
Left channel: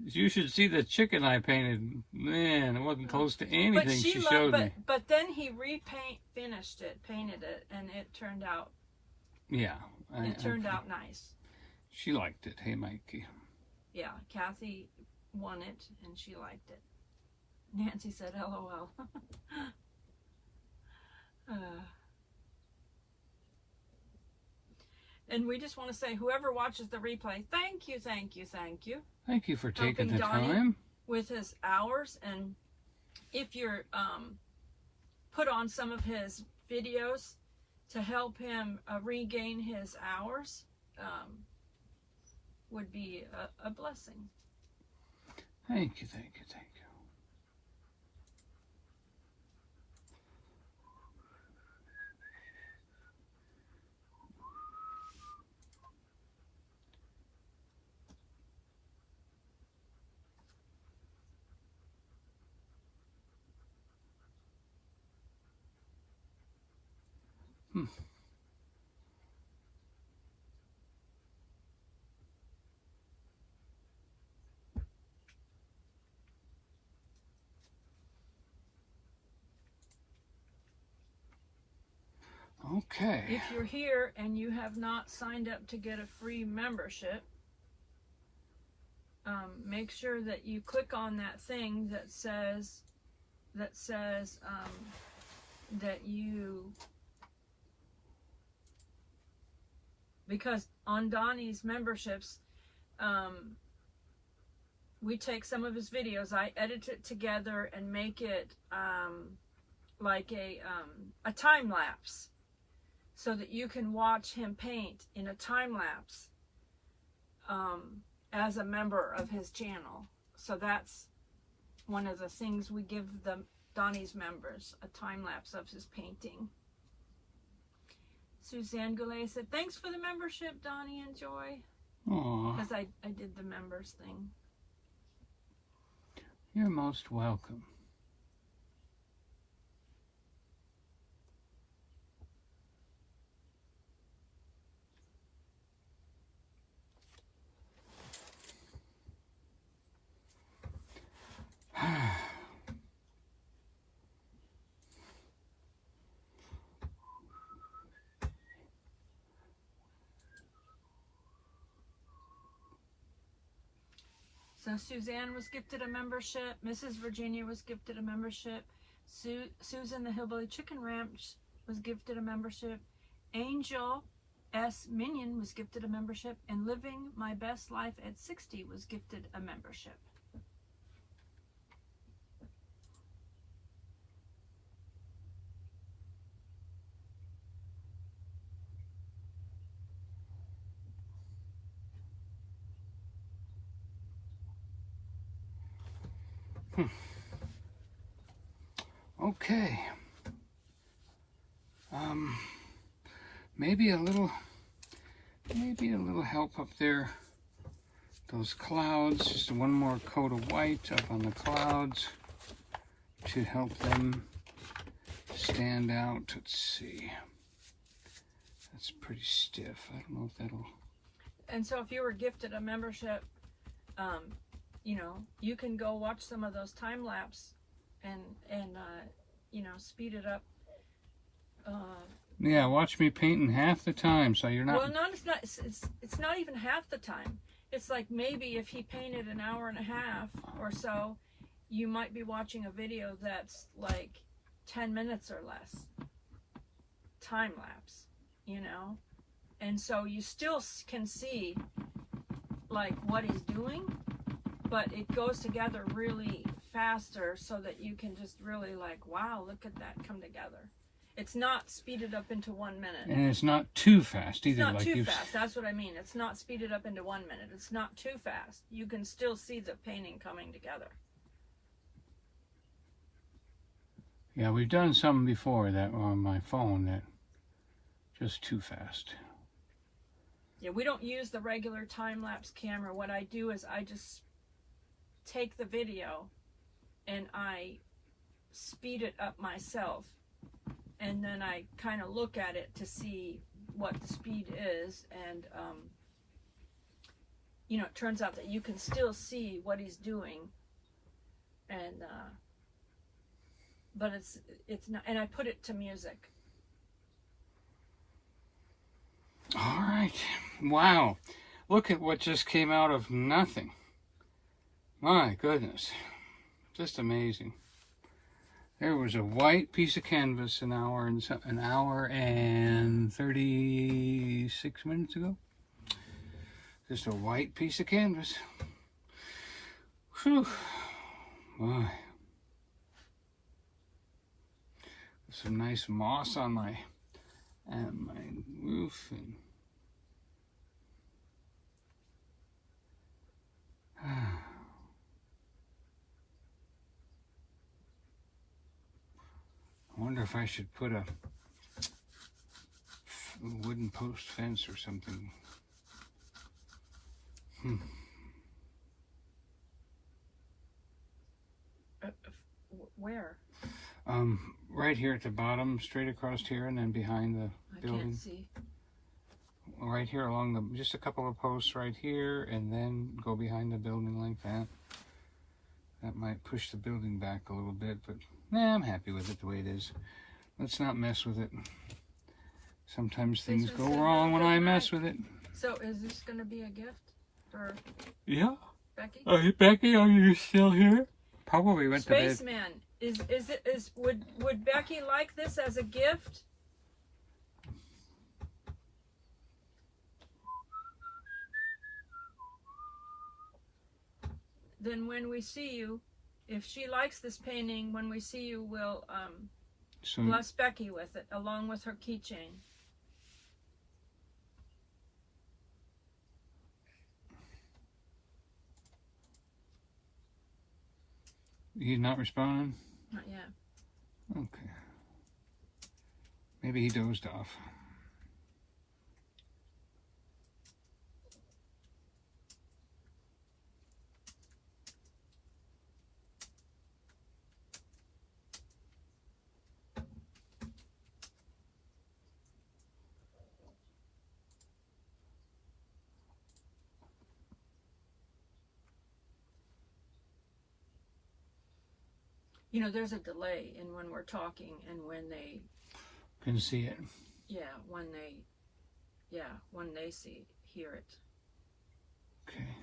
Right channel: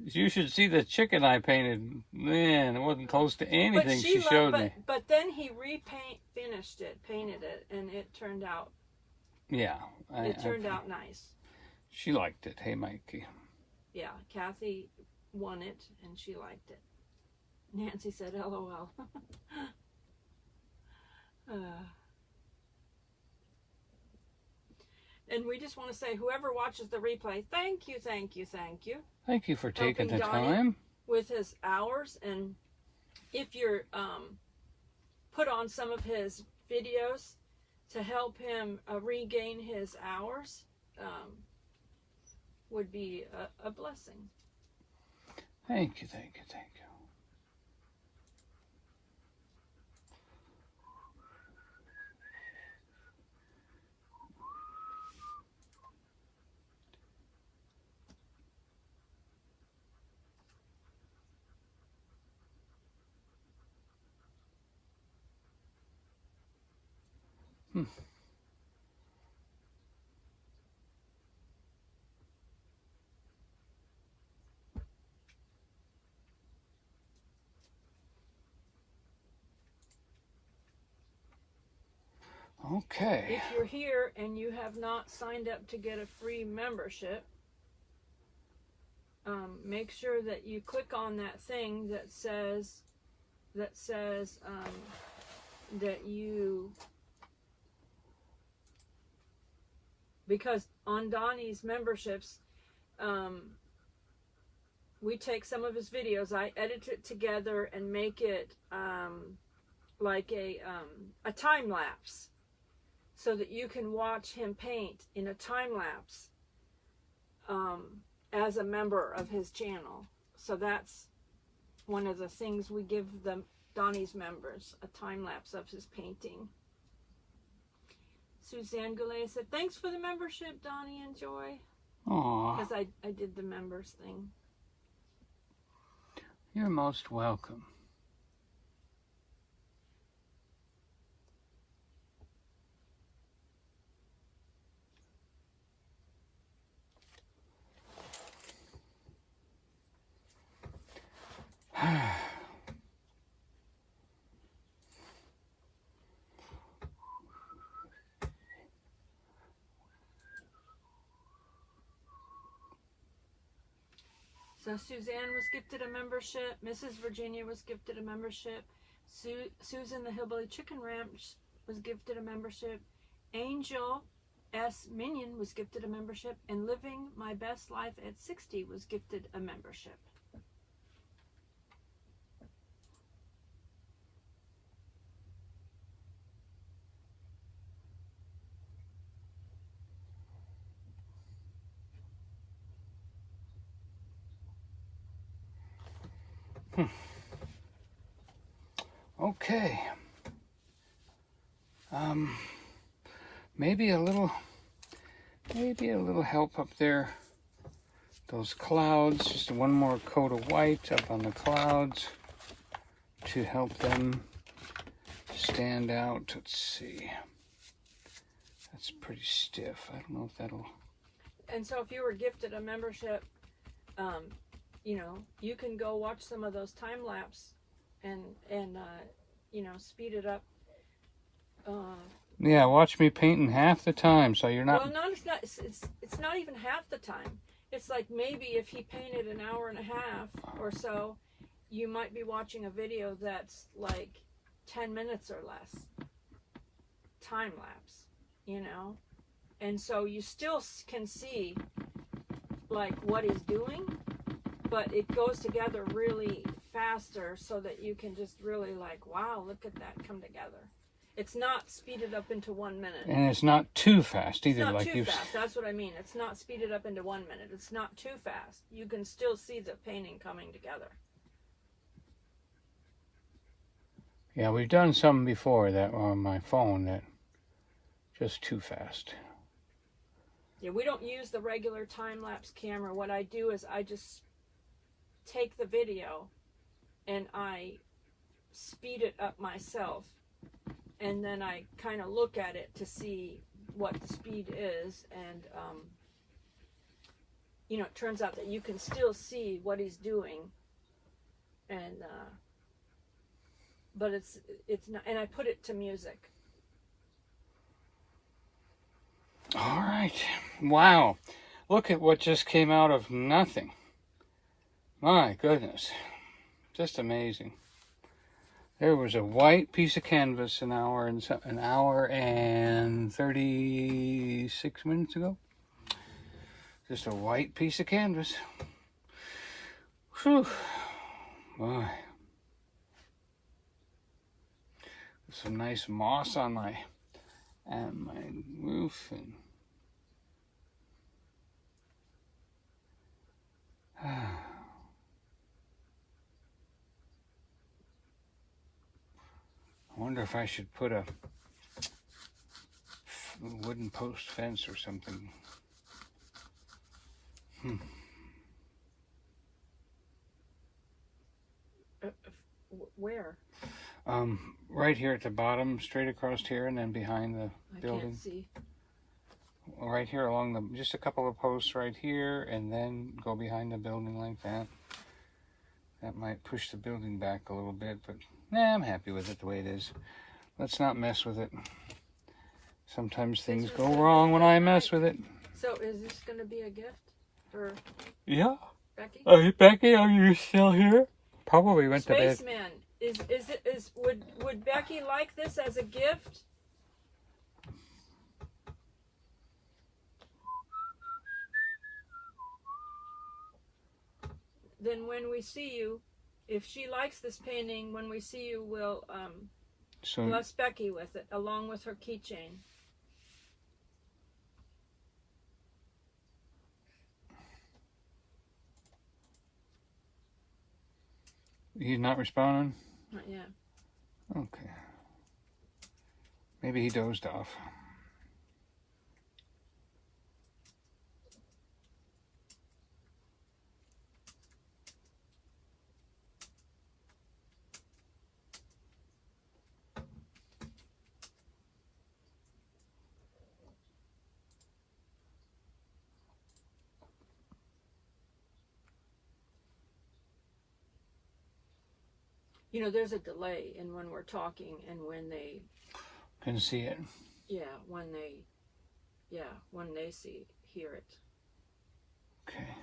You should see the chicken I painted. Man, it wasn't close to anything she showed me. But then he painted it, and it turned out. Yeah. It turned out nice. She liked it. Hey, Mikey. Yeah, Kathy won it, and she liked it. Nancy said, LOL. And we just want to say, whoever watches the replay, thank you, thank you, thank you. Thank you for taking the Donnie time. With his hours, and if you're put on some of his videos to help him regain his hours, would be a blessing. Thank you, thank you, thank you. Okay. If you're here and you have not signed up to get a free membership, make sure that you click on that thing that says that you, because on Donnie's memberships, we take some of his videos, I edit it together and make it like a time lapse, so that you can watch him paint in a time lapse as a member of his channel. So that's one of the things we give Donnie's members, a time lapse of his painting. Suzanne Goulet said, thanks for the membership, Donnie and Joy. Aw. Because I did the members thing. You're most welcome. So Suzanne was gifted a membership. Mrs. Virginia was gifted a membership. Susan the Hillbilly Chicken Ranch was gifted a membership. Angel S. Minion was gifted a membership, and Living My Best Life at 60 was gifted a membership. Okay. Maybe a little help up there. Those clouds, just one more coat of white up on the clouds to help them stand out. Let's see. That's pretty stiff. I don't know if that'll... And so if you were gifted a membership, you know, you can go watch some of those time lapse and you know, speed it up. Yeah, watch me paint in half the time, so you're not... Well, no, it's not. It's not even half the time. It's like maybe if he painted an hour and a half or so, you might be watching a video that's like 10 minutes or less. Time lapse, you know? And so you still can see like what he's doing, but it goes together really faster so that you can just really like, wow, look at that come together. It's not speeded up into 1 minute. And it's not too fast either. It's not like too fast. That's what I mean. It's not speeded up into 1 minute. It's not too fast. You can still see the painting coming together. Yeah, we've done some before that on my phone that just too fast. Yeah, we don't use the regular time-lapse camera. What I do is I just take the video and I speed it up myself. And then I kind of look at it to see what the speed is. And, you know, it turns out that you can still see what he's doing. And, but it's not, and I put it to music. All right. Wow. Look at what just came out of nothing. My goodness. Just amazing. There was a white piece of canvas an hour and 36 minutes ago. Just a white piece of canvas. Whew. Boy. Some nice moss on my roof and I wonder if I should put a wooden post fence or something. Where? Right here at the bottom, straight across here, and then behind the building. I can't see. Right here along the, just a couple of posts right here, and then go behind the building like that. That might push the building back a little bit, but nah, I'm happy with it the way it is. Let's not mess with it. Sometimes things go wrong when I mess with it. So is this going to be a gift for Yeah. Becky? Becky, are you still here? Probably went to bed. Spaceman, would Becky like this as a gift? Then when we see you, if she likes this painting, when we see you, we'll bless Becky with it, along with her keychain. He's not responding? Not yet. Okay. Maybe he dozed off. You know, there's a delay in when we're talking and when they Can see it. when they hear it. Okay.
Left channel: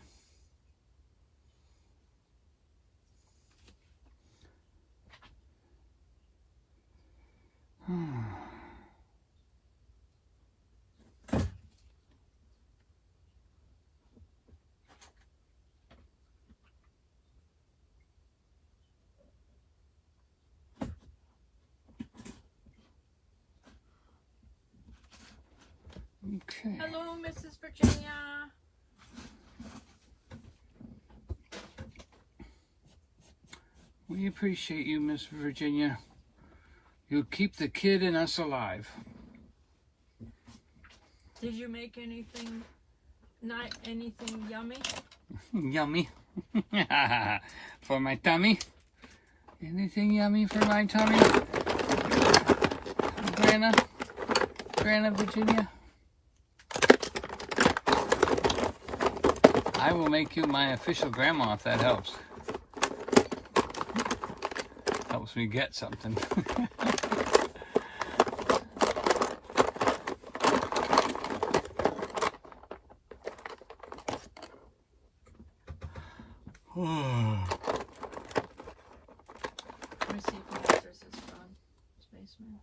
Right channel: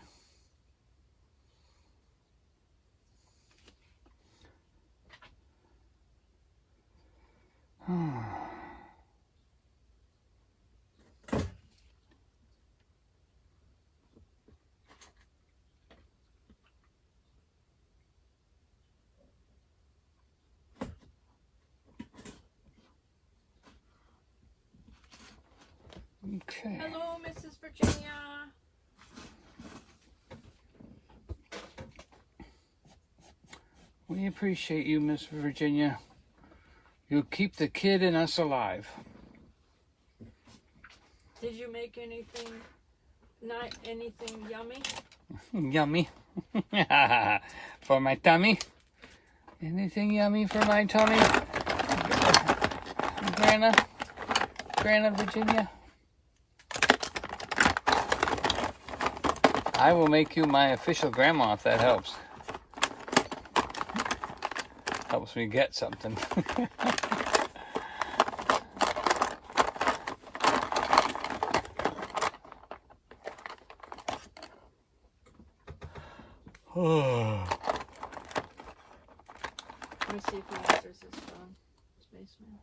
Okay. Hello, Mrs. Virginia. We appreciate you, Miss Virginia. You keep the kid in us alive. Did you make anything, not anything yummy? Yummy. For my tummy. Anything yummy for my tummy? Grandma Virginia. I will make you my official grandma if that helps. Helps me get something. Let me see if he answers his phone. Spaceman.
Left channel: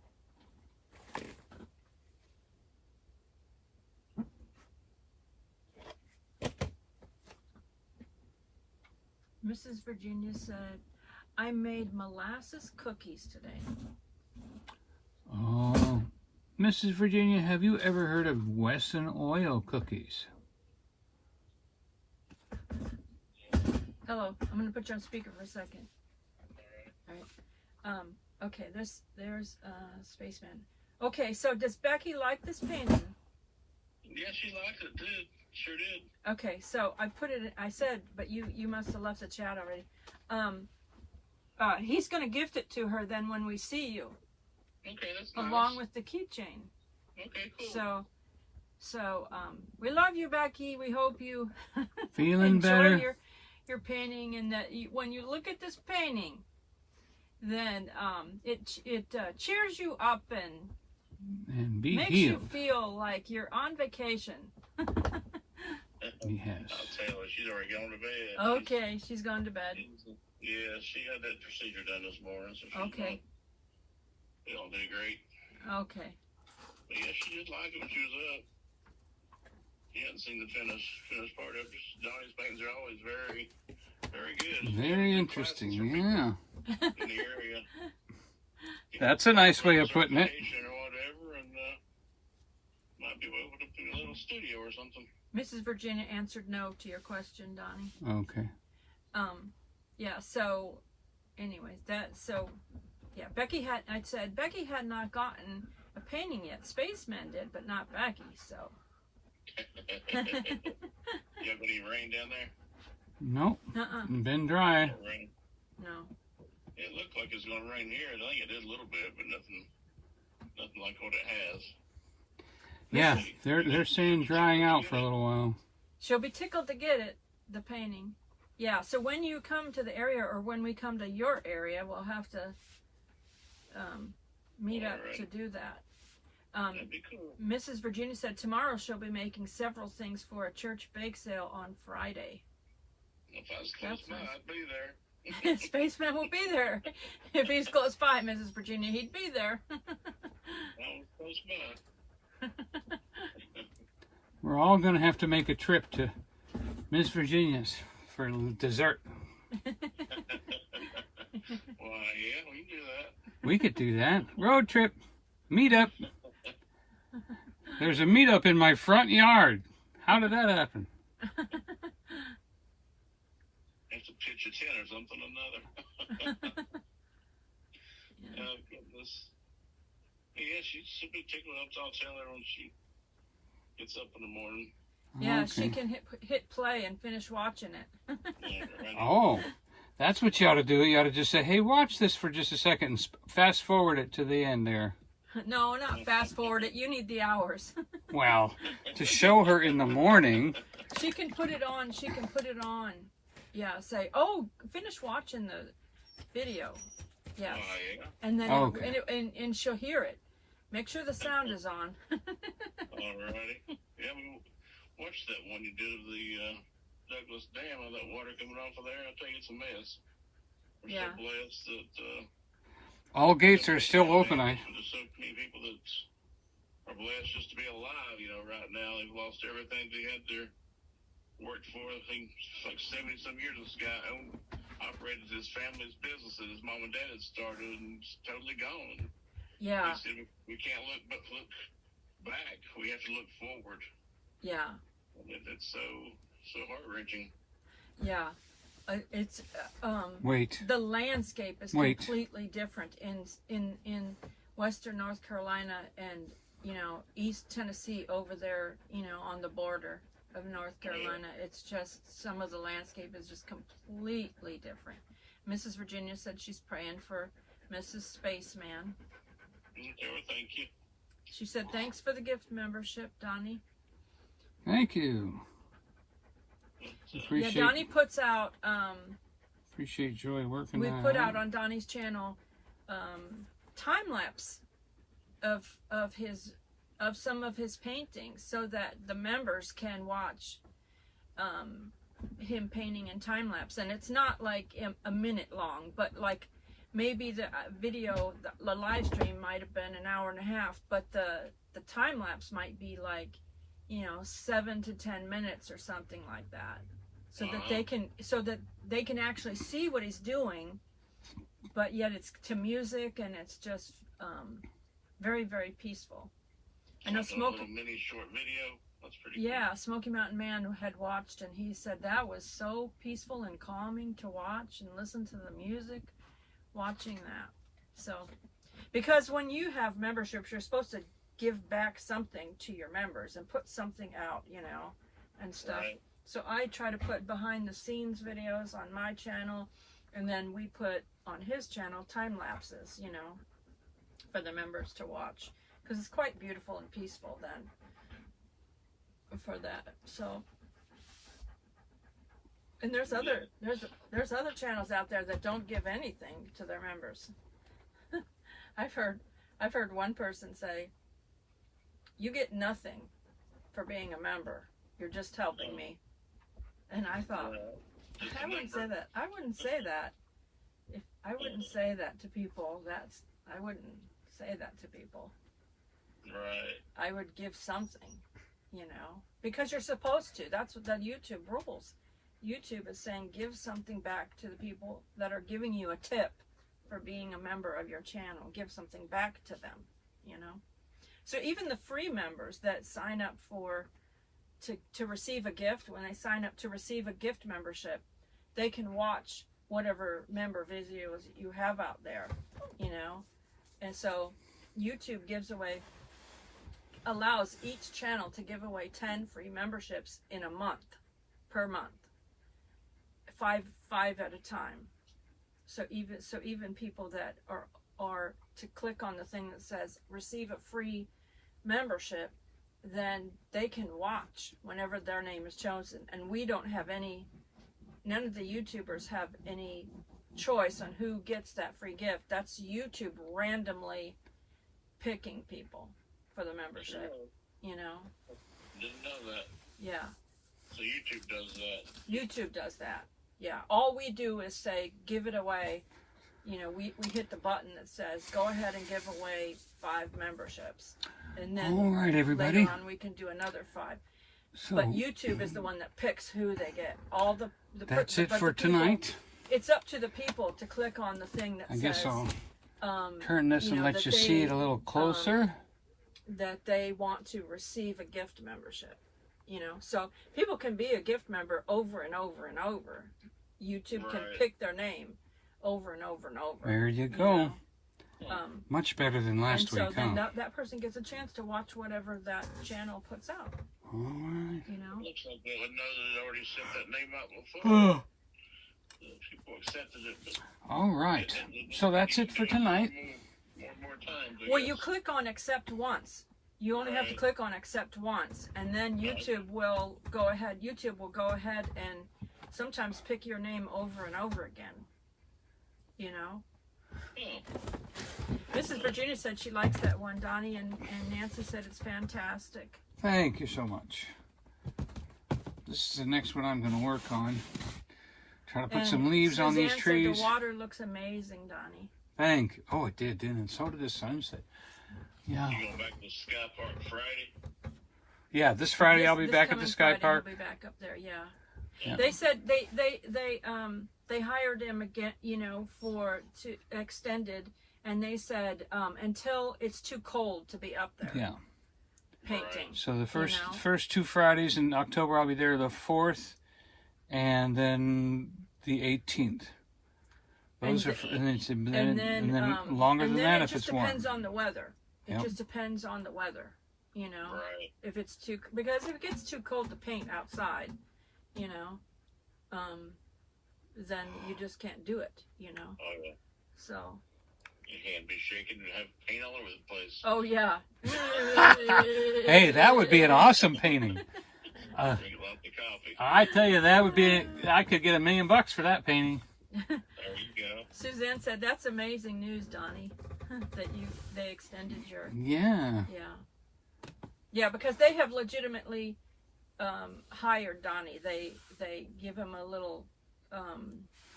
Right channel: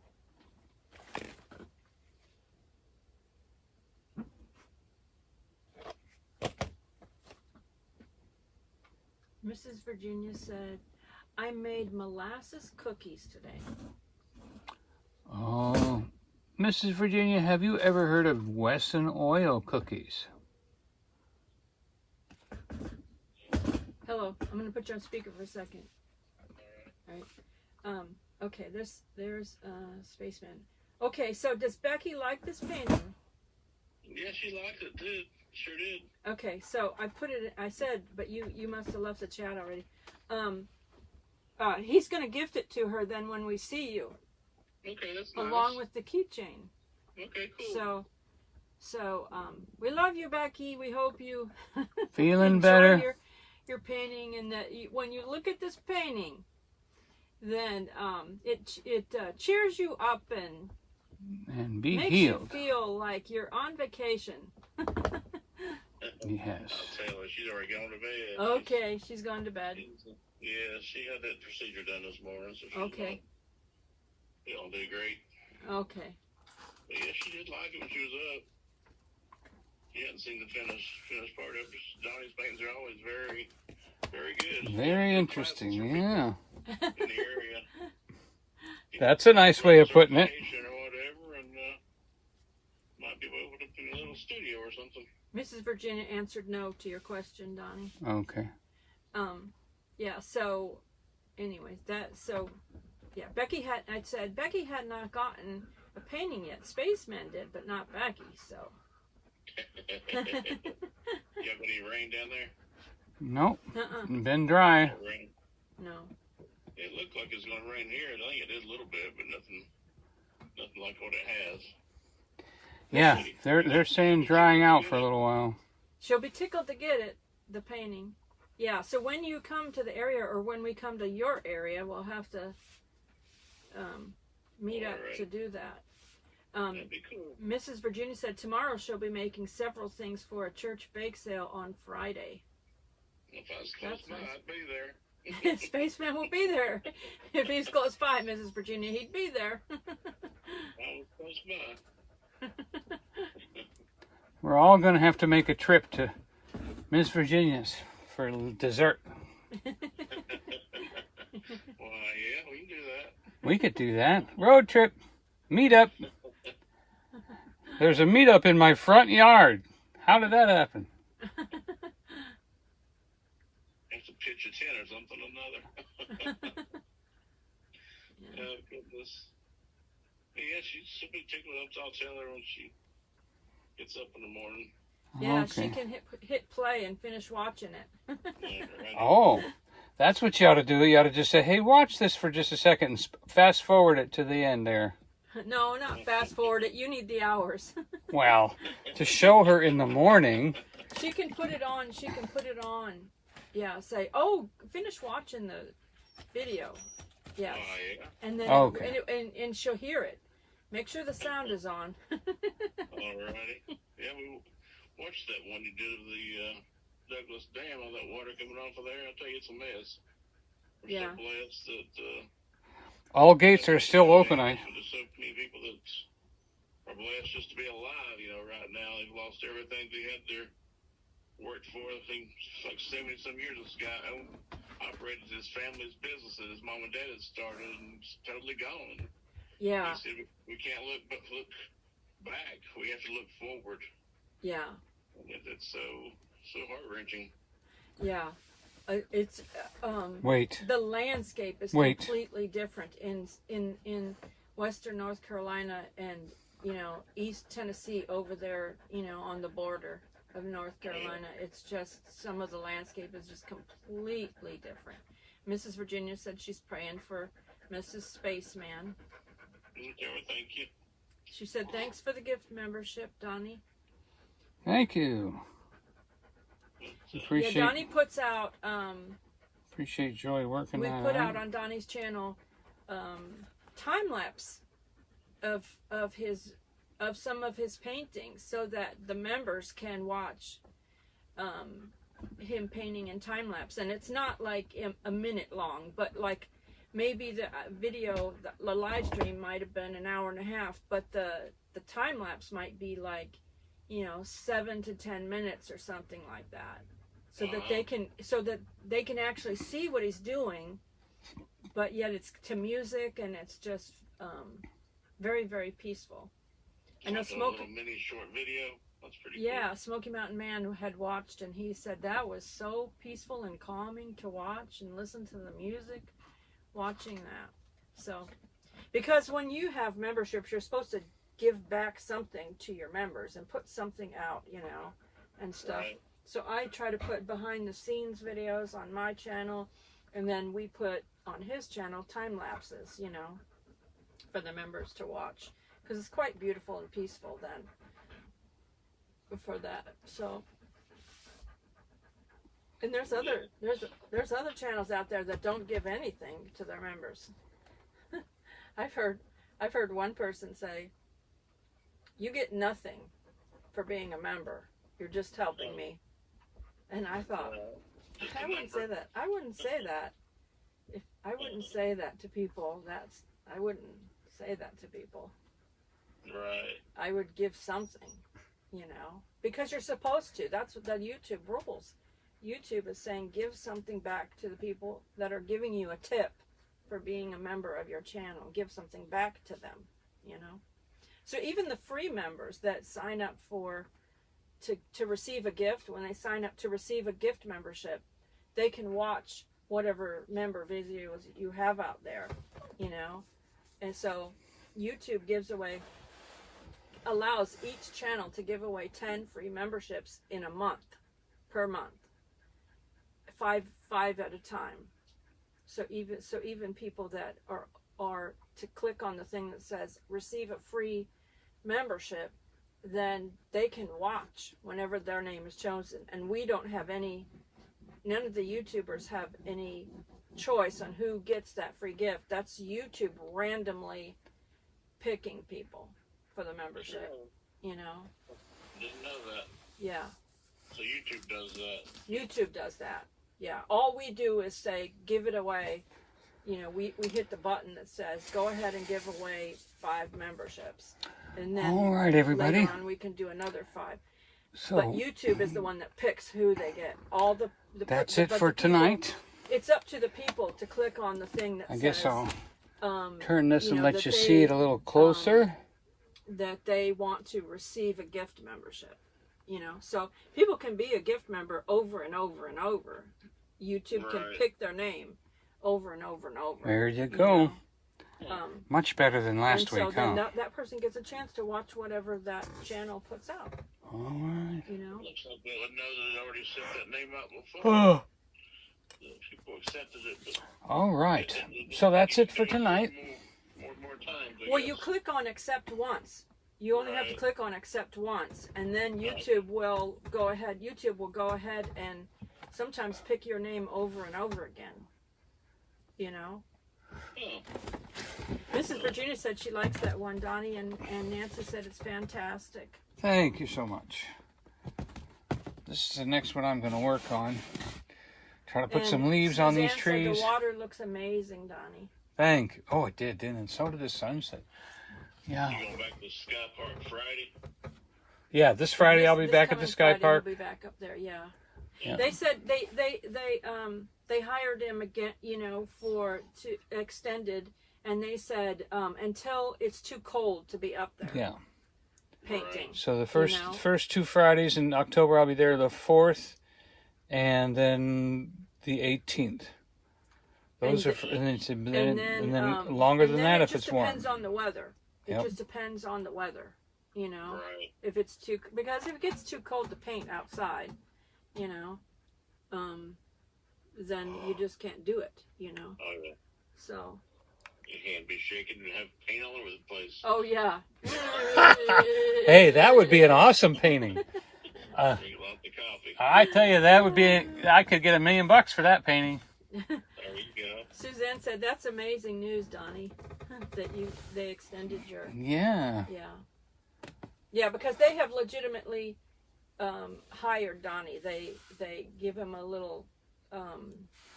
Mrs. Virginia said, I made molasses cookies today. Oh, Mrs. Virginia, have you ever heard of Wesson oil cookies? Hello, I'm going to put you on speaker for a second. All right. Okay, there's Spaceman. Okay, so does Becky like this painting? Yeah, she liked it too. Sure did. Okay, so I said, but you must have left the chat already. He's going to gift it to her then when we see you. Okay, that's nice. Along with the keychain. Okay, cool. So we love you, Becky. We hope you Feeling enjoy better? your painting, and that when you look at this painting, then it cheers you up and be makes healed. you feel like you're on vacation. Yes. I'll tell her, she's already gone to bed. Okay, she's gone to bed. Yeah, she had that procedure done this morning, so she's Okay. Gonna do great. Okay. But yeah, she did like it when she was up. She hadn't seen the finished part of it. Donnie's paintings are always very, very good. Very interesting, yeah. In the area. That's a nice way of putting it. Or whatever, and might be able to put a little studio or something. Mrs. Virginia answered no to your question, Donnie. Okay. Yeah, so anyway, Becky had not gotten a painting yet. Spaceman did, but not Becky, so. You have any rain down there? Nope. Uh-uh. Been dry. Rain. No. It looked like it's gonna rain here. I think it is a little bit, but nothing like what it has. Yeah, they're saying drying out for a little while. She'll be tickled to get it, the painting. Yeah, so when you come to the area, or when we come to your area, we'll have to meet up to do that. That'd be cool. Mrs. Virginia said tomorrow she'll be making several things for a church bake sale on Friday. If I was close by, nice. I'd be there. Spaceman will be there. If he's close by, Mrs. Virginia, he'd be there. I was close by. We're all gonna have to make a trip to Miss Virginia's for dessert. Well, yeah, we can do that. We could do that. Road trip. Meetup. There's a meetup in my front yard. How did that happen? Have to pitch a tent or something or another. Oh, goodness. Yeah, she'll be tickled up. I'll tell her when she gets up in the morning. Yeah, Okay. she can hit play and finish watching it. Oh, that's what you ought to do. You ought to just say, hey, watch this for just a second and fast forward it to the end there. No, not fast forward it. You need the hours. Well, to show her in the morning. She can put it on. Yeah, say, oh, finish watching the video. Yeah. Yeah. And then Okay. and she'll hear it. Make sure the sound is on. Alrighty. Yeah, we watched that one you did of the Douglas Dam, all that water coming off of there. I tell you, it's a mess. We're Yeah. so blessed that All gates are still open. there's so many people that are blessed just to be alive. Right now they've lost everything they had their worked for. I think it's like 70-some years. This guy operated his family's business that his mom and dad had started, and it's totally gone. Yeah. He said we can't look back. We have to look forward. Yeah. It's so heart-wrenching. Yeah. It's Wait. the landscape is Wait. completely different in western North Carolina and East Tennessee over there, on the border of North Carolina. It's just some of the landscape is just completely different. Mrs. Virginia said she's praying for Mrs. Spaceman. Okay, well, thank you. She said thanks for the gift membership, Donnie. Thank you. Appreciate, Yeah, Donnie puts out appreciate Joy working we that put out on Donnie's channel time lapse of some of his paintings so that the members can watch him painting in time lapse. And it's not like a minute long, but like maybe the video, the live stream might have been an hour and a half, but the time lapse might be like 7 to 10 minutes or something like that, so that they can actually see what he's doing, but yet it's to music and it's just very, very peaceful. I know A little mini short video. That's pretty yeah, cool. Smoky Mountain Man had watched and he said that was so peaceful and calming to watch and listen to the music watching that. So because when you have memberships, you're supposed to give back something to your members and put something out, and stuff. Right. So I try to put behind the scenes videos on my channel, and then we put on his channel time lapses, for the members to watch, because it's quite beautiful and peaceful then for that. So, and there's other channels out there that don't give anything to their members. I've heard one person say, "You get nothing for being a member. You're just helping me." And I thought, Just I wouldn't say that. I wouldn't say that. If I wouldn't say that to people, I wouldn't say that to people. Right. I would give something, because you're supposed to. That's what that YouTube rules. YouTube is saying give something back to the people that are giving you a tip for being a member of your channel. Give something back to them, So even the free members that sign up to receive a gift, when they sign up to receive a gift membership, they can watch whatever member videos you have out there, And so YouTube allows each channel to give away 10 free memberships in a month, per month, five at a time. So even people that are to click on the thing that says receive a free membership, then they can watch whenever their name is chosen. And we don't have none of the YouTubers have any choice on who gets that free gift. That's YouTube randomly picking people for the membership, Didn't know that. Yeah. So YouTube does that. YouTube does that. Yeah. All we do is say, give it away. We hit the button that says, go ahead and give away 5 memberships. And then All right, everybody. later on we can do another 5. So But YouTube is the one that picks who they get. All the that's it but for the people- tonight. It's up to the people to click on the thing that I says guess I'll um, turn this and know, let that you they, see it a little closer. that they want to receive a gift membership. So people can be a gift member over and over and over. YouTube can Right. pick their name over and over and over. There you go. know? Much better than last and so week, then huh? that person gets a chance to watch whatever that channel puts out. All right. Looks like they know that it already sent that name out before. Oh, People accepted it, but all right. So that's it for tonight. More times, I Well, guess. you click on accept once. You only have to click on accept once, and then YouTube will go ahead and sometimes pick your name over and over again. Mrs. Virginia said she likes that one, Donnie, and Nancy said it's fantastic. Thank you so much. This is the next one I'm going to work on. Try to put And some leaves on these Suzanne said trees. the water looks amazing, Donnie. Thank you. Oh, it did, didn't it? So did the sunset. Yeah. You going back to Sky Park Friday? Yeah, this Friday I'll be This back at coming the Sky Friday, Park. We'll be back up there, yeah. Yeah. They said they hired him again, to extended, and they said until it's too cold to be up there. Yeah. painting. So the know? first 2 Fridays in October, I'll be there the 4th, and then the 18th. Those And are, and then longer than that if it's warm. It just depends on the weather. It just depends on the weather, you know. Right. If it's because if it gets too cold to paint outside, you know, then you just can't do it, you know. Oh, yeah. So. You can't be shaking and have paint all over the place. Oh yeah. Hey, that would be an awesome painting. Drink lots of coffee. I tell you, that would be. I could get $1 million for that painting. There you go. Suzanne said, "That's amazing news, Donnie, that they extended your." Yeah. Yeah, because they have legitimately hired Donnie. They give him a little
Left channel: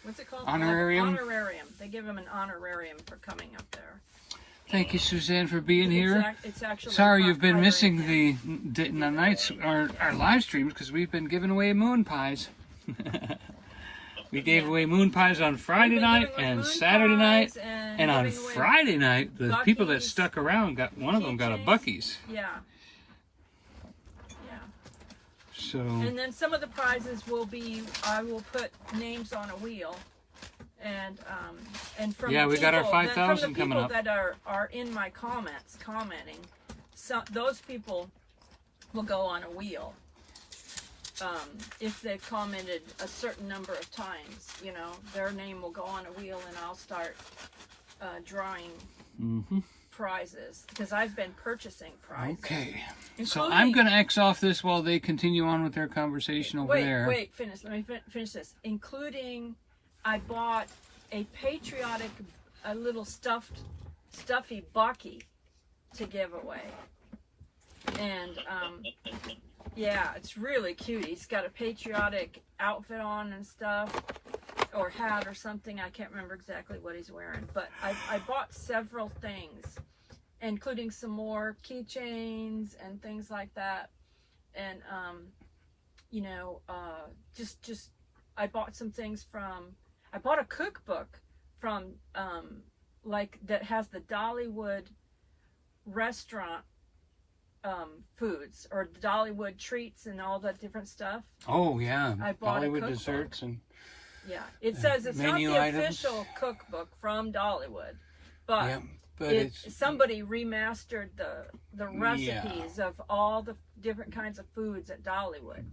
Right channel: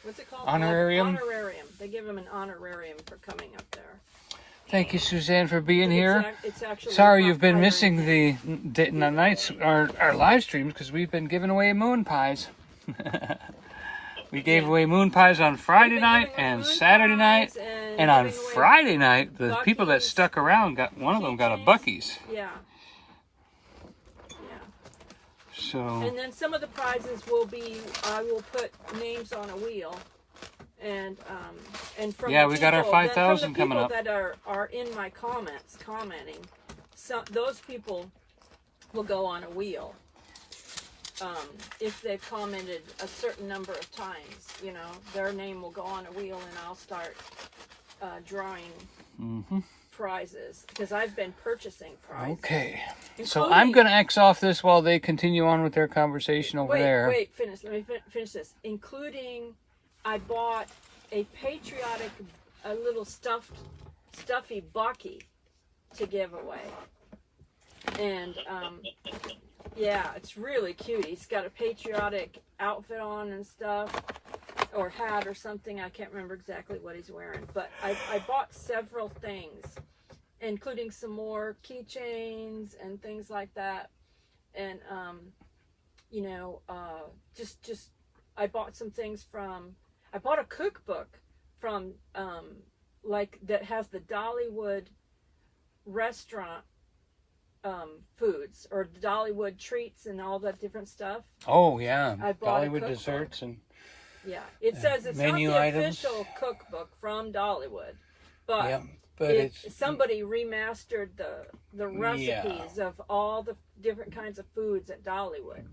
what's it called? Honorarium? Honorarium. They give him an honorarium for coming up there. Thank you, Suzanne, for being here. It's actually Sorry not you've been hiring missing him. the nights, our live streams, because we've been giving away moon pies. We gave away moon pies on Friday night and Saturday night, and on Friday night, the people that stuck around one of them got a Buc-ee's. Yeah. So. And then some of the prizes will be, I will put names on a wheel, and from Yeah, the we got our people- 5,000 from the coming up. people that are in my comments commenting, so those people will go on a wheel. If they've commented a certain number of times, you know, their name will go on a wheel, and I'll start drawing prizes because I've been purchasing prizes. Okay. So Including- I'm going to X off this while they continue on with their conversation over there. Wait, finish. Let me finish this. Including, I bought a patriotic, a little stuffy Bucky to give away. And, yeah, it's really cute. He's got a patriotic outfit on and stuff, or hat or something. I can't remember exactly what he's wearing. But I bought several things, including some more keychains and things like that. And, you know, just I bought some things I bought a cookbook from, like, that has the Dollywood restaurant foods, or the Dollywood treats and all that different stuff. Oh, yeah. I bought a Bollywood cookbook. desserts and Yeah, it says it's not menu the items. official cookbook from Dollywood, but yeah, but it's somebody remastered the recipes of all the different kinds of foods at Dollywood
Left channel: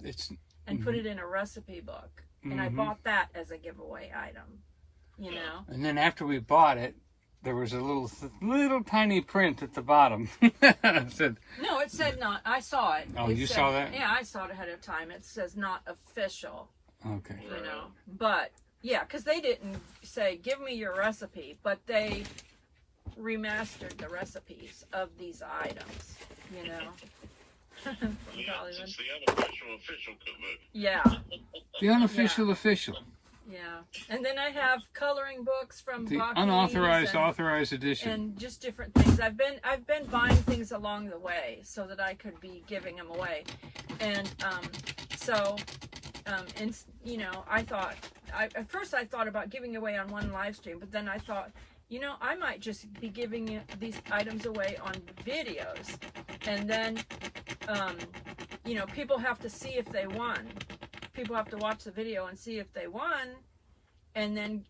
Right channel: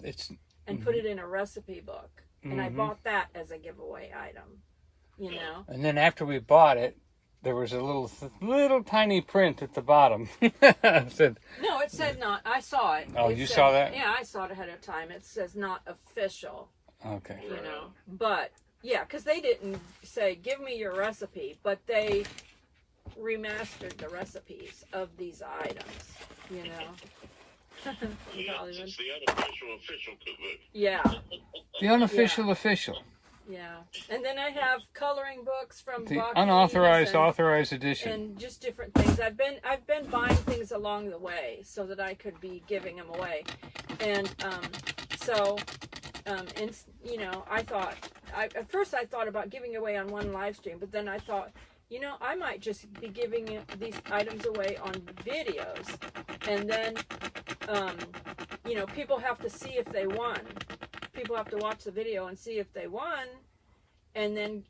and put it in a recipe book. And I bought that as a giveaway item, you know. And then after we bought it, there was a little tiny print at the bottom. It said, No, it said not. I saw it. Oh, It you said- saw that? Yeah, I saw it ahead of time. It says not official, okay. you know. But yeah, because they didn't say give me your recipe, but they remastered the recipes of these items, you know. Yeah, Dollywood. it's the unofficial official cookbook. Yeah, The unofficial official. yeah. And then I have coloring books from The Buc-ee's unauthorized and, authorized edition. and just different things. I've been buying things along the way so that I could be giving them away. And and you know, I thought at first I thought about giving away on one live stream, but then I thought, you know, I might just be giving these items away on videos, and then you know, people have to see if they won. People have to watch the video and see if they won, and then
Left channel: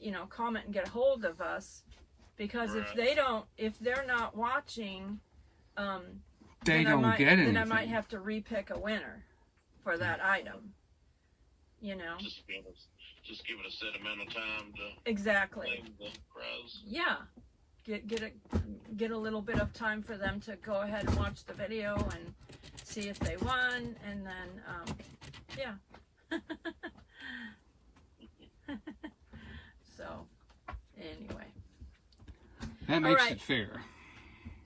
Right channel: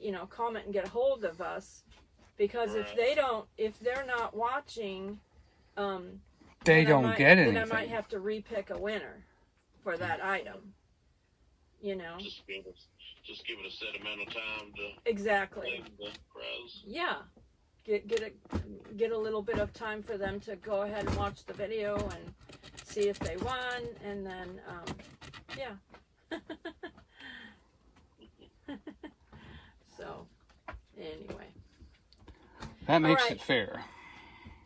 you know, comment and get a hold of us, because if they're not watching, They then don't get anything. Then I might have to repick a winner for that item. You know, Just give it a set amount of time to exactly. claim the prize. Yeah, get a little bit of time for them to go ahead and watch the video and see if they won, and then yeah. So anyway, That makes All right. it fair.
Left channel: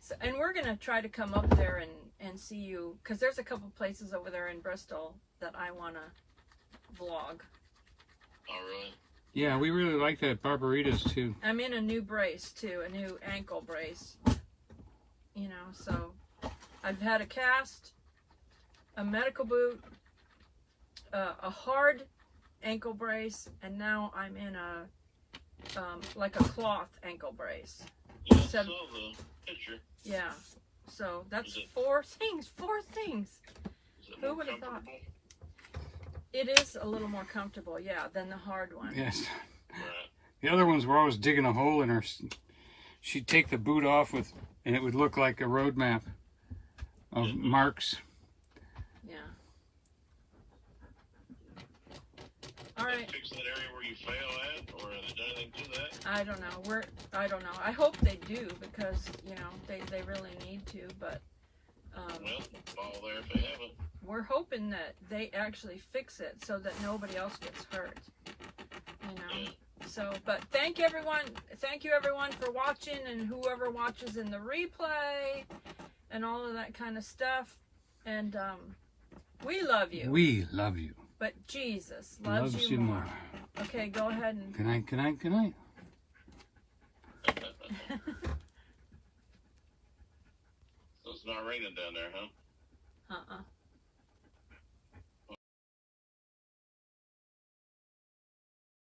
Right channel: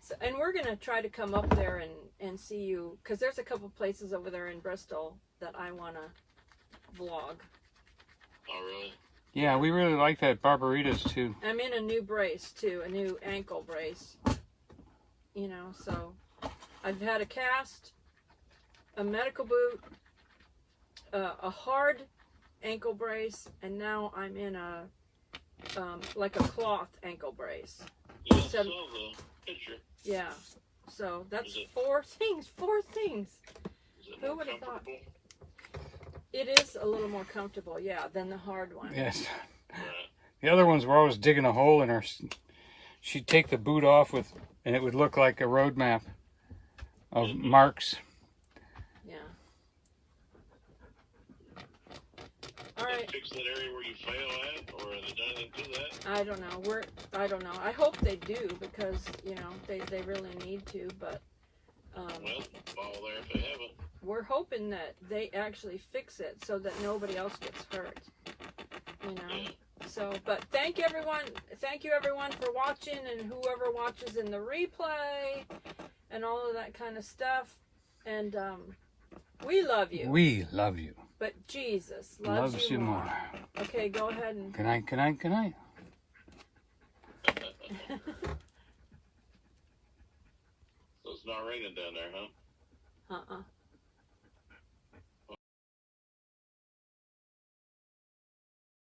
so, and we're gonna try to come up there and see you, because there's a couple places over there in Bristol that I wanna vlog. Oh, really? Yeah, we really like that Barbaritas too. I'm in a new brace too, a new ankle brace. You know, so I've had a cast, a medical boot, a hard ankle brace, and now I'm in a like a cloth ankle brace. Yeah, I So- saw the picture. Yeah. So that's Is it- 4 things. 4 things. Is it Who more would've thought? comfortable? It is a little more comfortable, yeah, than the hard one. Yes. Right. The other ones were always digging a hole in her. She'd take the boot off with, and it would look like a road map of marks. Yeah. All right. Fix that area where you fail at, or have they done anything to that? I don't know. I don't know. I hope they do because they really need to. But Well, fall there if they haven't. we're hoping that they actually fix it so that nobody else gets hurt. Yeah. So, but thank you everyone for watching, and whoever watches in the replay and all of that kind of stuff. And we love you, We love you. but Jesus loves you more. Okay, go ahead and Good night, good night, good night. So it's not raining down there, huh? uh-uh.